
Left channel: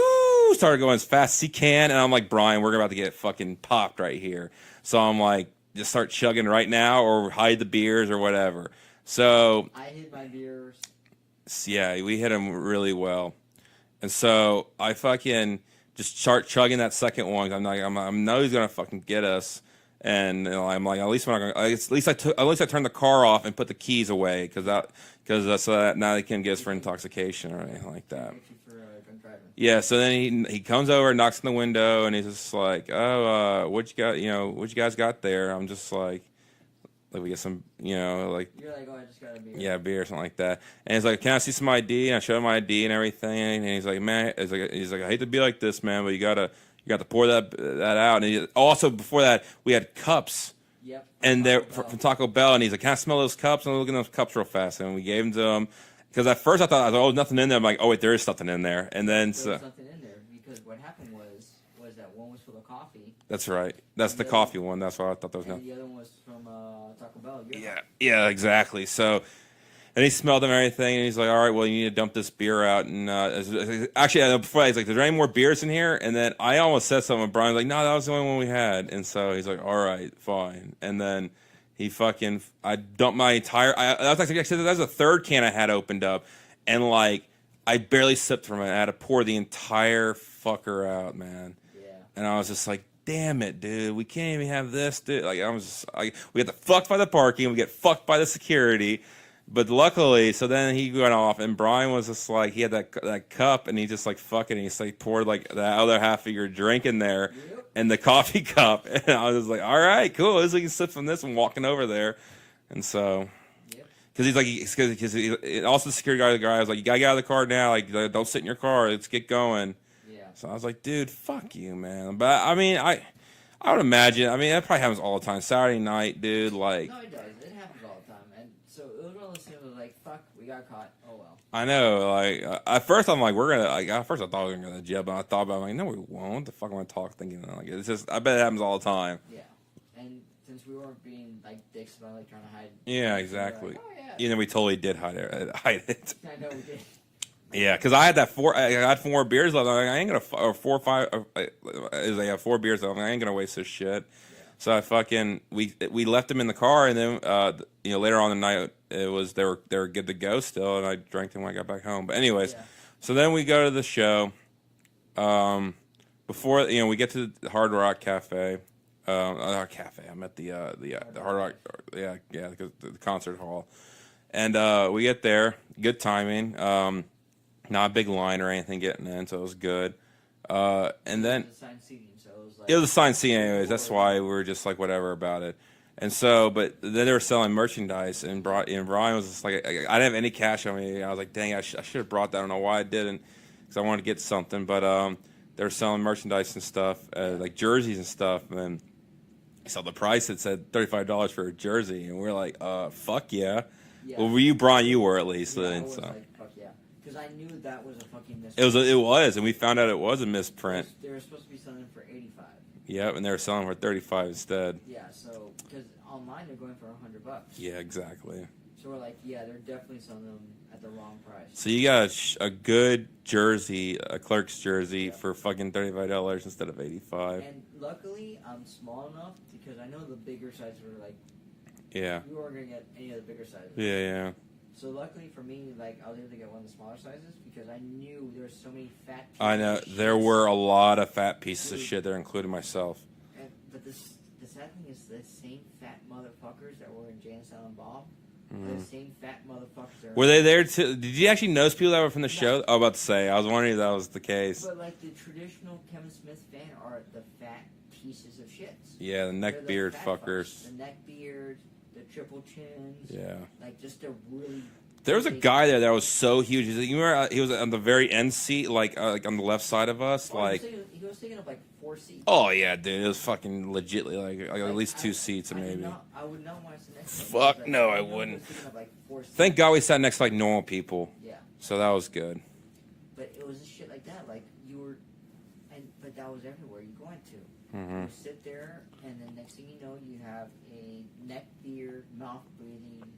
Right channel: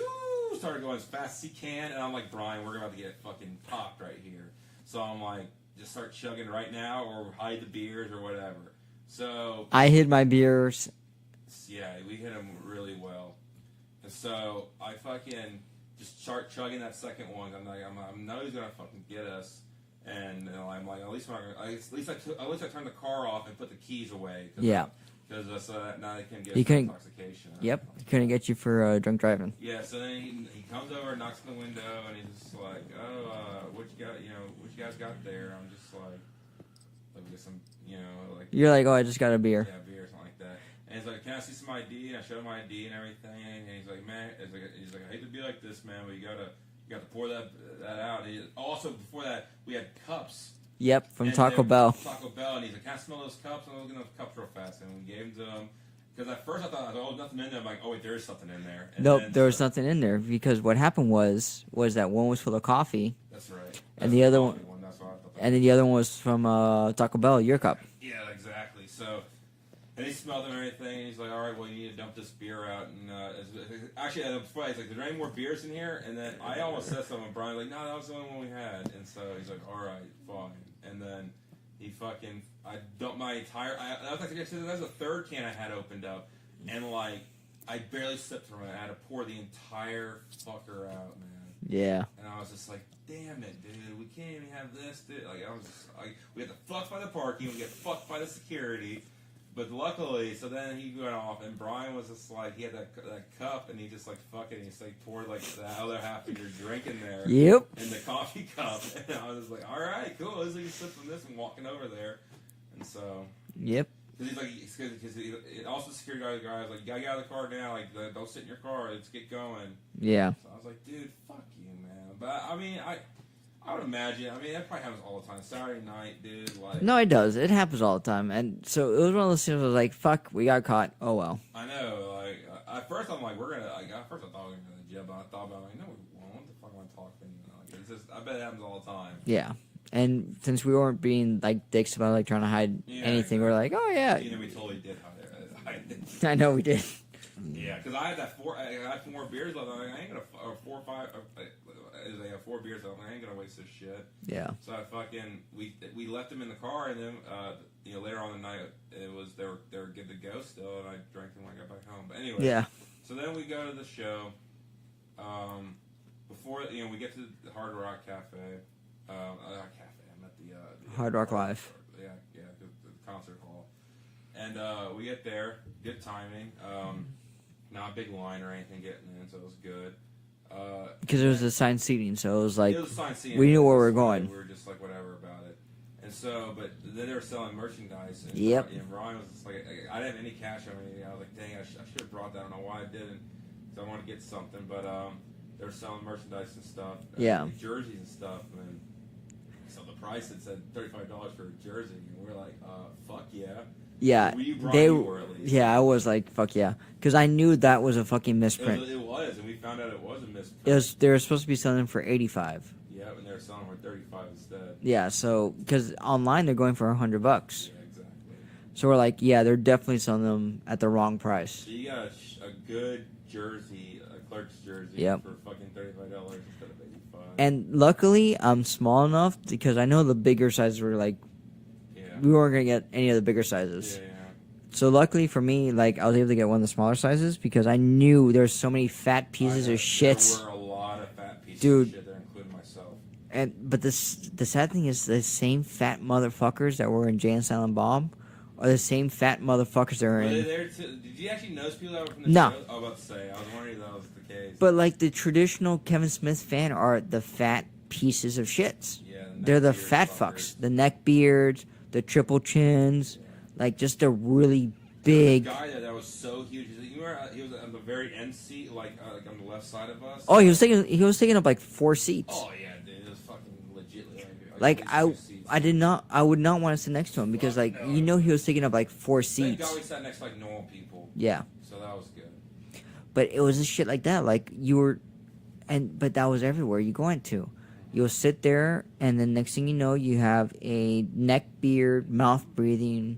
started going as fast as he can, and I'm like, Brian, we're about to get fucking popped right here. So I'm like, just start chugging right now, or hide the beers or whatever. So I hid my beers. yeah, we hit him really well, and so I fucking just start chugging that second one. I'm like, I know he's gonna fucking get us. And I'm like, at least I turned the car off and put the keys away because so that now they can get us for intoxication or anything like that. Couldn't get you for drunk driving. Yeah, so then he comes over and knocks on the window and he's just like, oh, what you got? What you guys got there? I'm just like we get some, like you're like, oh, I just got a beer. Yeah, beer or something like that. And he's like, can I see some ID? And I show him my ID and everything. And he's like, man, he's like, I hate to be like this, man, but you got to pour that out. And also before that, we had cups. Yep, from Taco Bell. From Taco Bell, and he's like, "Can I smell those cups?" And I'm looking at those cups real fast, and we gave them to him. Because at first I thought, oh, nothing in there. I'm like, oh wait, there is something in there. And then there was nothing in there because what happened was that one was full of coffee. That's right. That's the coffee one. That's what I thought. And then the other one was from Taco Bell, your cup. Yeah, exactly. So. And he smelled them and everything, and he's like, all right, well, you need to dump this beer out. And actually, before that, he's like, is there any more beers in here? And then I almost said something, and Brian's like, no, that was the only one we had. And so he's like, all right, fine. And then I dumped my entire, that was the third can I had opened up. And, like, I barely sipped from it. I had to pour the entire fucker out, man. Yeah. And I was just like, damn it, dude, we can't even have this, dude. Like, we get fucked by the parking, we get fucked by the security. But luckily, so then he went off, and Brian was just like, he had that cup, and he just like fucking, he just like poured like the other half of your drink in there, in the coffee cup, and I was just like, all right, cool, at least we can sip from this and walking over there, and so, yep, because he's like, because also the security guy was like, you gotta get out of the car now, like don't sit in your car, let's get going, yeah. So I was like, dude, fuck you, man, but I mean, I would imagine. I mean, that probably happens all the time. Saturday night, dude. Like, no, it does. It happens all the time. And so it was one of those things. I was like, "Fuck, we got caught. Oh well." I know. Like at first, I'm like, we're gonna. Like at first, I thought we were gonna go to jail, but I thought about it, I'm like, no, we won't. The fuck, am I talk thinking? Like, it's just. I bet it happens all the time. Yeah. And since we weren't being like dicks about like trying to hide anything, exactly. we're like, oh yeah. You know, we totally did hide it. I know we did. Yeah, because I had I had 4 more beers left. I'm like, I ain't gonna, or 4 or 5. I have 4 beers left. I'm like, I ain't gonna waste this shit. Yeah. So I fucking we left them in the car, and then later on in the night they were good to go still, and I drank them when I got back home. But anyways, yeah. So then we go to the show. Before we get to the Hard Rock Cafe. Cafe. I'm at the Hard Rock Live. Yeah, because the concert hall, and we get there. Good timing. Not a big line or anything getting in, so it was good. Because it was assigned seating, so it was like... It was assigned seating, that's why we were just like, whatever about it. And so, but then they were selling merchandise, and Brian was just like, I didn't have any cash on me. I was like, dang, I should have brought that. I don't know why I didn't, because I wanted to get something. But they were selling merchandise and stuff, like jerseys and stuff. And then I saw the price, it said $35 for a jersey. And we were like, fuck yeah. Yeah. Well, were you, Brian? You were at least. Yeah, I was like, fuck yeah. Because I knew that was a fucking misprint. It was, and we found out it was a misprint. They were supposed to be selling for $85. Yep, and they were selling for $35 instead. Yeah, so because online they're going for $100. Yeah, exactly. So we're like, yeah, they're definitely selling them at the wrong price. So you got a good jersey, a Clerk's jersey, for fucking $35 instead of $85. And luckily, I'm small enough because I know the bigger sizes were like, we weren't gonna get any of the bigger sizes. Yeah. So luckily for me, like I was able to get one of the smaller sizes because I knew there was so many fat pieces of shit. There were a lot of fat pieces of shit there, including myself. But the sad thing is the same fat motherfuckers that were in Jay and Silent Bob are the same fat motherfuckers that were they there too? Did you actually notice people that were from the show? I was about to say. I was wondering if that was the case. But like the traditional Kevin Smith fan are the fat pieces of shits. Yeah, they're the fat fucks. The neck beards. The triple chins, like just a really big... There was a guy there that was so huge. You remember he was on the very end seat, like on the left side of us. Oh, he was taking up like 4 seats. Oh yeah, dude, it was fucking legitly like at least 2 seats. I would not want to sit next to him because like he was taking up like 4 seats. Thank God we sat next to like normal people. Yeah. So that was good. But it was a shit like that, like you were, but that was everywhere you went to. You'll sit there, and then next thing you know, you have a neck beard, mouth breathing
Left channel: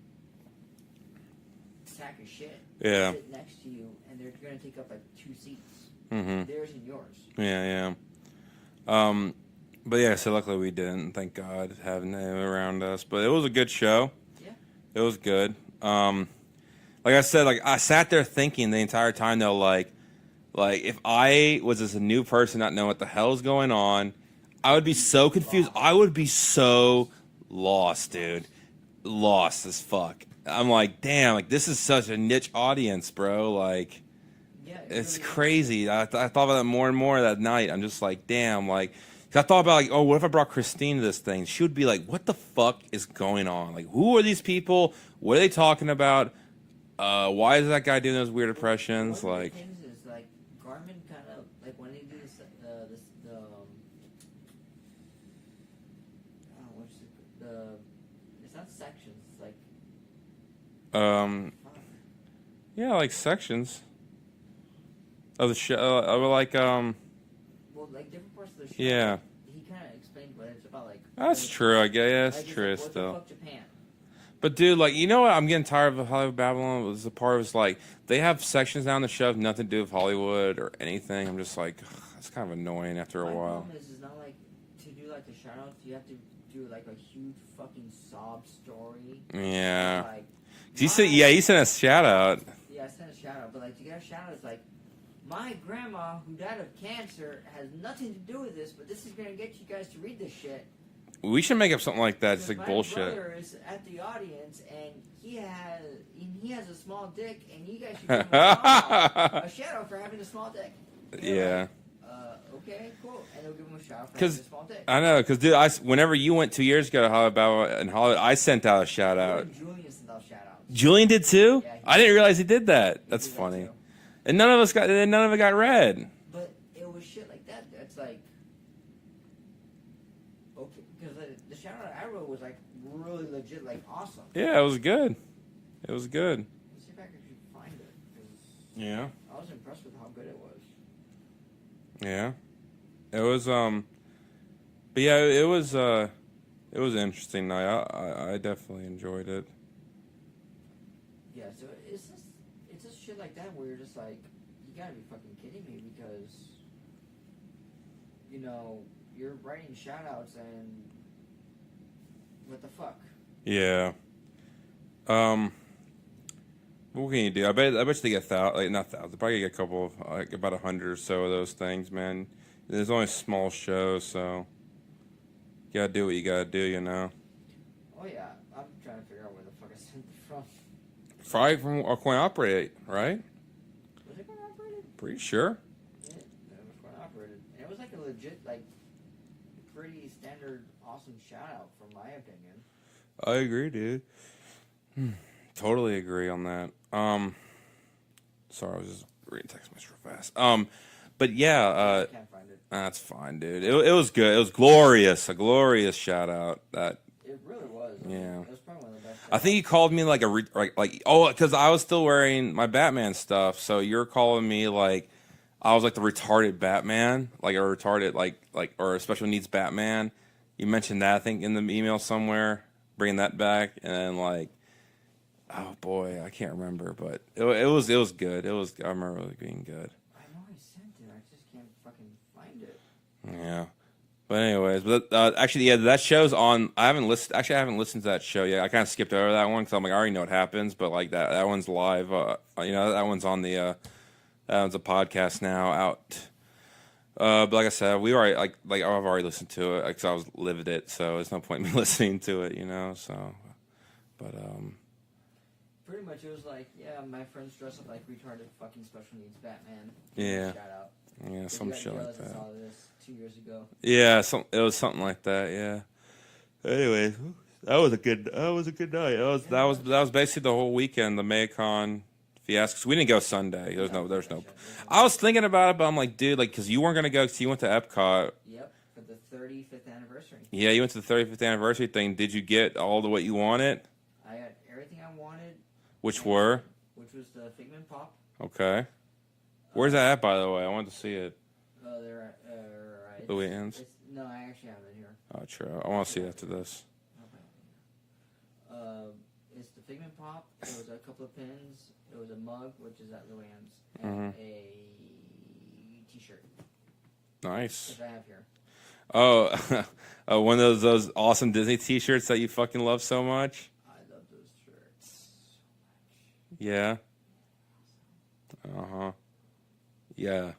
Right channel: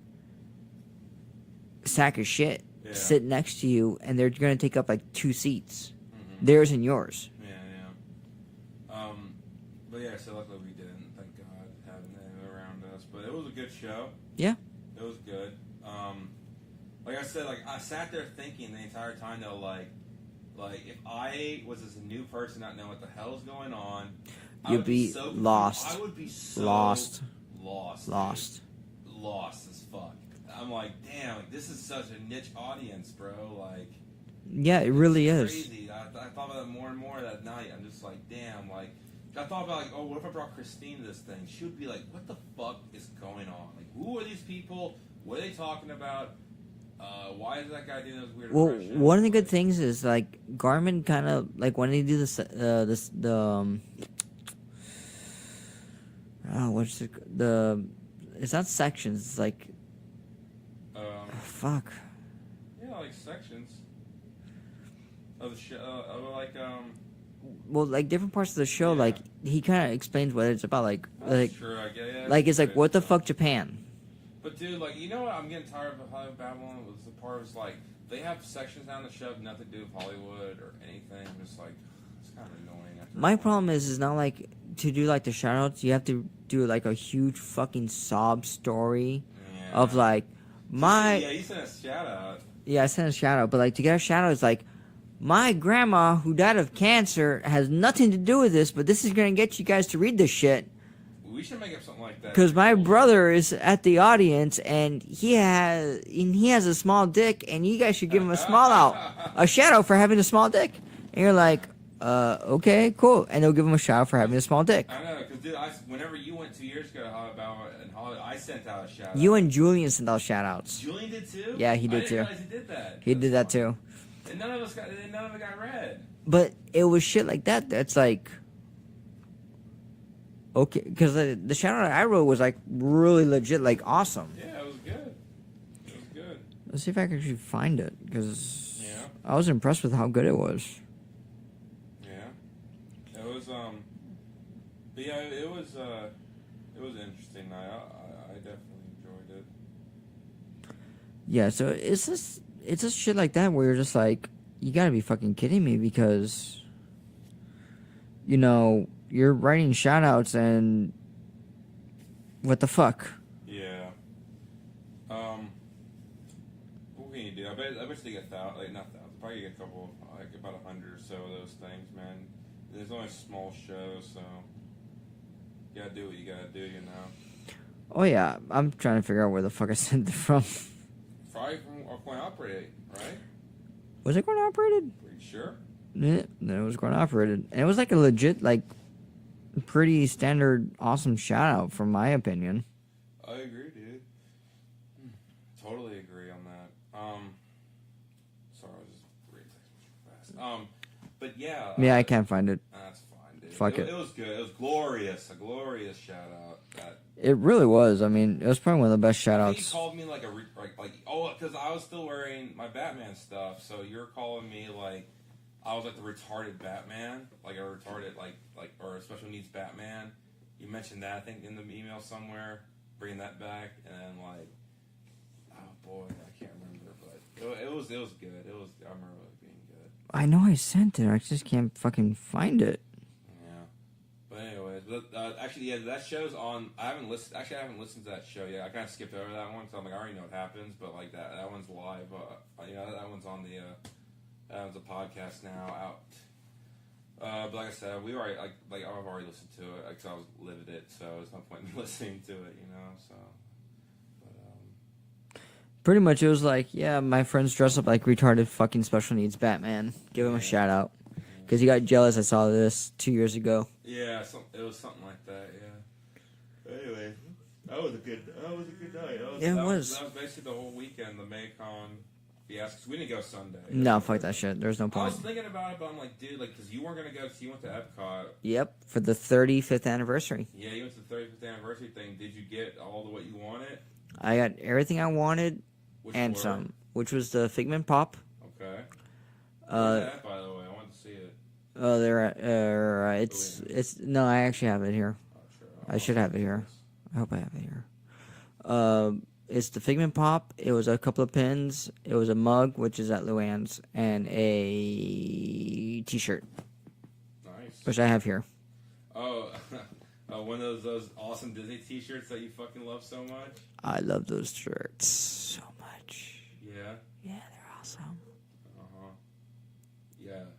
sack of shit Yeah. sit next to you, and they're gonna take up like 2 seats, Mm-hmm. theirs and yours. Yeah. But yeah, so luckily we didn't. Thank God, having them around us. But it was a good show. Yeah. It was good. Like I said, like I sat there thinking the entire time though, like if I was just a new person not knowing what the hell's going on, I would be so confused. Lost. I would be so Lost. dude. Lost as fuck. I'm like, damn, like this is such a niche audience, bro. Like, Yeah, it really is crazy. I thought about that more and more that night. I'm just like, damn, like, 'cause I thought about like, oh, what if I brought Christine to this thing? She would be like, what the fuck is going on? Like, who are these people? What are they talking about? Why is that guy doing those weird impressions? One of the good things is like Garmin kind of like when they do this what's it's not sections, it's like fuck. Yeah, like sections of the show. Well, like different parts of the show, Yeah. like he kind of explains what it's about. Like That's like, true, I guess. Yeah, like it's like what the still. fuck Japan. But dude, like, you know what? I'm getting tired of Hollywood Babylon. Was the part was like they have sections down the show, nothing to do with Hollywood or anything. I'm just like, it's kind of annoying after a while. My problem is not like to do like the shoutouts. You have to do like a huge fucking sob story. Yeah. Of like, you sent a shout out. Yeah, I sent a shout out, but like to get a shout out is like, my grandma who died of cancer has nothing to do with this, but this is gonna get you guys to read this shit. We should make up something like that. Because my brother is at the audience and he has a small dick, and you guys should give him a shout out for having a small dick. And you're like, okay, cool. And they'll give him a shout out for having a small dick. I know, because dude, whenever you went 2 years ago to Hollywood, I sent out a shout out. You and Julian sent out shout outs. Julian did too? Yeah, he did. I didn't too. realize he did that. He did that too. And none of it got read. But it was shit like that. That's like, okay, because the shout out I wrote was like really legit, like awesome. Yeah, it was good. It was good. Let's see if I can actually find it, because I was impressed with how good it was. Yeah, it was. But yeah, it was an interesting night. I definitely enjoyed it. Yeah, so it's just shit like that where you're just like, you gotta be fucking kidding me, because, you know, you're writing shout outs and what the fuck? Yeah. What can you do? I bet they get not thousands, probably get a couple of, like about 100 or so of those things, man. There's only small shows, so you gotta do what you gotta do, you know. Oh yeah, I'm trying to figure out where the fuck I sent it from. Probably from Coin Operate, right? Was it Coin Operated? Pretty sure. Yeah, no, it was Coin Operated, and it was like a legit, like, pretty standard, awesome shout out, from my opinion. I agree, dude. Totally agree on that. Sorry, I was just reading text message real fast. But yeah. Yeah, I can't find it. That's fine, dude. It was good. It was glorious. A glorious shout out. It really was. I mean, it was probably one of the best shout outs. I think he called me like because I was still wearing my Batman stuff. So you're calling me like I was like the retarded Batman, like a retarded or a special needs Batman. You mentioned that I think in the email somewhere, bringing that back, and then like. Oh boy, I can't remember, but it was good. I remember it being good. I know I sent it. I just can't fucking find it. Yeah, but anyways, actually, yeah, that show's on. I haven't listened to that show yet. I kind of skipped over that one because I'm like, I already know what happens. But like that one's live. That one's on that one's a podcast now out. But like I said, we already like I've already listened to it because I was lived it, so there's no point in me listening to it, you know. So, but Pretty much, it was like, yeah, my friends dress up like retarded fucking special needs Batman. Give him a shout out. Because you got jealous I saw this 2 years ago. Yeah, it was something like that, yeah. Anyway, that was a good night. That was basically the whole weekend, the MegaCon fiasco. 'Cause we didn't go Sunday. No, fuck that shit. There's no point. I was thinking about it, but I'm like, dude, like, because you weren't going to go because you went to Epcot. Yep, for the 35th anniversary. Yeah, you went to the 35th anniversary thing. Did you get all the what you wanted? I got everything I wanted. Which was the Figment Pop. Okay. Where's that at, by the way? I wanted to see it. Oh, they're at, it's no, I actually have it here. Oh, true. I should have it here. I hope I have it here. It's the Figment Pop. It was a couple of pins. It was a mug, which is at Luann's, and a T-shirt, Nice. which I have here. Oh, one of those awesome Disney T-shirts that you fucking love so much. I love those shirts so much. Yeah. Yeah, they're awesome. Yeah.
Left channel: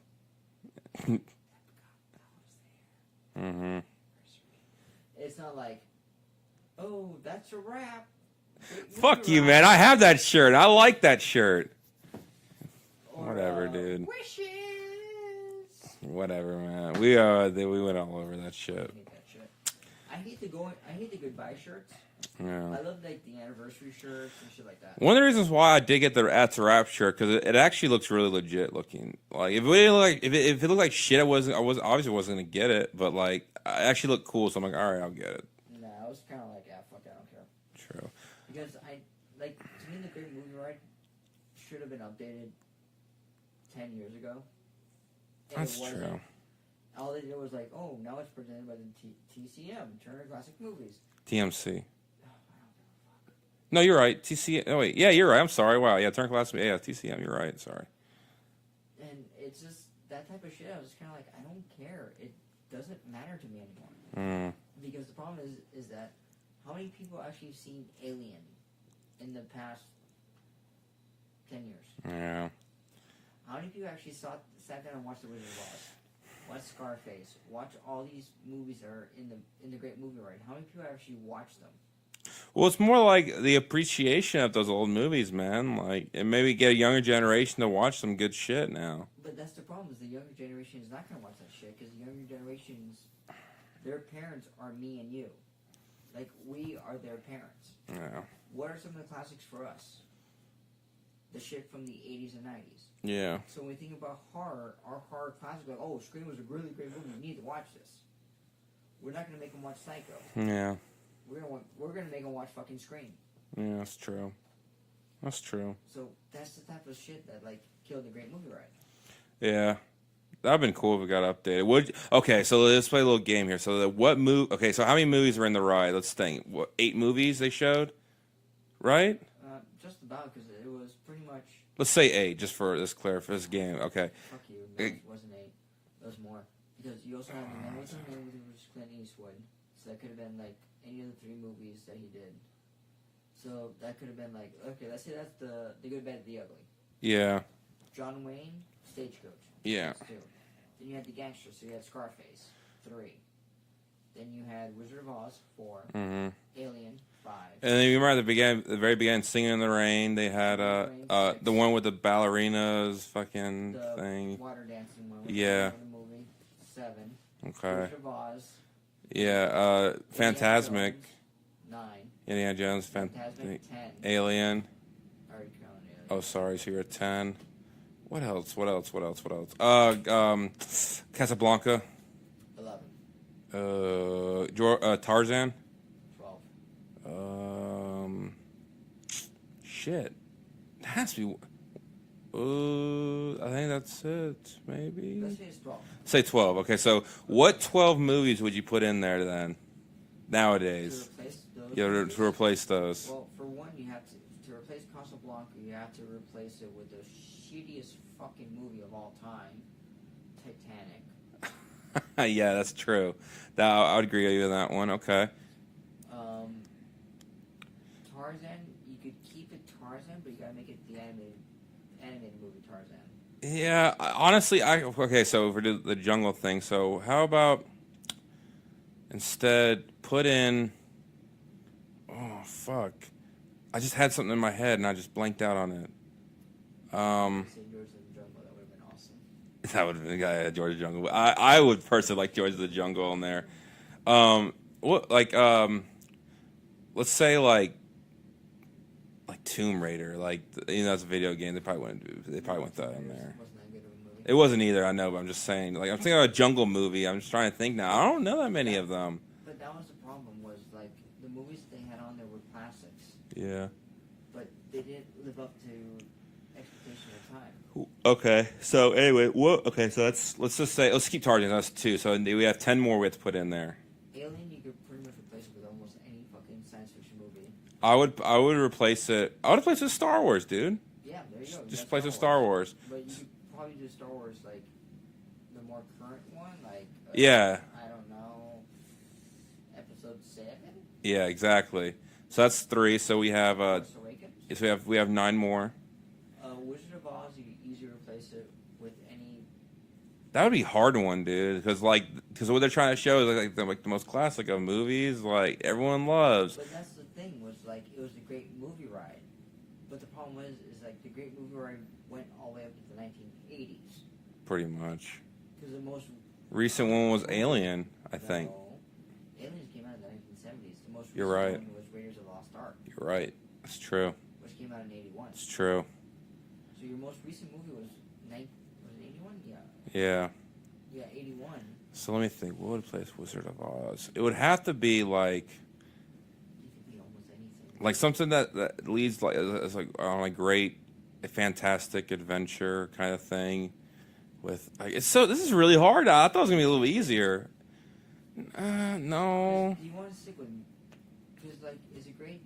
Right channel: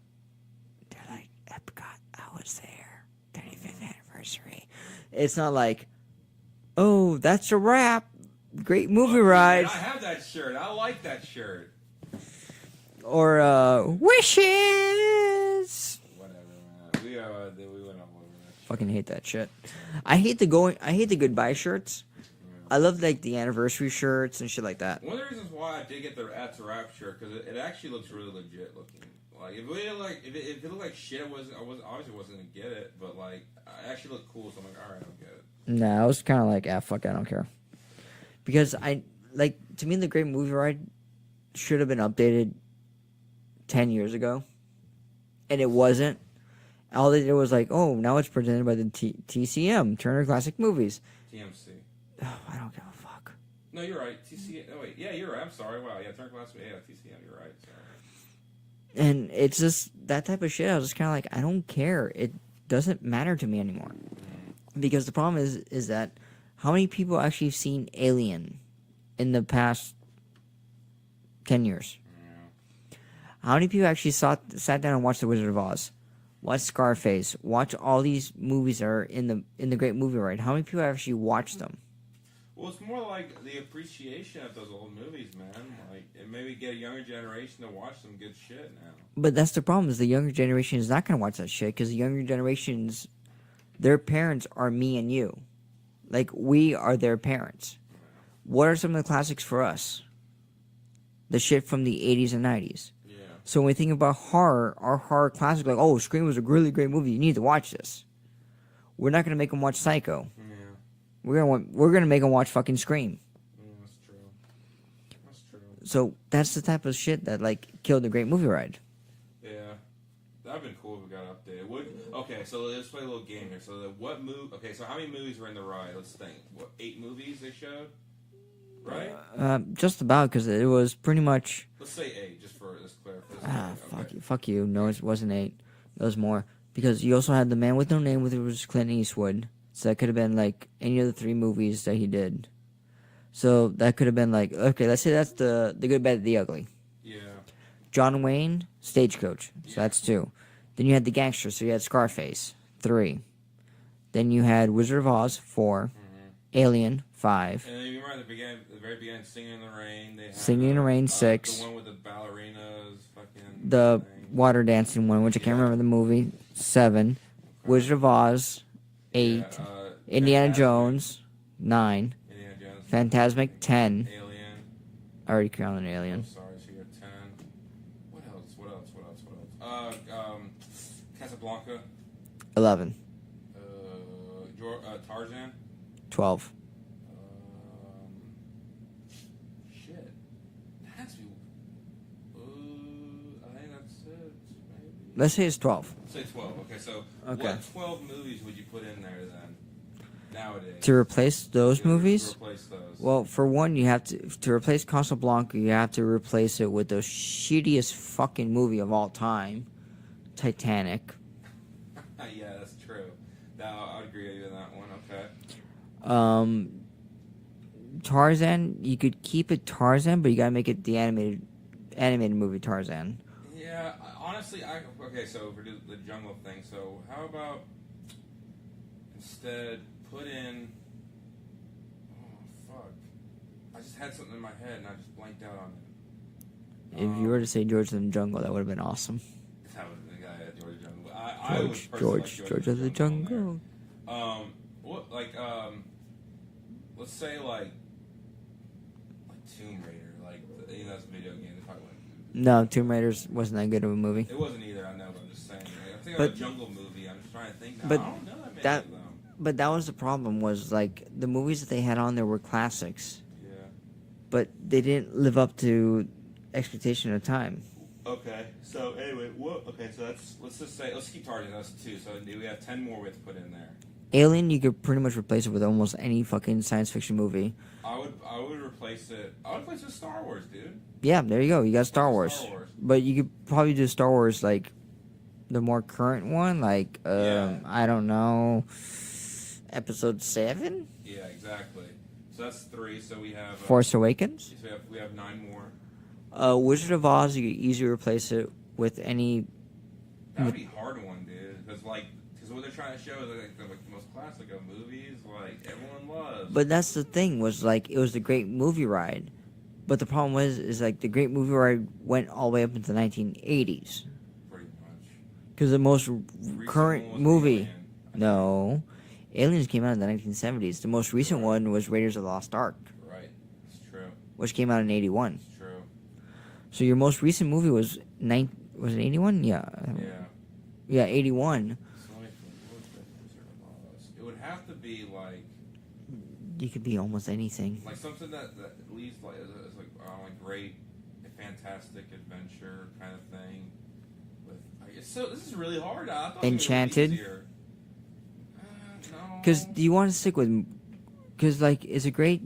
Dude, Epcot, I was there. 35th anniversary. It's not like, oh, that's a wrap. Great movie Fuck you, ride. man. I have that shirt. I like that shirt. Or Whatever, dude. wishes. Whatever, man. We went all over that shit. Fucking hate that shit. I hate the goodbye shirts. Yeah. I love like the anniversary shirts and shit like that. One of the reasons why I did get the At the Wrap shirt because it actually looks really legit looking. Like if it looked like shit, I obviously wasn't gonna get it, but like it actually looked cool, so I'm like, all right, I'll get it. Nah, I was kind of like, fuck, I don't care. True. Because to me, the Great Movie Ride should have been updated 10 years ago, and That's it wasn't. true. All they did was like, oh, now it's presented by the TCM, Turner Classic Movies. TMC. Oh, I don't give a fuck. No, you're right. TCM. Oh wait, yeah, you're right. I'm sorry. Wow, yeah, Turn Class. Yeah, TCM. You're right. Sorry. And it's just that type of shit. I was just kind of like, I don't care. It doesn't matter to me anymore. Because the problem is that how many people actually have seen Alien in the past 10 years? Yeah. How many people actually sat down and watched The Wizard of Oz? Watch Scarface. Watch all these movies that are in the Great Movie Ride. How many people actually watched them? Well, it's more like the appreciation of those old movies, man. Like, and maybe get a younger generation to watch some good shit now. But that's the problem, is the younger generation is not going to watch that shit, because the younger generations, their parents are me and you. Like, we are their parents. Yeah. What are some of the classics for us? The shit from the 80s and 90s. Yeah. So when we think about horror, our horror classic, like, oh, Scream was a really great movie, you need to watch this. We're not going to make them watch Psycho. Yeah. We're gonna make them watch fucking Scream. Yeah, that's true. That's true. So that's the type of shit that like killed the Great Movie Ride. Yeah. That'd been cool if it got updated. Okay, so let's play a little game here. So okay, so how many movies were in the ride? Let's think. 8 movies they showed? Right? Just about, because it was pretty much. Let's say 8, just for this game. Okay. Fuck you. No, it wasn't 8. It was more, because you also had The Man with No Name, which was Clint Eastwood. So that could have been like any of the 3 movies that he did. So that could have been like, okay, let's say that's the Good, Bad, the Ugly. Yeah. John Wayne, Stagecoach. So Yeah. that's 2. Then you had The Gangster, so you had Scarface, 3. Then you had Wizard of Oz, 4. Alien, 5. And then you remember at the very beginning, Singing in the Rain. They had Singing in the Rain, 6. The one with the ballerinas, fucking The thing. water dancing one, which I Yeah. can't remember the movie, 7. Okay. Wizard of Oz, 8. Yeah. Indiana Fantasmic. Jones, 9. Indiana Jones. Phantasmic, 10. Alien. I already counted Alien. Oh, sorry. So you're at 10. What else? Casablanca. 11. Tarzan. 12. Shit. It has to be. I think that's it. Maybe. Let's say it's 12. Say 12. Okay, so what 12 movies would you put in there then? Nowadays. To replace those movies? To replace those. Well, for one, you have to replace Casablanca, you have to replace it with the shittiest fucking movie of all time, Titanic. Yeah, that's true. I would agree with you on that one. Okay. Tarzan, you could keep it Tarzan, but you gotta make it the animated movie Tarzan. Yeah, honestly, okay. So for the jungle thing, so how about instead put in? Oh fuck! I just had something in my head and I just blanked out on it. If you were to say George of the Jungle, that would have been awesome. That would have been the guy at George of the Jungle. I would personally like George of the Jungle in there. Let's say like Tomb Raider, that's a video game. They probably wouldn't do. No, Tomb Raider wasn't that good of a movie. It wasn't either. I know, but I'm just saying. Like, I'm thinking of a jungle movie. I'm just trying to think now. I don't know that many of them. But that was the problem. Was like the movies that they had on there were classics. Yeah. But they didn't live up to expectation at the time. Okay. So anyway, so let's just say let's keep Tarzan. That's 2. So we have 10 more we have to put in there. Alien, you could pretty much replace it with almost any fucking science fiction movie. I would replace it. I would replace it with Star Wars, dude. Yeah, there you go. You got Just replace it Star with Wars. Star Wars. But you could probably do Star Wars like the more current one, like Yeah. I don't know, Episode 7, Yeah, exactly. So that's 3. So we have Force Awakens. so we have 9 more. Wizard of Oz, you could easily replace it with any. That would be a hard one, dude. Because what they're trying to show is like the most classic of movies, like everyone loves. But that's the thing, was like it was the Great Movie Ride, but the problem is like the Great Movie Ride went all the way up into the 1980s. Pretty much. Because the most Recent current one was movie, Alien. I think. no, Aliens came out in the 1970s. The most recent right. one was Raiders of the Lost Ark, Right. That's true. which came out in 81. It's true. So your most recent movie was was it 81? Yeah. Yeah. Yeah, 81. So let me think. What would place Wizard of Oz? It would have to be like You could be almost anything. something that leads like as like on a great, a fantastic adventure kind of thing. With like this is really hard. I thought it was gonna be a little Enchanted? easier. No. Because you want to stick with, because like it's a great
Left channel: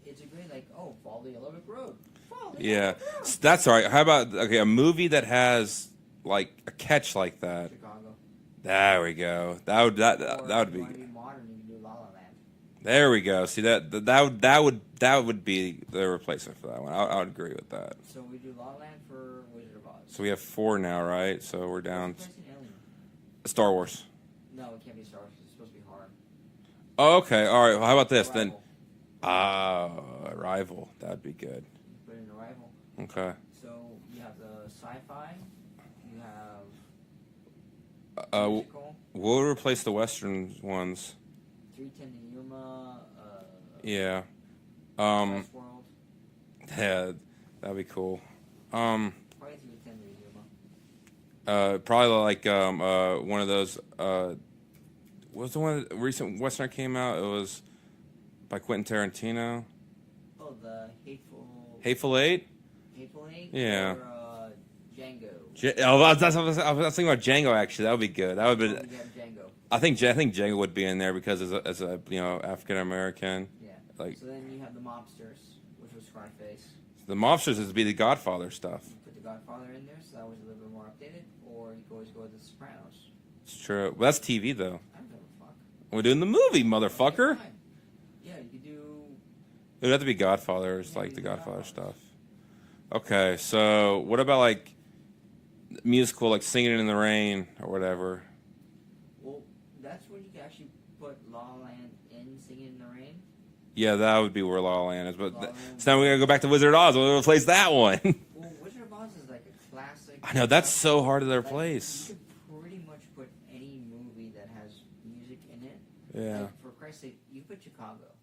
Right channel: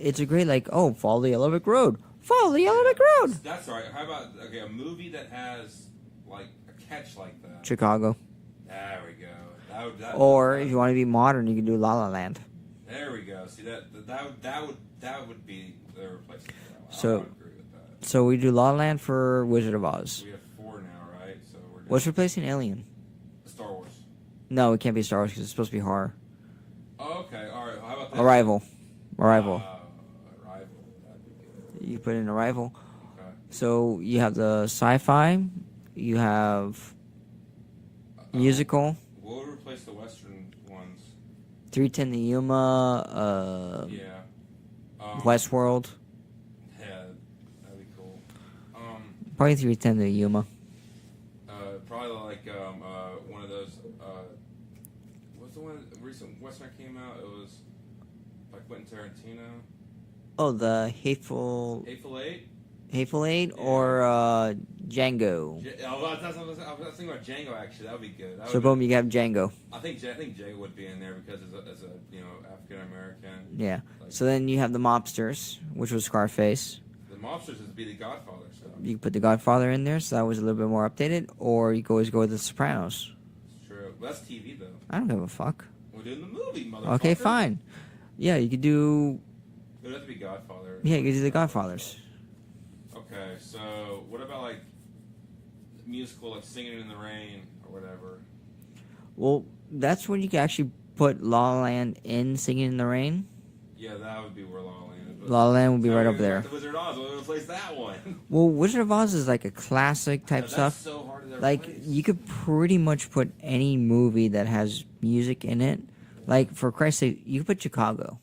like, oh, follow the Yellow Brick Road, follow the Yellow Brick Road. That's all right. How about a movie that has like a catch like that? Chicago. There we go. Or that if you want to be modern, you can do La La Land. There we go. See that would be the replacement for that one. I would agree with that. So we do La La Land for Wizard of Oz. So we have 4 now, right? So we're down. What's replacing Alien? Star Wars. No, it can't be Star Wars because it's supposed to be horror. Oh, okay. All right. Well, how about this? Arrival. Arrival. That'd be good. You put in Arrival. Okay. So you have the sci-fi. You have musical. We'll replace the Western ones. 310 to Yuma. Yeah. Westworld. Yeah, that'd be cool. Probably 310 to Yuma. Probably like one of those. What's the one recent Western that came out? It was by Quentin Tarantino. Oh, the Hateful Eight. Yeah. or Django. I was thinking about Django actually. That would be good. That would So be. boom, you have Django. I think Django would be in there because as a African American. Yeah. Like- So then you have the Mobsters, which was Scarface. The Mobsters would be the Godfather stuff. You could put the Godfather in there, so that was a little bit more updated. Or you could always go with the Sopranos. It's true. Well, that's TV though. I don't give a fuck. We're doing the movie, motherfucker. Okay, fine. Yeah, you could do. It would have to be Godfather. Or Yeah, like you could do the Godfather Godfathers. stuff. Okay, so what about like musical, like Singing in the Rain or whatever? Well, that's when you can actually put La La Land in Singing in the Rain. Yeah, that would be where La La Land is. But La La Land would be so now right we're up gonna go back to there. Wizard of Oz. We'll replace that one. Well, Wizard of Oz is like a classic type No, that's stuff. so hard to Like, replace. you could pretty much put any movie that has music in it. Yeah. Like, for Christ's sake, you could put Chicago.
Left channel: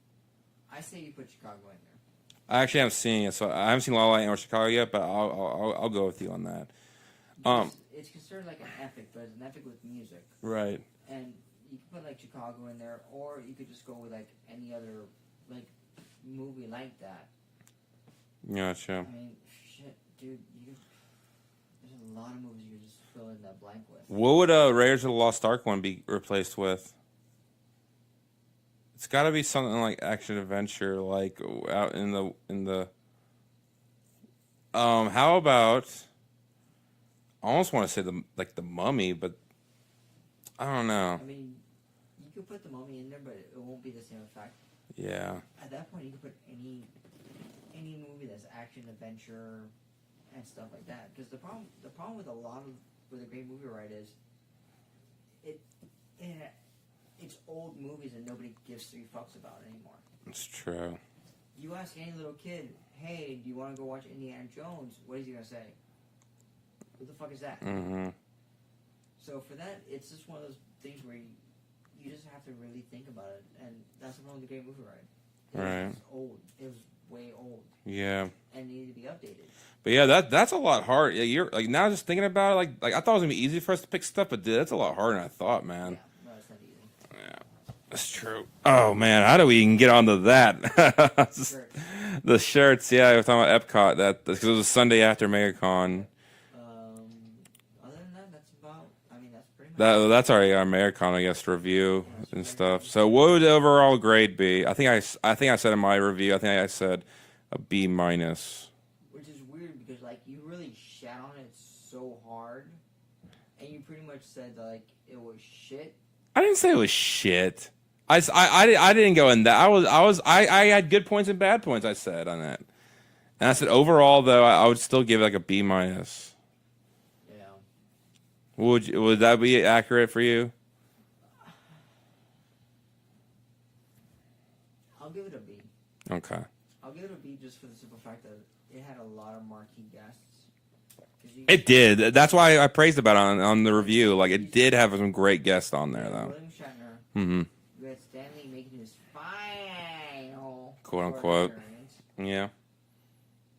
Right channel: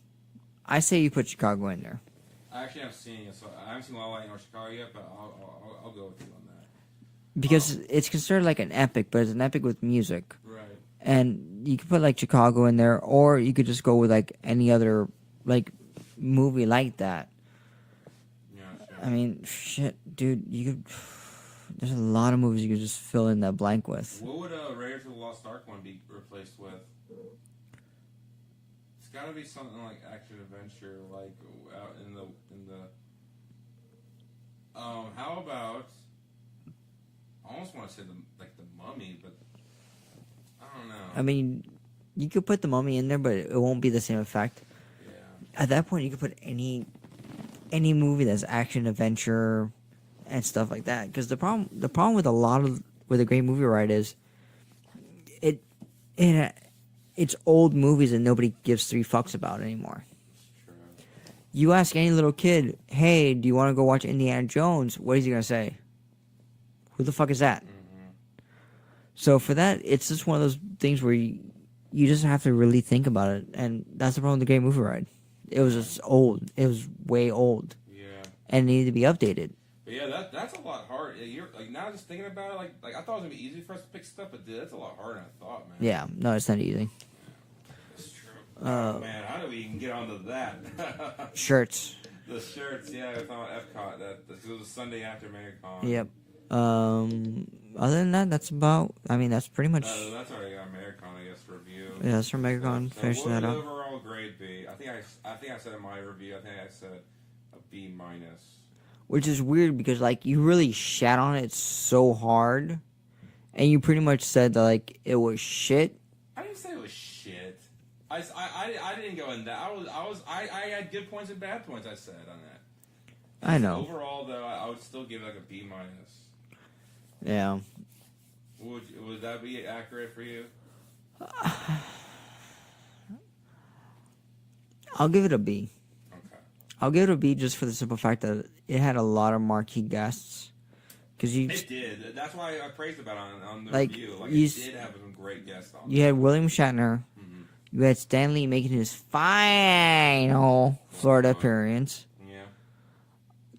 I say you put Chicago in there. I actually haven't seen it, so I haven't seen La La Land or Chicago yet. But I'll go with you on that. Because it's considered like an epic, but it's an epic with music. Right. And you could put, like, Chicago in there, or you could just go with, like, any other, like, movie like that. Gotcha. I mean, shit, dude, you could... There's a lot of movies you could just fill in that blank with. What would Raiders of the Lost Ark one be replaced with? It's got to be something like action adventure, like out in the. How about? I almost want to say the Mummy, but I don't know. I mean, you could put the Mummy in there, but it won't be the same effect. Yeah. At that point, you could put any movie that's action, adventure, and stuff like that. Because the problem with a great movie ride is, it's old movies that nobody gives 3 fucks about anymore. It's true. You ask any little kid, hey, do you want to go watch Indiana Jones? What is he gonna say? Who the fuck is that? Mm-hmm. So for that, it's just one of those things where you just have to really think about it, and that's the problem with the Great Movie Ride. It was just old. It was way old, Yeah. and it needed to be updated. But yeah, that's a lot hard. Yeah, you're like now just thinking about it, like I thought it was gonna be easy for us to pick stuff, but dude, that's a lot harder than I thought, man. Yeah, no, it's not easy. That's true. Oh man, how do we even get onto that? Shirts. The shirts, yeah, we were talking about Epcot. Because it was a Sunday after MegaCon. Yep. other than that, that's about. I mean, that's pretty much. That's our MegaCon, I guess, review. Yeah, that's our and MegaCon. stuff. So Pretty what sure would the that- overall grade be? I think I said in my review. I think I said a B minus. Which is weird because like you really shat on it so hard, and you pretty much said that like it was shit. I didn't say it was shit. I didn't go in that. I had good points and bad points. I said on that. And I said know. overall though, I would still give it like a B minus. Yeah. Would that be accurate for you? I'll give it a B. Okay. I'll give it a B just for the simple fact that it had a lot of marquee guests. It did. That's why I praised about it on the Like, review. Like it did have some great guests on there. You had William Shatner. Mm-hmm. You had Stan Lee making his final Quote, Florida unquote. appearance. Yeah.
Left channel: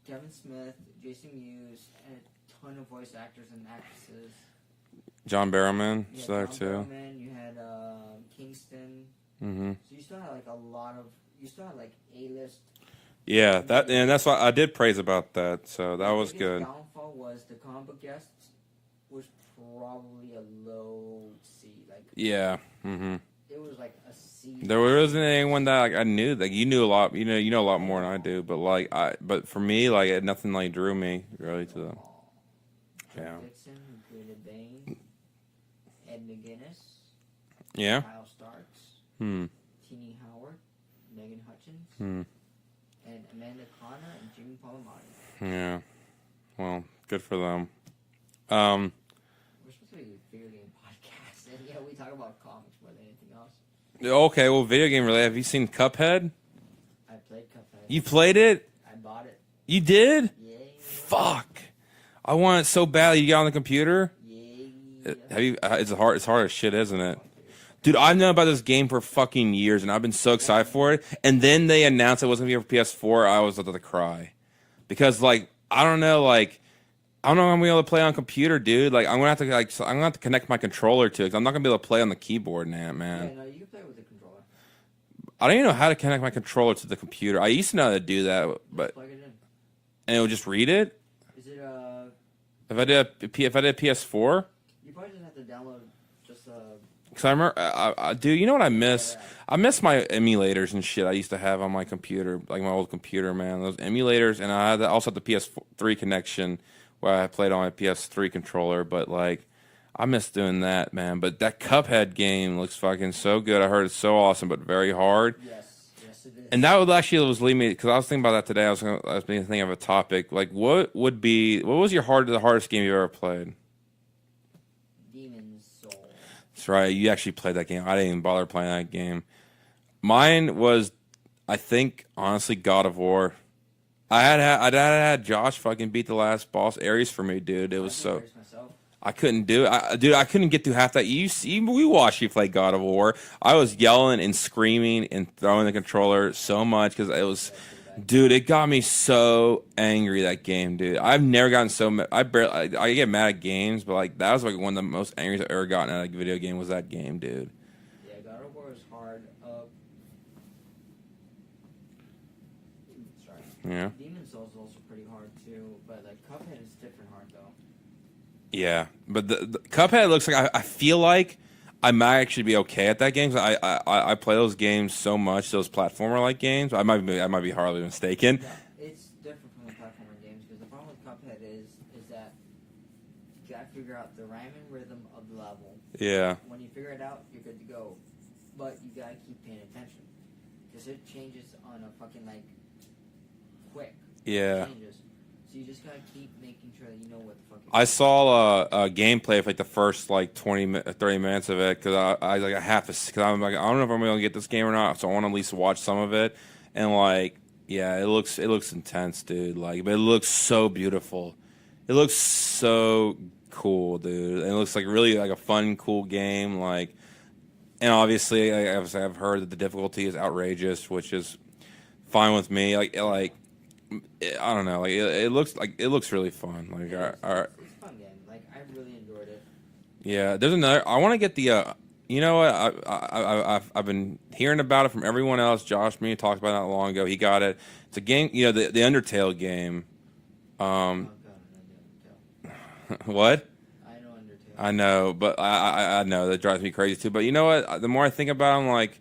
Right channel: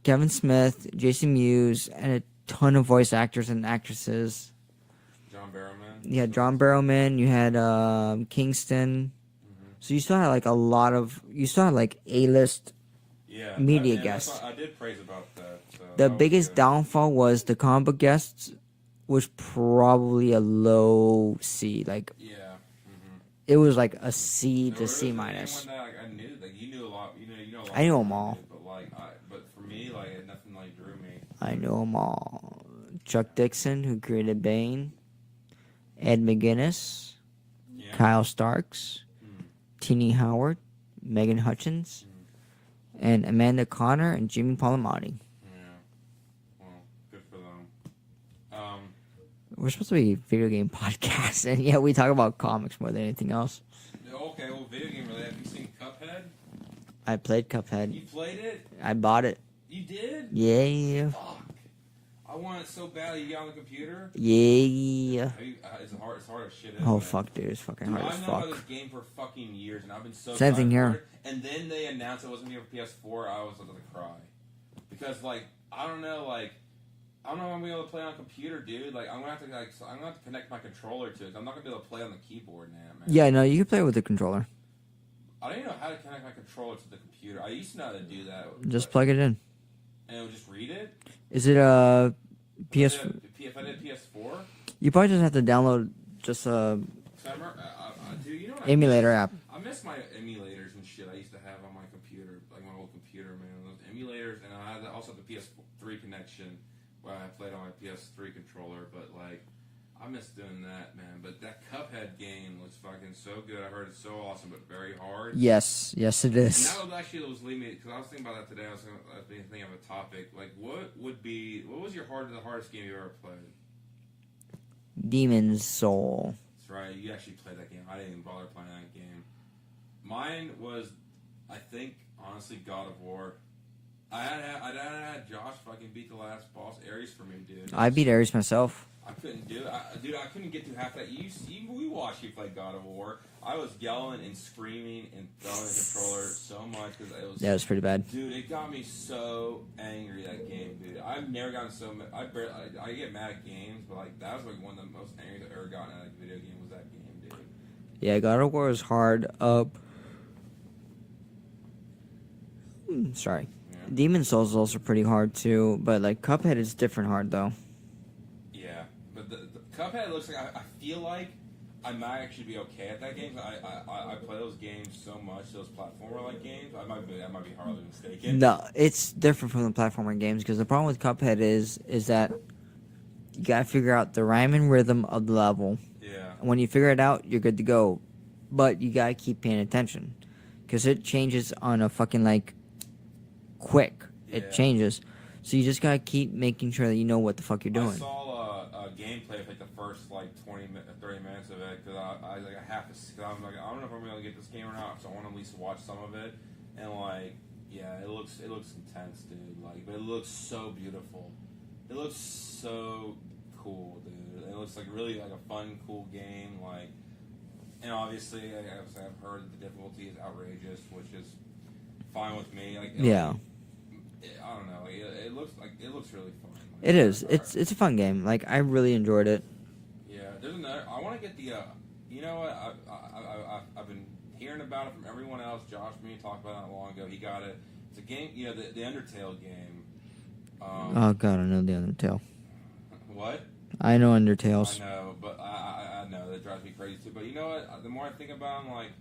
Kevin Smith, Jason Mewes, and a ton of voice actors and actresses. John Barrowman. You had so John too. Barrowman. You had Kingston. Mm-hmm. So you still had like a lot of. You still had like A-list. Yeah, media and that's guests. why I did praise about that. So The that was biggest good. downfall was the comic book guests was probably a low C. Like Yeah. Mm-hmm. it was like a C. There to C wasn't minus. anyone that like I knew. Like you knew a lot. You know a lot I know more than them I all. do. But like but for me, like it, nothing like drew me. I really, know so. them all. Chuck Yeah. Dixon, who created Bane. Ed McGuinness. Yeah. Kyle Starks. Hmm. Teenie Howard. Megan Hutchins. Hmm. And Amanda Connor and Jimmy Palmiotti. Yeah. Well, good for them. We're supposed to be a video game podcast, and yeah, we talk about comics more than anything else. Okay. Well, video game related. Have you seen Cuphead? I played Cuphead. You played it? I bought it. You did? Yeah. Fuck. I want it so badly. You got it on the computer? Yeah. Have you? It's hard. It's hard as shit, isn't Oh, it? fuck, dude. It's fucking Dude, hard I've as known fuck. about this game for fucking years, and I've been so Same excited here. for it. And then they announced it wasn't going to be for PS4. I was about to cry because, like, I don't know, like, I don't know how I'm gonna be able to play on computer, dude. Like, I'm gonna have to, like, I'm gonna have to connect my controller to it. 'Cause I'm not gonna be able to play on the keyboard now, man. Yeah, no, you can play with the controller. I don't even know how to connect my controller to the computer. I used to know how to do that, Just but, plug it in. and it would just read it. Is it If I did PS4. You probably just have to download just Cause I remember, dude, you know what I miss? Emulator app. I miss my emulators and shit I used to have on my computer, like my old computer, man. Those emulators, and I had also had the PS3 connection where I played on my PS3 controller. But like, I miss doing that, man. But that Cuphead game looks fucking so good. I heard it's so awesome, but very hard. Yes, it is. And that would actually was lead me because I was thinking about that today. I was thinking of a topic like what was the hardest game you ever played? Demon's Soul. That's right. You actually played that game. I didn't even bother playing that game. Mine was, I think, honestly, God of War. I had Josh fucking beat the last boss Ares for me, dude. I beat Ares myself. I couldn't do it. Dude, I couldn't get through half that. We watched you play God of War. I was yelling and screaming and throwing the controller so much because it was. Yeah, it was pretty bad. Dude, it got me so angry, that game, dude. I've never gotten so mad. I get mad at games, but like that was like one of the most angry I've ever gotten at a video game was that game, dude. Yeah, God of War was hard up. Sorry. Yeah. Demon's Souls is also pretty hard too, but like Cuphead is different hard though. Yeah, but the Cuphead looks like I feel like I might actually be okay at that game. 'Cause I play those games so much, those platformer like games. I might be hardly mistaken. No, it's different from the platformer games because the problem with Cuphead is that you gotta figure out the rhyme and rhythm of the level. Yeah. When you figure it out, you're good to go, but you gotta keep paying attention because it changes on a fucking like quick. Yeah. It changes. So you just gotta keep making sure that you know what the fuck you're doing. I saw a gameplay of like the first like 30 minutes of it because I like I have to because I'm like I don't know if I'm gonna get this game or not, so I want to at least watch some of it. And like, yeah, it looks intense, dude. Like, but it looks so beautiful. It looks so cool, dude. And it looks like really like a fun, cool game. Like, and obviously, I've heard that the difficulty is outrageous, which is fine with me. Like, Yeah. I don't know. Like it looks really fun. Like, It is. It's a fun game. Like I really enjoyed it. Yeah, there's another. I want to get the. You know what? I've been hearing about it from everyone else. Josh, me talked about it not long ago. He got it. It's a game. You know, the Undertale game. Oh god, I know the Undertale. What? I know Undertale. I know, but I know that drives me crazy too. But you know what? The more I think about it, I'm like,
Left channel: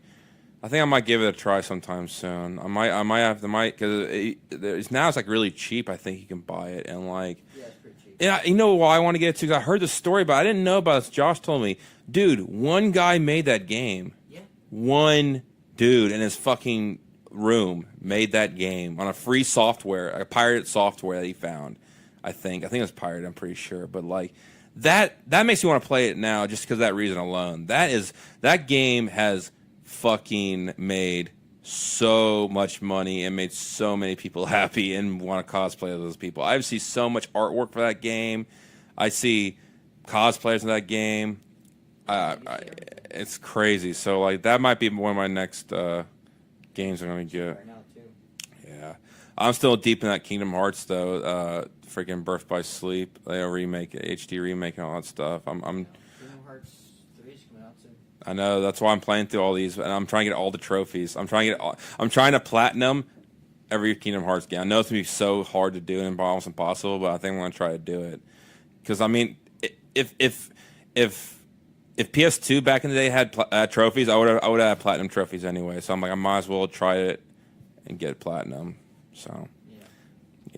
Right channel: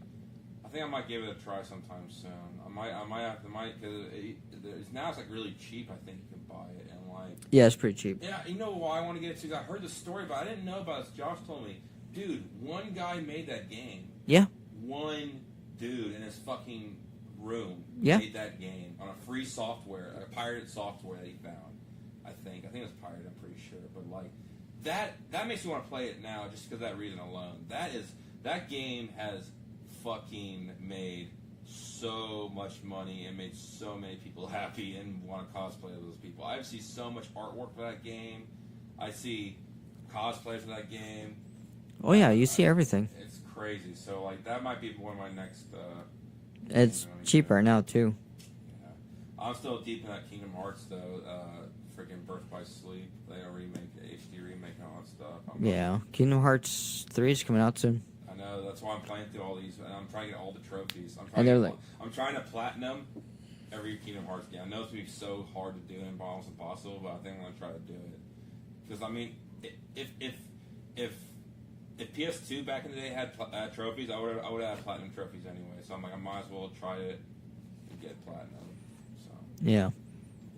I think I might give it a try sometime soon. I might have to because now it's like really cheap. I think you can buy it and like Yeah, it's pretty cheap. yeah. You know why I want to get it too? 'Cause I heard the story, but I didn't know about this. Josh told me, dude, one guy made that game. Yeah. One dude in his fucking room Yeah. made that game on a free software, a pirated software that he found. I think it was pirated. I'm pretty sure, but like that makes me want to play it now just because of that reason alone. That game has fucking made so much money and made so many people happy and want to cosplay as those people. I see so much artwork for that game. I see cosplayers in that game. Oh yeah, you see everything. It's crazy. So like that might be one of my next games. It's I'm gonna cheaper now too. Yeah, I'm still deep in that Kingdom Hearts though. Freaking Birth by Sleep, they remake it, HD remake and all that stuff. Kingdom Hearts 3 is coming out soon. I know, that's why I'm playing through all these, and I'm trying to get all the trophies. I'm trying to platinum every Kingdom Hearts game. I know it's gonna be so hard to do and almost impossible, but I think I'm gonna try to do it. Because I mean, if PS2 back in the day had trophies, I would have had platinum trophies anyway. So I'm like, I might as well try it and get platinum. So yeah,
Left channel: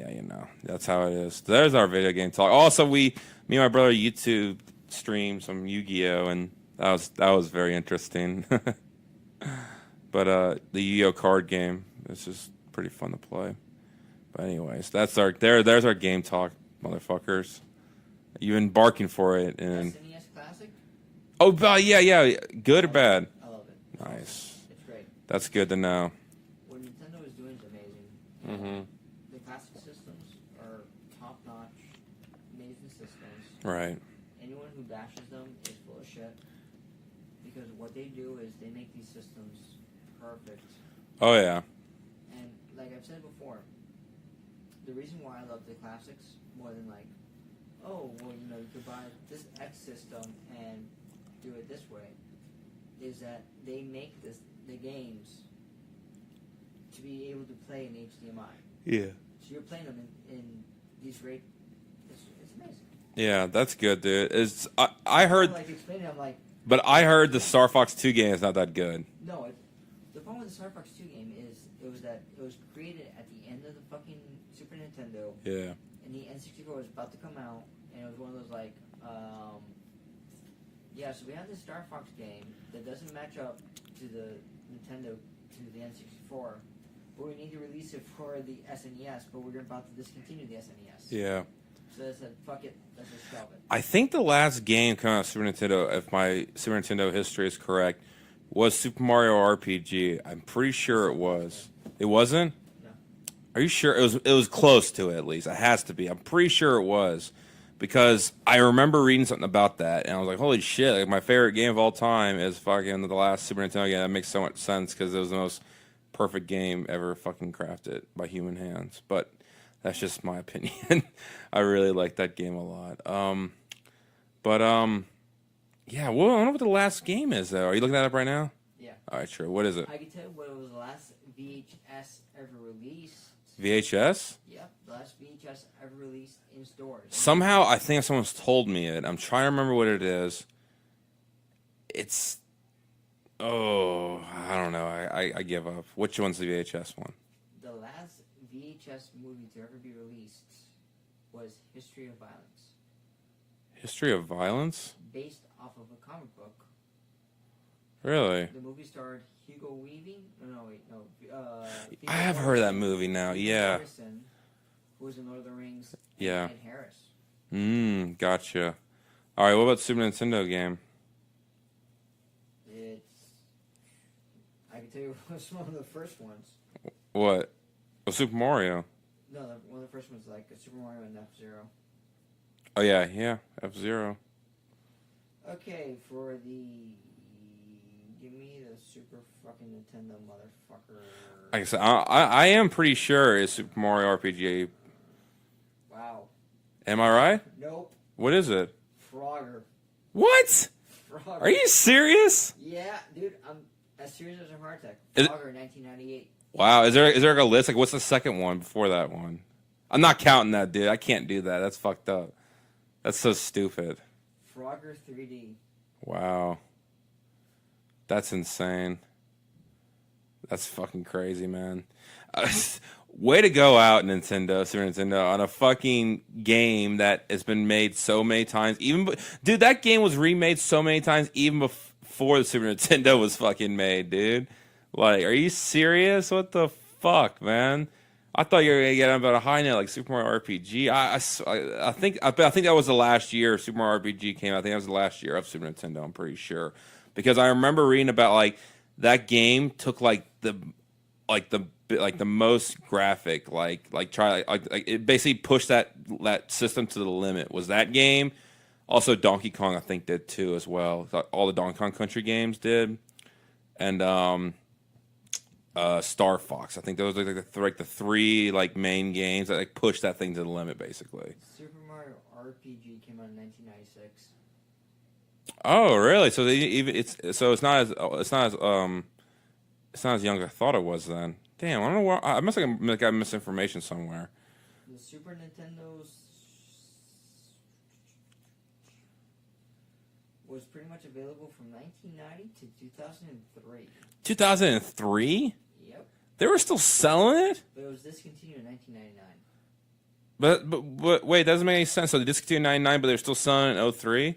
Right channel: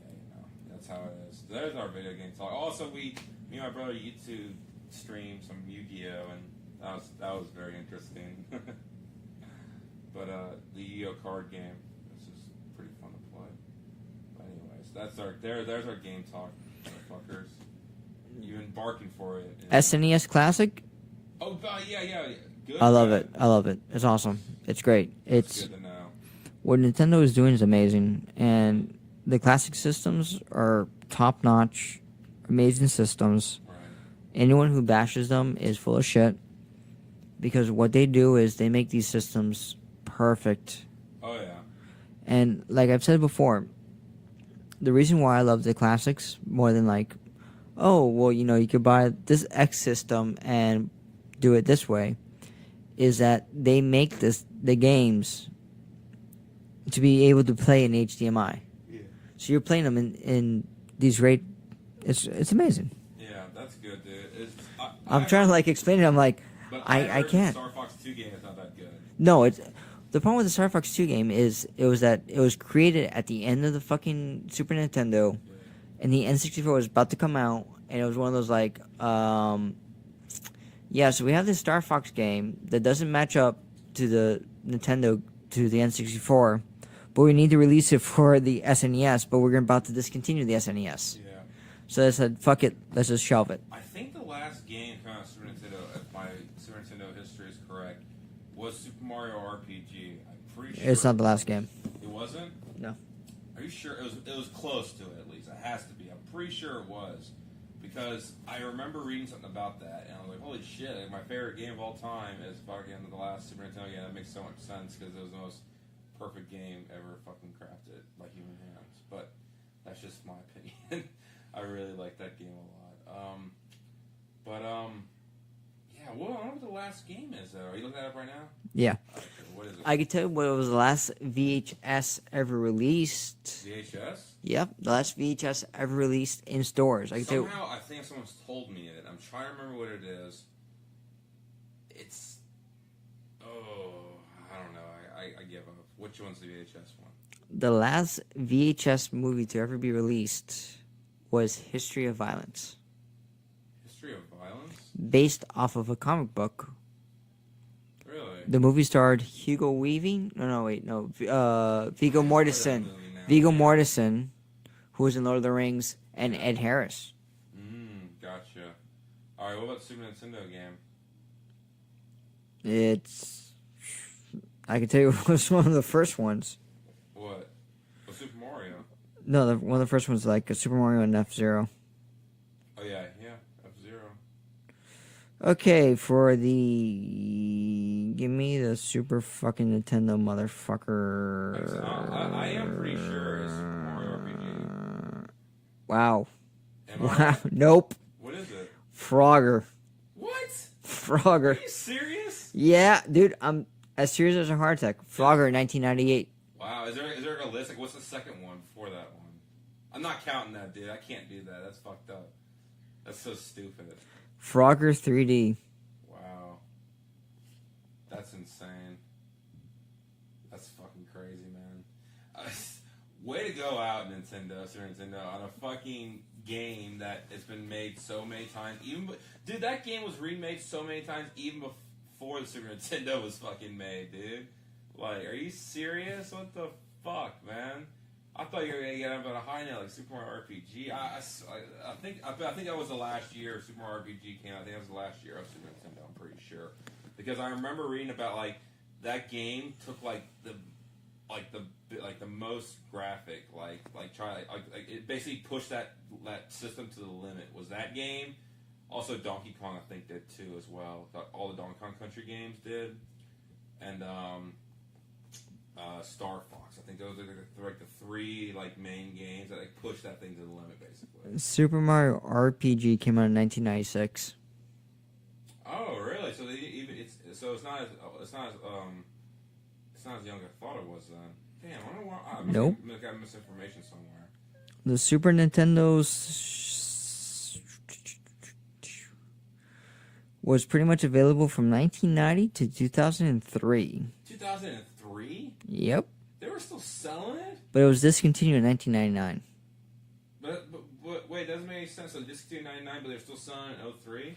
you know, that's how it is. There's our video game talk. Also, me and my brother YouTube streamed some Yu-Gi-Oh, and that was very interesting. But the Yu-Gi-Oh card game is just pretty fun to play. But anyways, there's our game talk, motherfuckers. You've been barking for it. SNES Classic. Oh, yeah. Good or bad? I love it. It's awesome. It's great. That's good to know. What Nintendo is doing is amazing, and the classic systems are top-notch, amazing systems. Right. Anyone who bashes them is full of shit, because what they do is they make these systems perfect. Oh, yeah. And like I've said before, the reason why I love the classics more than like, oh, well, you know, you could buy this X system and do it this way, is that they make the games to be able to play in HDMI. Yeah. So you're playing them in these great. It's amazing. Yeah, that's good, dude. I heard to, like explain it. I'm like, but I heard the Star Fox 2 game is not that good. No, it's the problem with the Star Fox 2 game is it was created at the end of the fucking Super Nintendo. Yeah. And the N64 was about to come out, and it was one of those like, yeah. So we have this Star Fox game that doesn't match up to the Nintendo to the N64. But we need to release it for the SNES, but we're about to discontinue the SNES. Yeah. So they said, fuck it, let's just shelve it. I think the last game coming out of Super Nintendo, if my Super Nintendo history is correct, was Super Mario RPG. I'm pretty sure it's not the last game. It wasn't? No. Are you sure? It was close to it, at least. It has to be. I'm pretty sure it was. Because I remember reading something about that, and I was like, holy shit, like, my favorite game of all time is fucking the last Super Nintendo game. That makes so much sense, because it was the most perfect game ever fucking crafted by human hands. But that's just my opinion. I really like that game a lot. Yeah, well, I don't know what the last game is, though. Are you looking that up right now? Yeah. All right, sure. What is it? I can tell you what was the last VHS ever released. VHS? Yep, the last VHS ever released in stores. Somehow, I think someone's told me it. I'm trying to remember what it is. It's... Oh, I don't know. I give up. Which one's the VHS one? The last VHS movie to ever be released was History of Violence. History of Violence? Based off of a comic book. Really? The movie starred Hugo Weaving. No, Viggo Mortensen. Heard that movie now. Viggo Mortensen, who was in Lord of the Rings, and Ed Harris. Gotcha. All right, what about Super Nintendo game? I can tell you it was one of the first ones. What? Well, Super Mario. No, one of the first ones like a Super Mario and F-Zero. Oh, yeah, F-Zero. Okay, for the... Give me the Super fucking Nintendo motherfucker. I am pretty sure it's Super Mario RPG. Wow. Am I right? Nope. What is it? Frogger. What? Frogger. Are you serious? Yeah, dude, I'm as serious as a heart attack. Frogger, 1998. Wow, is there like a list? Like, what's the second one before that one? I'm not counting that, dude. I can't do that. That's fucked up. That's so stupid. Frogger 3D. Wow. That's insane. That's fucking crazy, man. Way to go out, Nintendo, Super Nintendo, on a fucking game that has been made so many times. Dude, that game was remade so many times even before the Super Nintendo was fucking made, dude. Like, are you serious? What the fuck, man? I thought you were gonna get about a high note like Super Mario RPG. I think that was the last year Super Mario RPG came out. I think that was the last year of Super Nintendo. I'm pretty sure because I remember reading about like that game took like the most graphic it basically pushed that system to the limit. Was that game? Also Donkey Kong I think did too as well. All the Donkey Kong Country games did, and Star Fox. I think those are like the three like main games that like push that thing to the limit basically. Super Mario RPG came out in 1996. Oh really? So it's not as young as I thought it was then. Damn, I don't know why. I must have got misinformation somewhere. The Super Nintendo's was pretty much available from 1990 to 2003. 2003? Yep. They were still selling it? But it was discontinued in 1999. But wait, that doesn't make any sense. So they discontinued in 99, but they're still selling it in 03?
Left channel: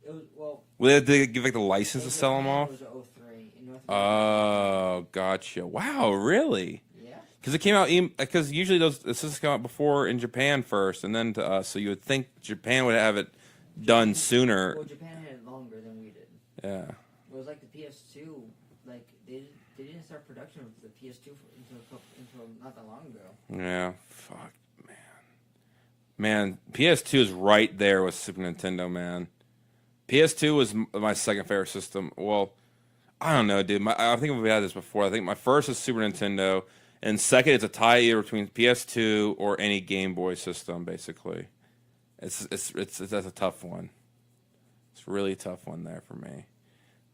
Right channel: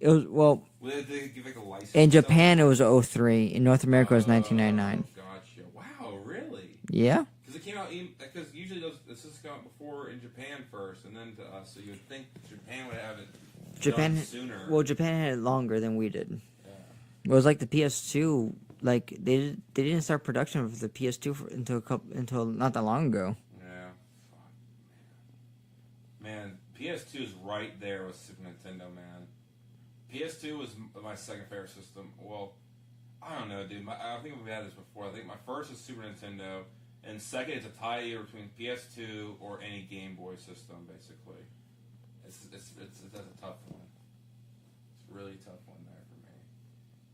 It was, well... Did they give like the license in to sell Japan, them it was 03. In North America, it was 1999. Oh, gotcha. Wow, really? Yeah. Because it came out... Because usually the systems come out before in Japan first, and then to us. So you would think Japan would have it done sooner. Well, Japan had it longer than we did. Yeah. It was like the PS2. Like they didn't start production of the PS2 until not that long ago. Yeah. Fuck, man. PS2 is right there with Super Nintendo, man. PS2 was my second favorite system. Well, I don't know, dude. I think we had this before. I think my first is Super Nintendo, and second it's a tie either between PS2 or any Game Boy system, basically. That's a tough one. It's a really tough one there for me.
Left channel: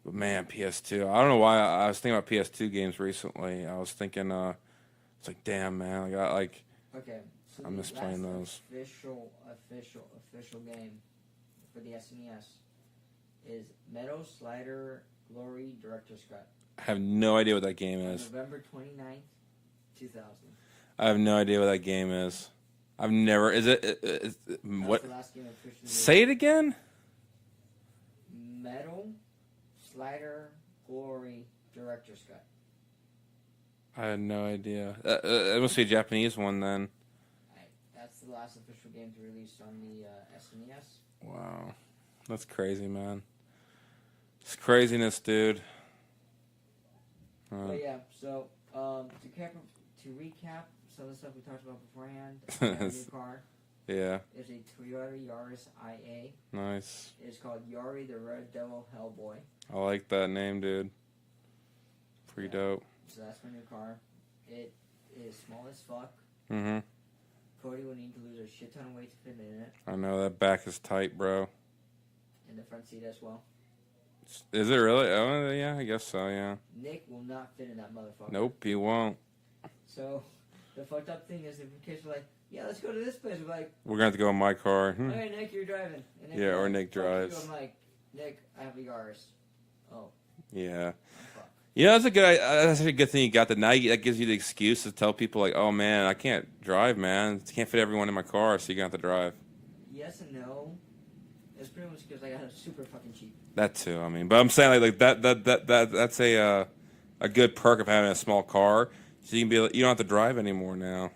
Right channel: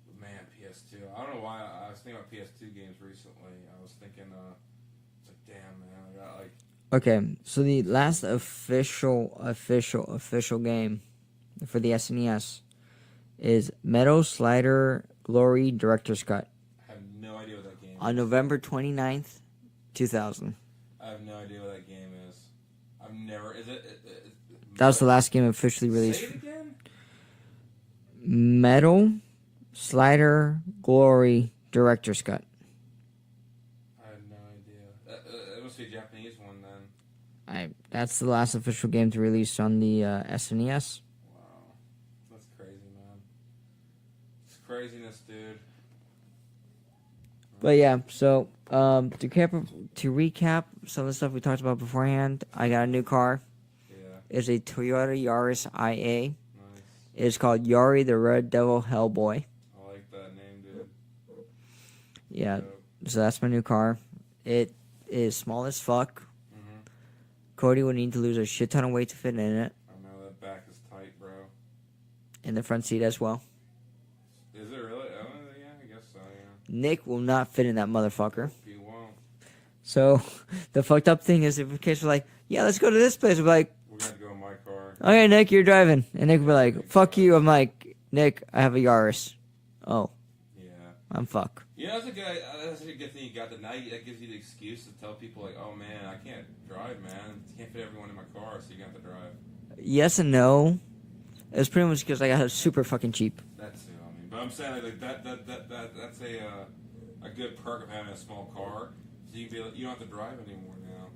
But man, PS2. I don't know why I was thinking about PS2 games recently. I was thinking, it's like, damn, man, I got like. Okay, so the last official game for the SNES is Metal Slider Glory Director's Cut. I have no idea what that game is. On November 29th, 2000. I have no idea what that game is. I've never. That was the last game officially released. Say it again. Metal Slider Glory Director's Cut. I had no idea. It must be a Japanese one then. That's the last official game to release on the SNES. Wow, that's crazy, man. It's craziness, dude. But yeah, so to recap some of the stuff we talked about beforehand, I got a new car. Yeah. It's a Toyota Yaris IA. Nice. It's called Yari the Red Devil Hellboy. I like that name, dude. Yeah. Dope. So that's my new car. It is small as fuck. Mm-hmm. Cody would need to lose a shit ton of weight to fit in it. I know, that back is tight, bro. In the front seat as well. Is it really? Oh, yeah, I guess so, yeah. Nick will not fit in that motherfucker. Nope, he won't. So, the fucked up thing is, if in case we're like, yeah, let's go to this place, we're like... We're going to have to go in my car. Okay, Nick, you're driving. And Nick will be like, Nick fuck drives. you. I'm like, Nick, I have a Yaris. Oh. Yeah. I'm fuck. Yeah, that's a good thing you got that. Now that gives you the excuse to tell people, like, oh, man, I can't drive, man. I can't fit everyone in my car, so you're going to have to drive. Yes and no. It's pretty much because I got it super fucking cheap. That too, I mean. But I'm saying, like that's a good perk of having a small car. So you can be, you don't have to drive anymore now.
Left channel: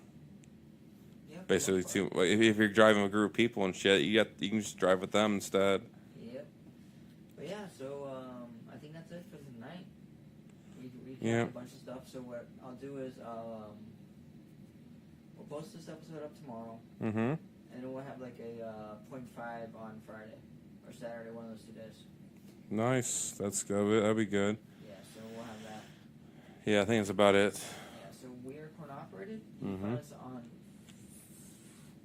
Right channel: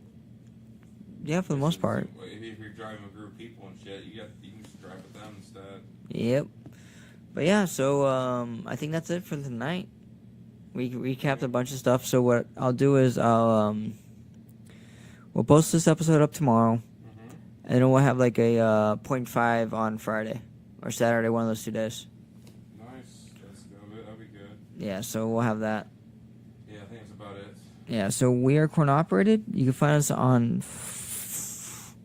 Yeah, for basically, the most part. If you're driving with a group of people and shit, you can just drive with them instead. Yep. But yeah, so I think that's it for tonight. We recapped a bunch of stuff. So what I'll do is we'll post this episode up tomorrow. Mm-hmm. And then we'll have like a 0.5 on Friday or Saturday, one of those 2 days. Nice. That's good. That'd be good. Yeah, so we'll have that. Yeah, I think that's about it. Yeah, so we are Corn Operated. You can find us on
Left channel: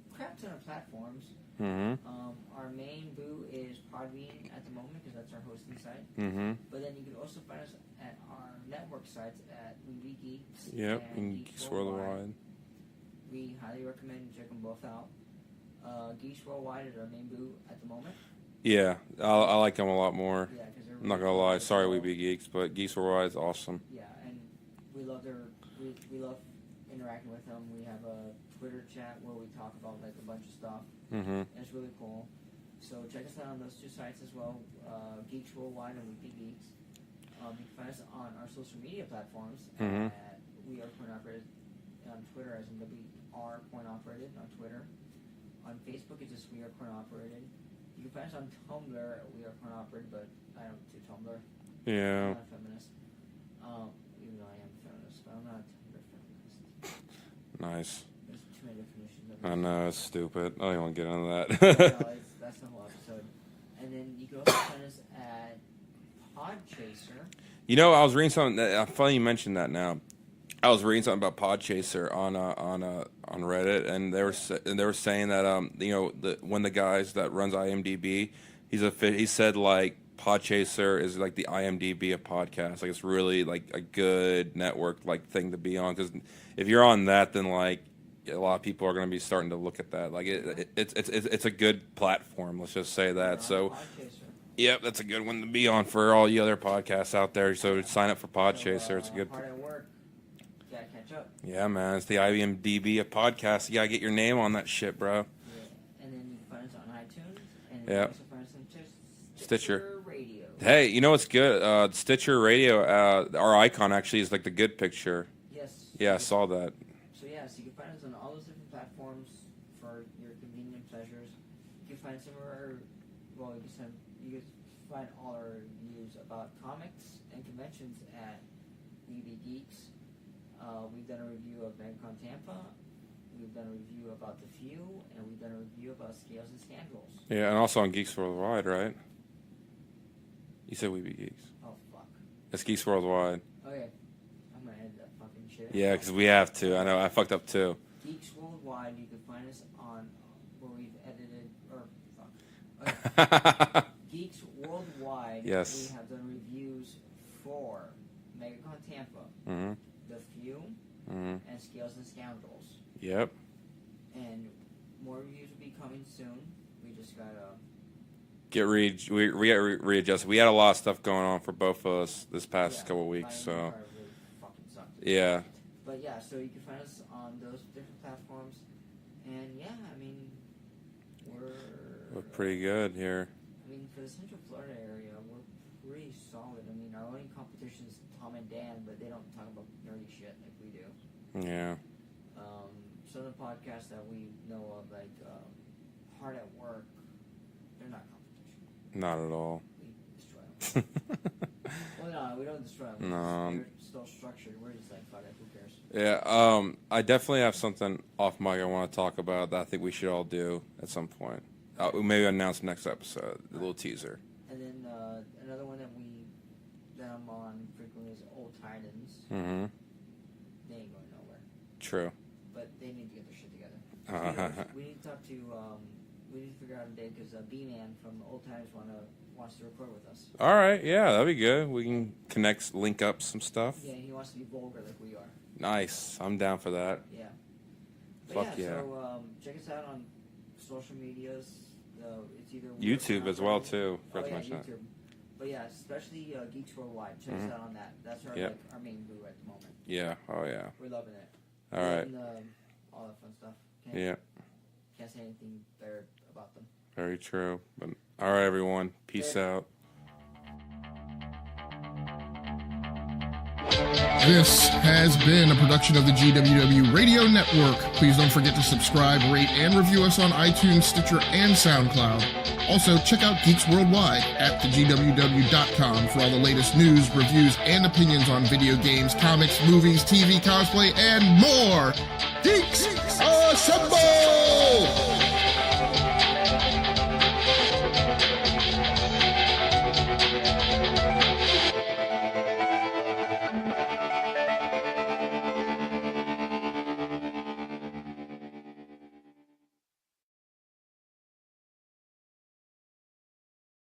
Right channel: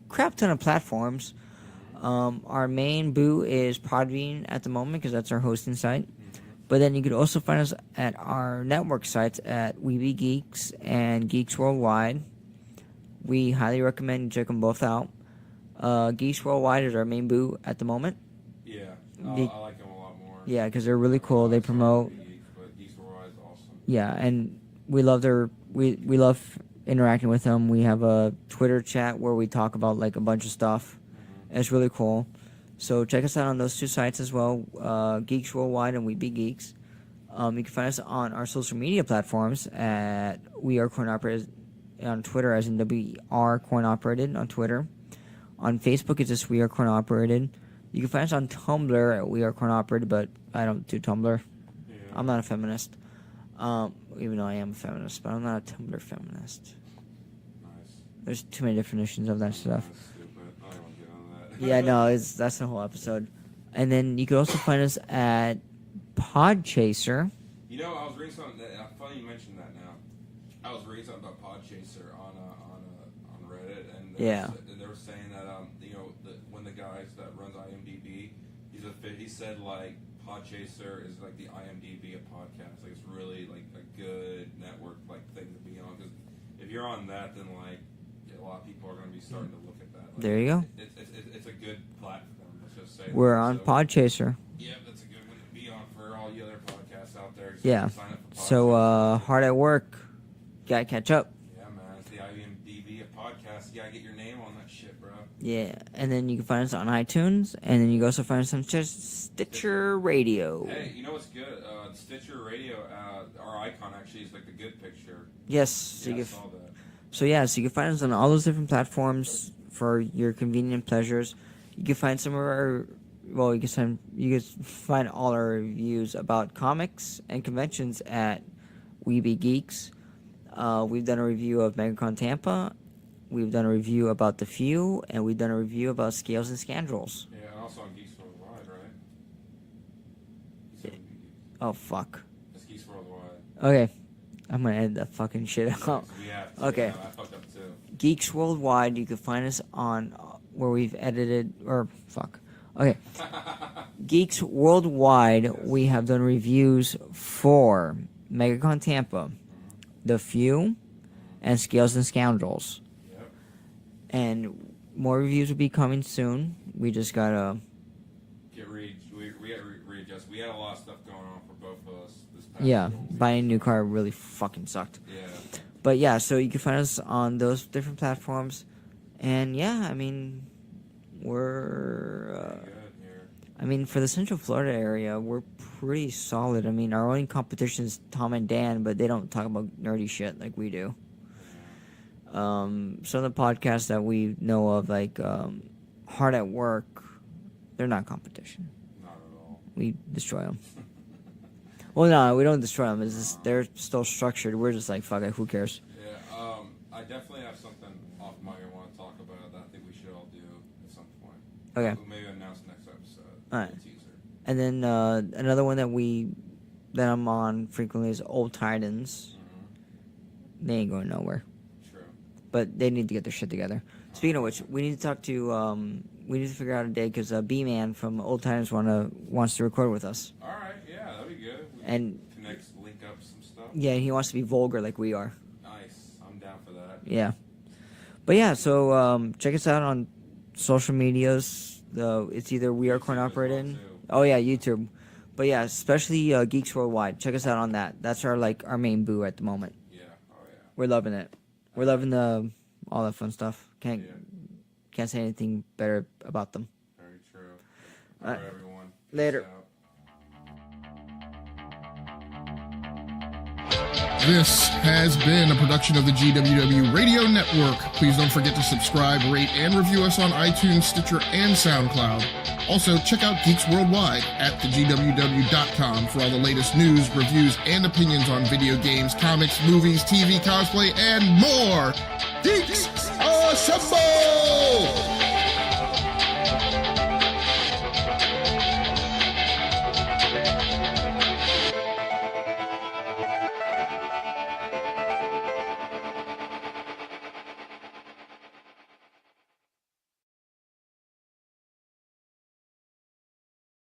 crap ton of platforms. Mm-hmm. Our main boo is Podbean at the moment because that's our hosting site. Mm-hmm. But then you could also find us at our network sites at Weeby Geeks and Geeks Worldwide. We highly recommend you check them both out. Geeks Worldwide is our main boo at the moment. Yeah, I like them a lot more. Yeah, because they're really Not gonna cool. lie. They Sorry, promote. We Be Geeks, but Geeks Worldwide is awesome. Yeah, and we love we love interacting with them. We have a Twitter chat where we talk about like a bunch of stuff. It's really cool. So check us out on those 2 sites as well, Geeks Worldwide and We Be Geeks. You can find us on our social media platforms at We Are Coin Operated on Twitter, as in WR Coin Operated on Twitter. On Facebook, it's just We Are Coin Operated. You can find us on Tumblr at We Are Coin Operated, but I don't do Tumblr. Yeah. I'm not a feminist. Even though I am a feminist, but I'm not a Tumblr feminist. Nice. There's too many definitions of that I know, stuff. it's stupid. I don't even want to get into that. Yeah, no, that's the whole episode. And then you can also find us at Podchaser. You know, I was reading something. Funny you mentioned that now. I was reading something about Podchaser on Reddit, and they were saying that you know, one of the guys that runs IMDb, he said like Podchaser is like the IMDb of podcasts. Like it's really like a good network like thing to be on, because if you're on that, then like a lot of people are going to be starting to look at that. Like there you go. It's a good platform. Let's just say that. We're on Podchaser. Yep, that's a good one to be on for all you other podcasts out there. So sign up for Podchaser. So hard at work. Gotta catch up. Yeah, man, it's the IMDb of podcasts. You gotta get your name on that shit, bro. Yeah, and then you can find us on iTunes, and then you can also find us on Stitcher Radio. Hey, you know what's good? Stitcher Radio, our icon actually is like the good picture. Yes. Yeah, I saw that. So yeah, so you can find us on all those different platforms for your convenient pleasures. You can find some of our, well, you can find all our reviews about comics and conventions at We Be Geeks. We've done a review of MegaCon Tampa. We've done a review about The Few, and we've done a review about Scales and Scandals. Yeah, and also on Geeks Worldwide, right? You said We Be Geeks. Oh, fuck. It's Geeks Worldwide. Okay. I'm going to edit that fucking shit out. Yeah, because we have to. Okay. I know, I fucked up too. Geeks Worldwide, you can find us on where we've edited, or fuck. Okay. Geeks Worldwide, we have done reviews for MegaCon Tampa, The Few, and Scales and Scoundrels. Yep. And more reviews will be coming soon. We just gotta get readjusted. We had a lot of stuff going on for both of us this past couple weeks. Buying a new car really fucking sucked. Yeah. But yeah, so you can find us on those different platforms. And yeah, I mean, we're pretty good here. I mean, for the Central Florida area, we're pretty solid. I mean, our only competition is Tom and Dan, but they don't talk about nerdy shit like we do. Yeah. Some of the podcasts that we know of, like Hard at Work, they're not competition. Not at all. We destroy them. Well, no, we don't destroy them. It's just, they're still structured. We're just like, fuck it, who cares? Yeah. I definitely have something off mic I want to talk about that I think we should all do at some point. Okay. Maybe announce next episode. All Little right. teaser. And then another one that I'm on frequently is Old Titans. Mm-hmm. They ain't going nowhere. True. But they need to get their shit together. Speaking of which, we need to talk to. We need to figure out a day because B-Man from Old Titans wants to record with us. All right. Yeah, that'd be good. We can link up some stuff. Yeah, he wants to be vulgar like we are. Nice. I'm down for that. Yeah. But yeah, so check us out on social medias. It's either We Are Coin Operated. YouTube as well, too. Oh, yeah, YouTube. But yeah, especially Geeks Worldwide. Check us out on that. That's our our main boo at the moment. Yeah. Oh, yeah. We're loving it. We're loving all that fun stuff. Can't say anything better about them. Very true. All right, everyone. Peace out. This has been a production of the GWW Radio Network. Please don't forget to subscribe, rate, and review us on iTunes, Stitcher, and SoundCloud. Also, check out Geeks Worldwide at thegww.com for all the latest news, reviews, and opinions on video games, comics, movies, TV, cosplay, and more. Geeks Assemble!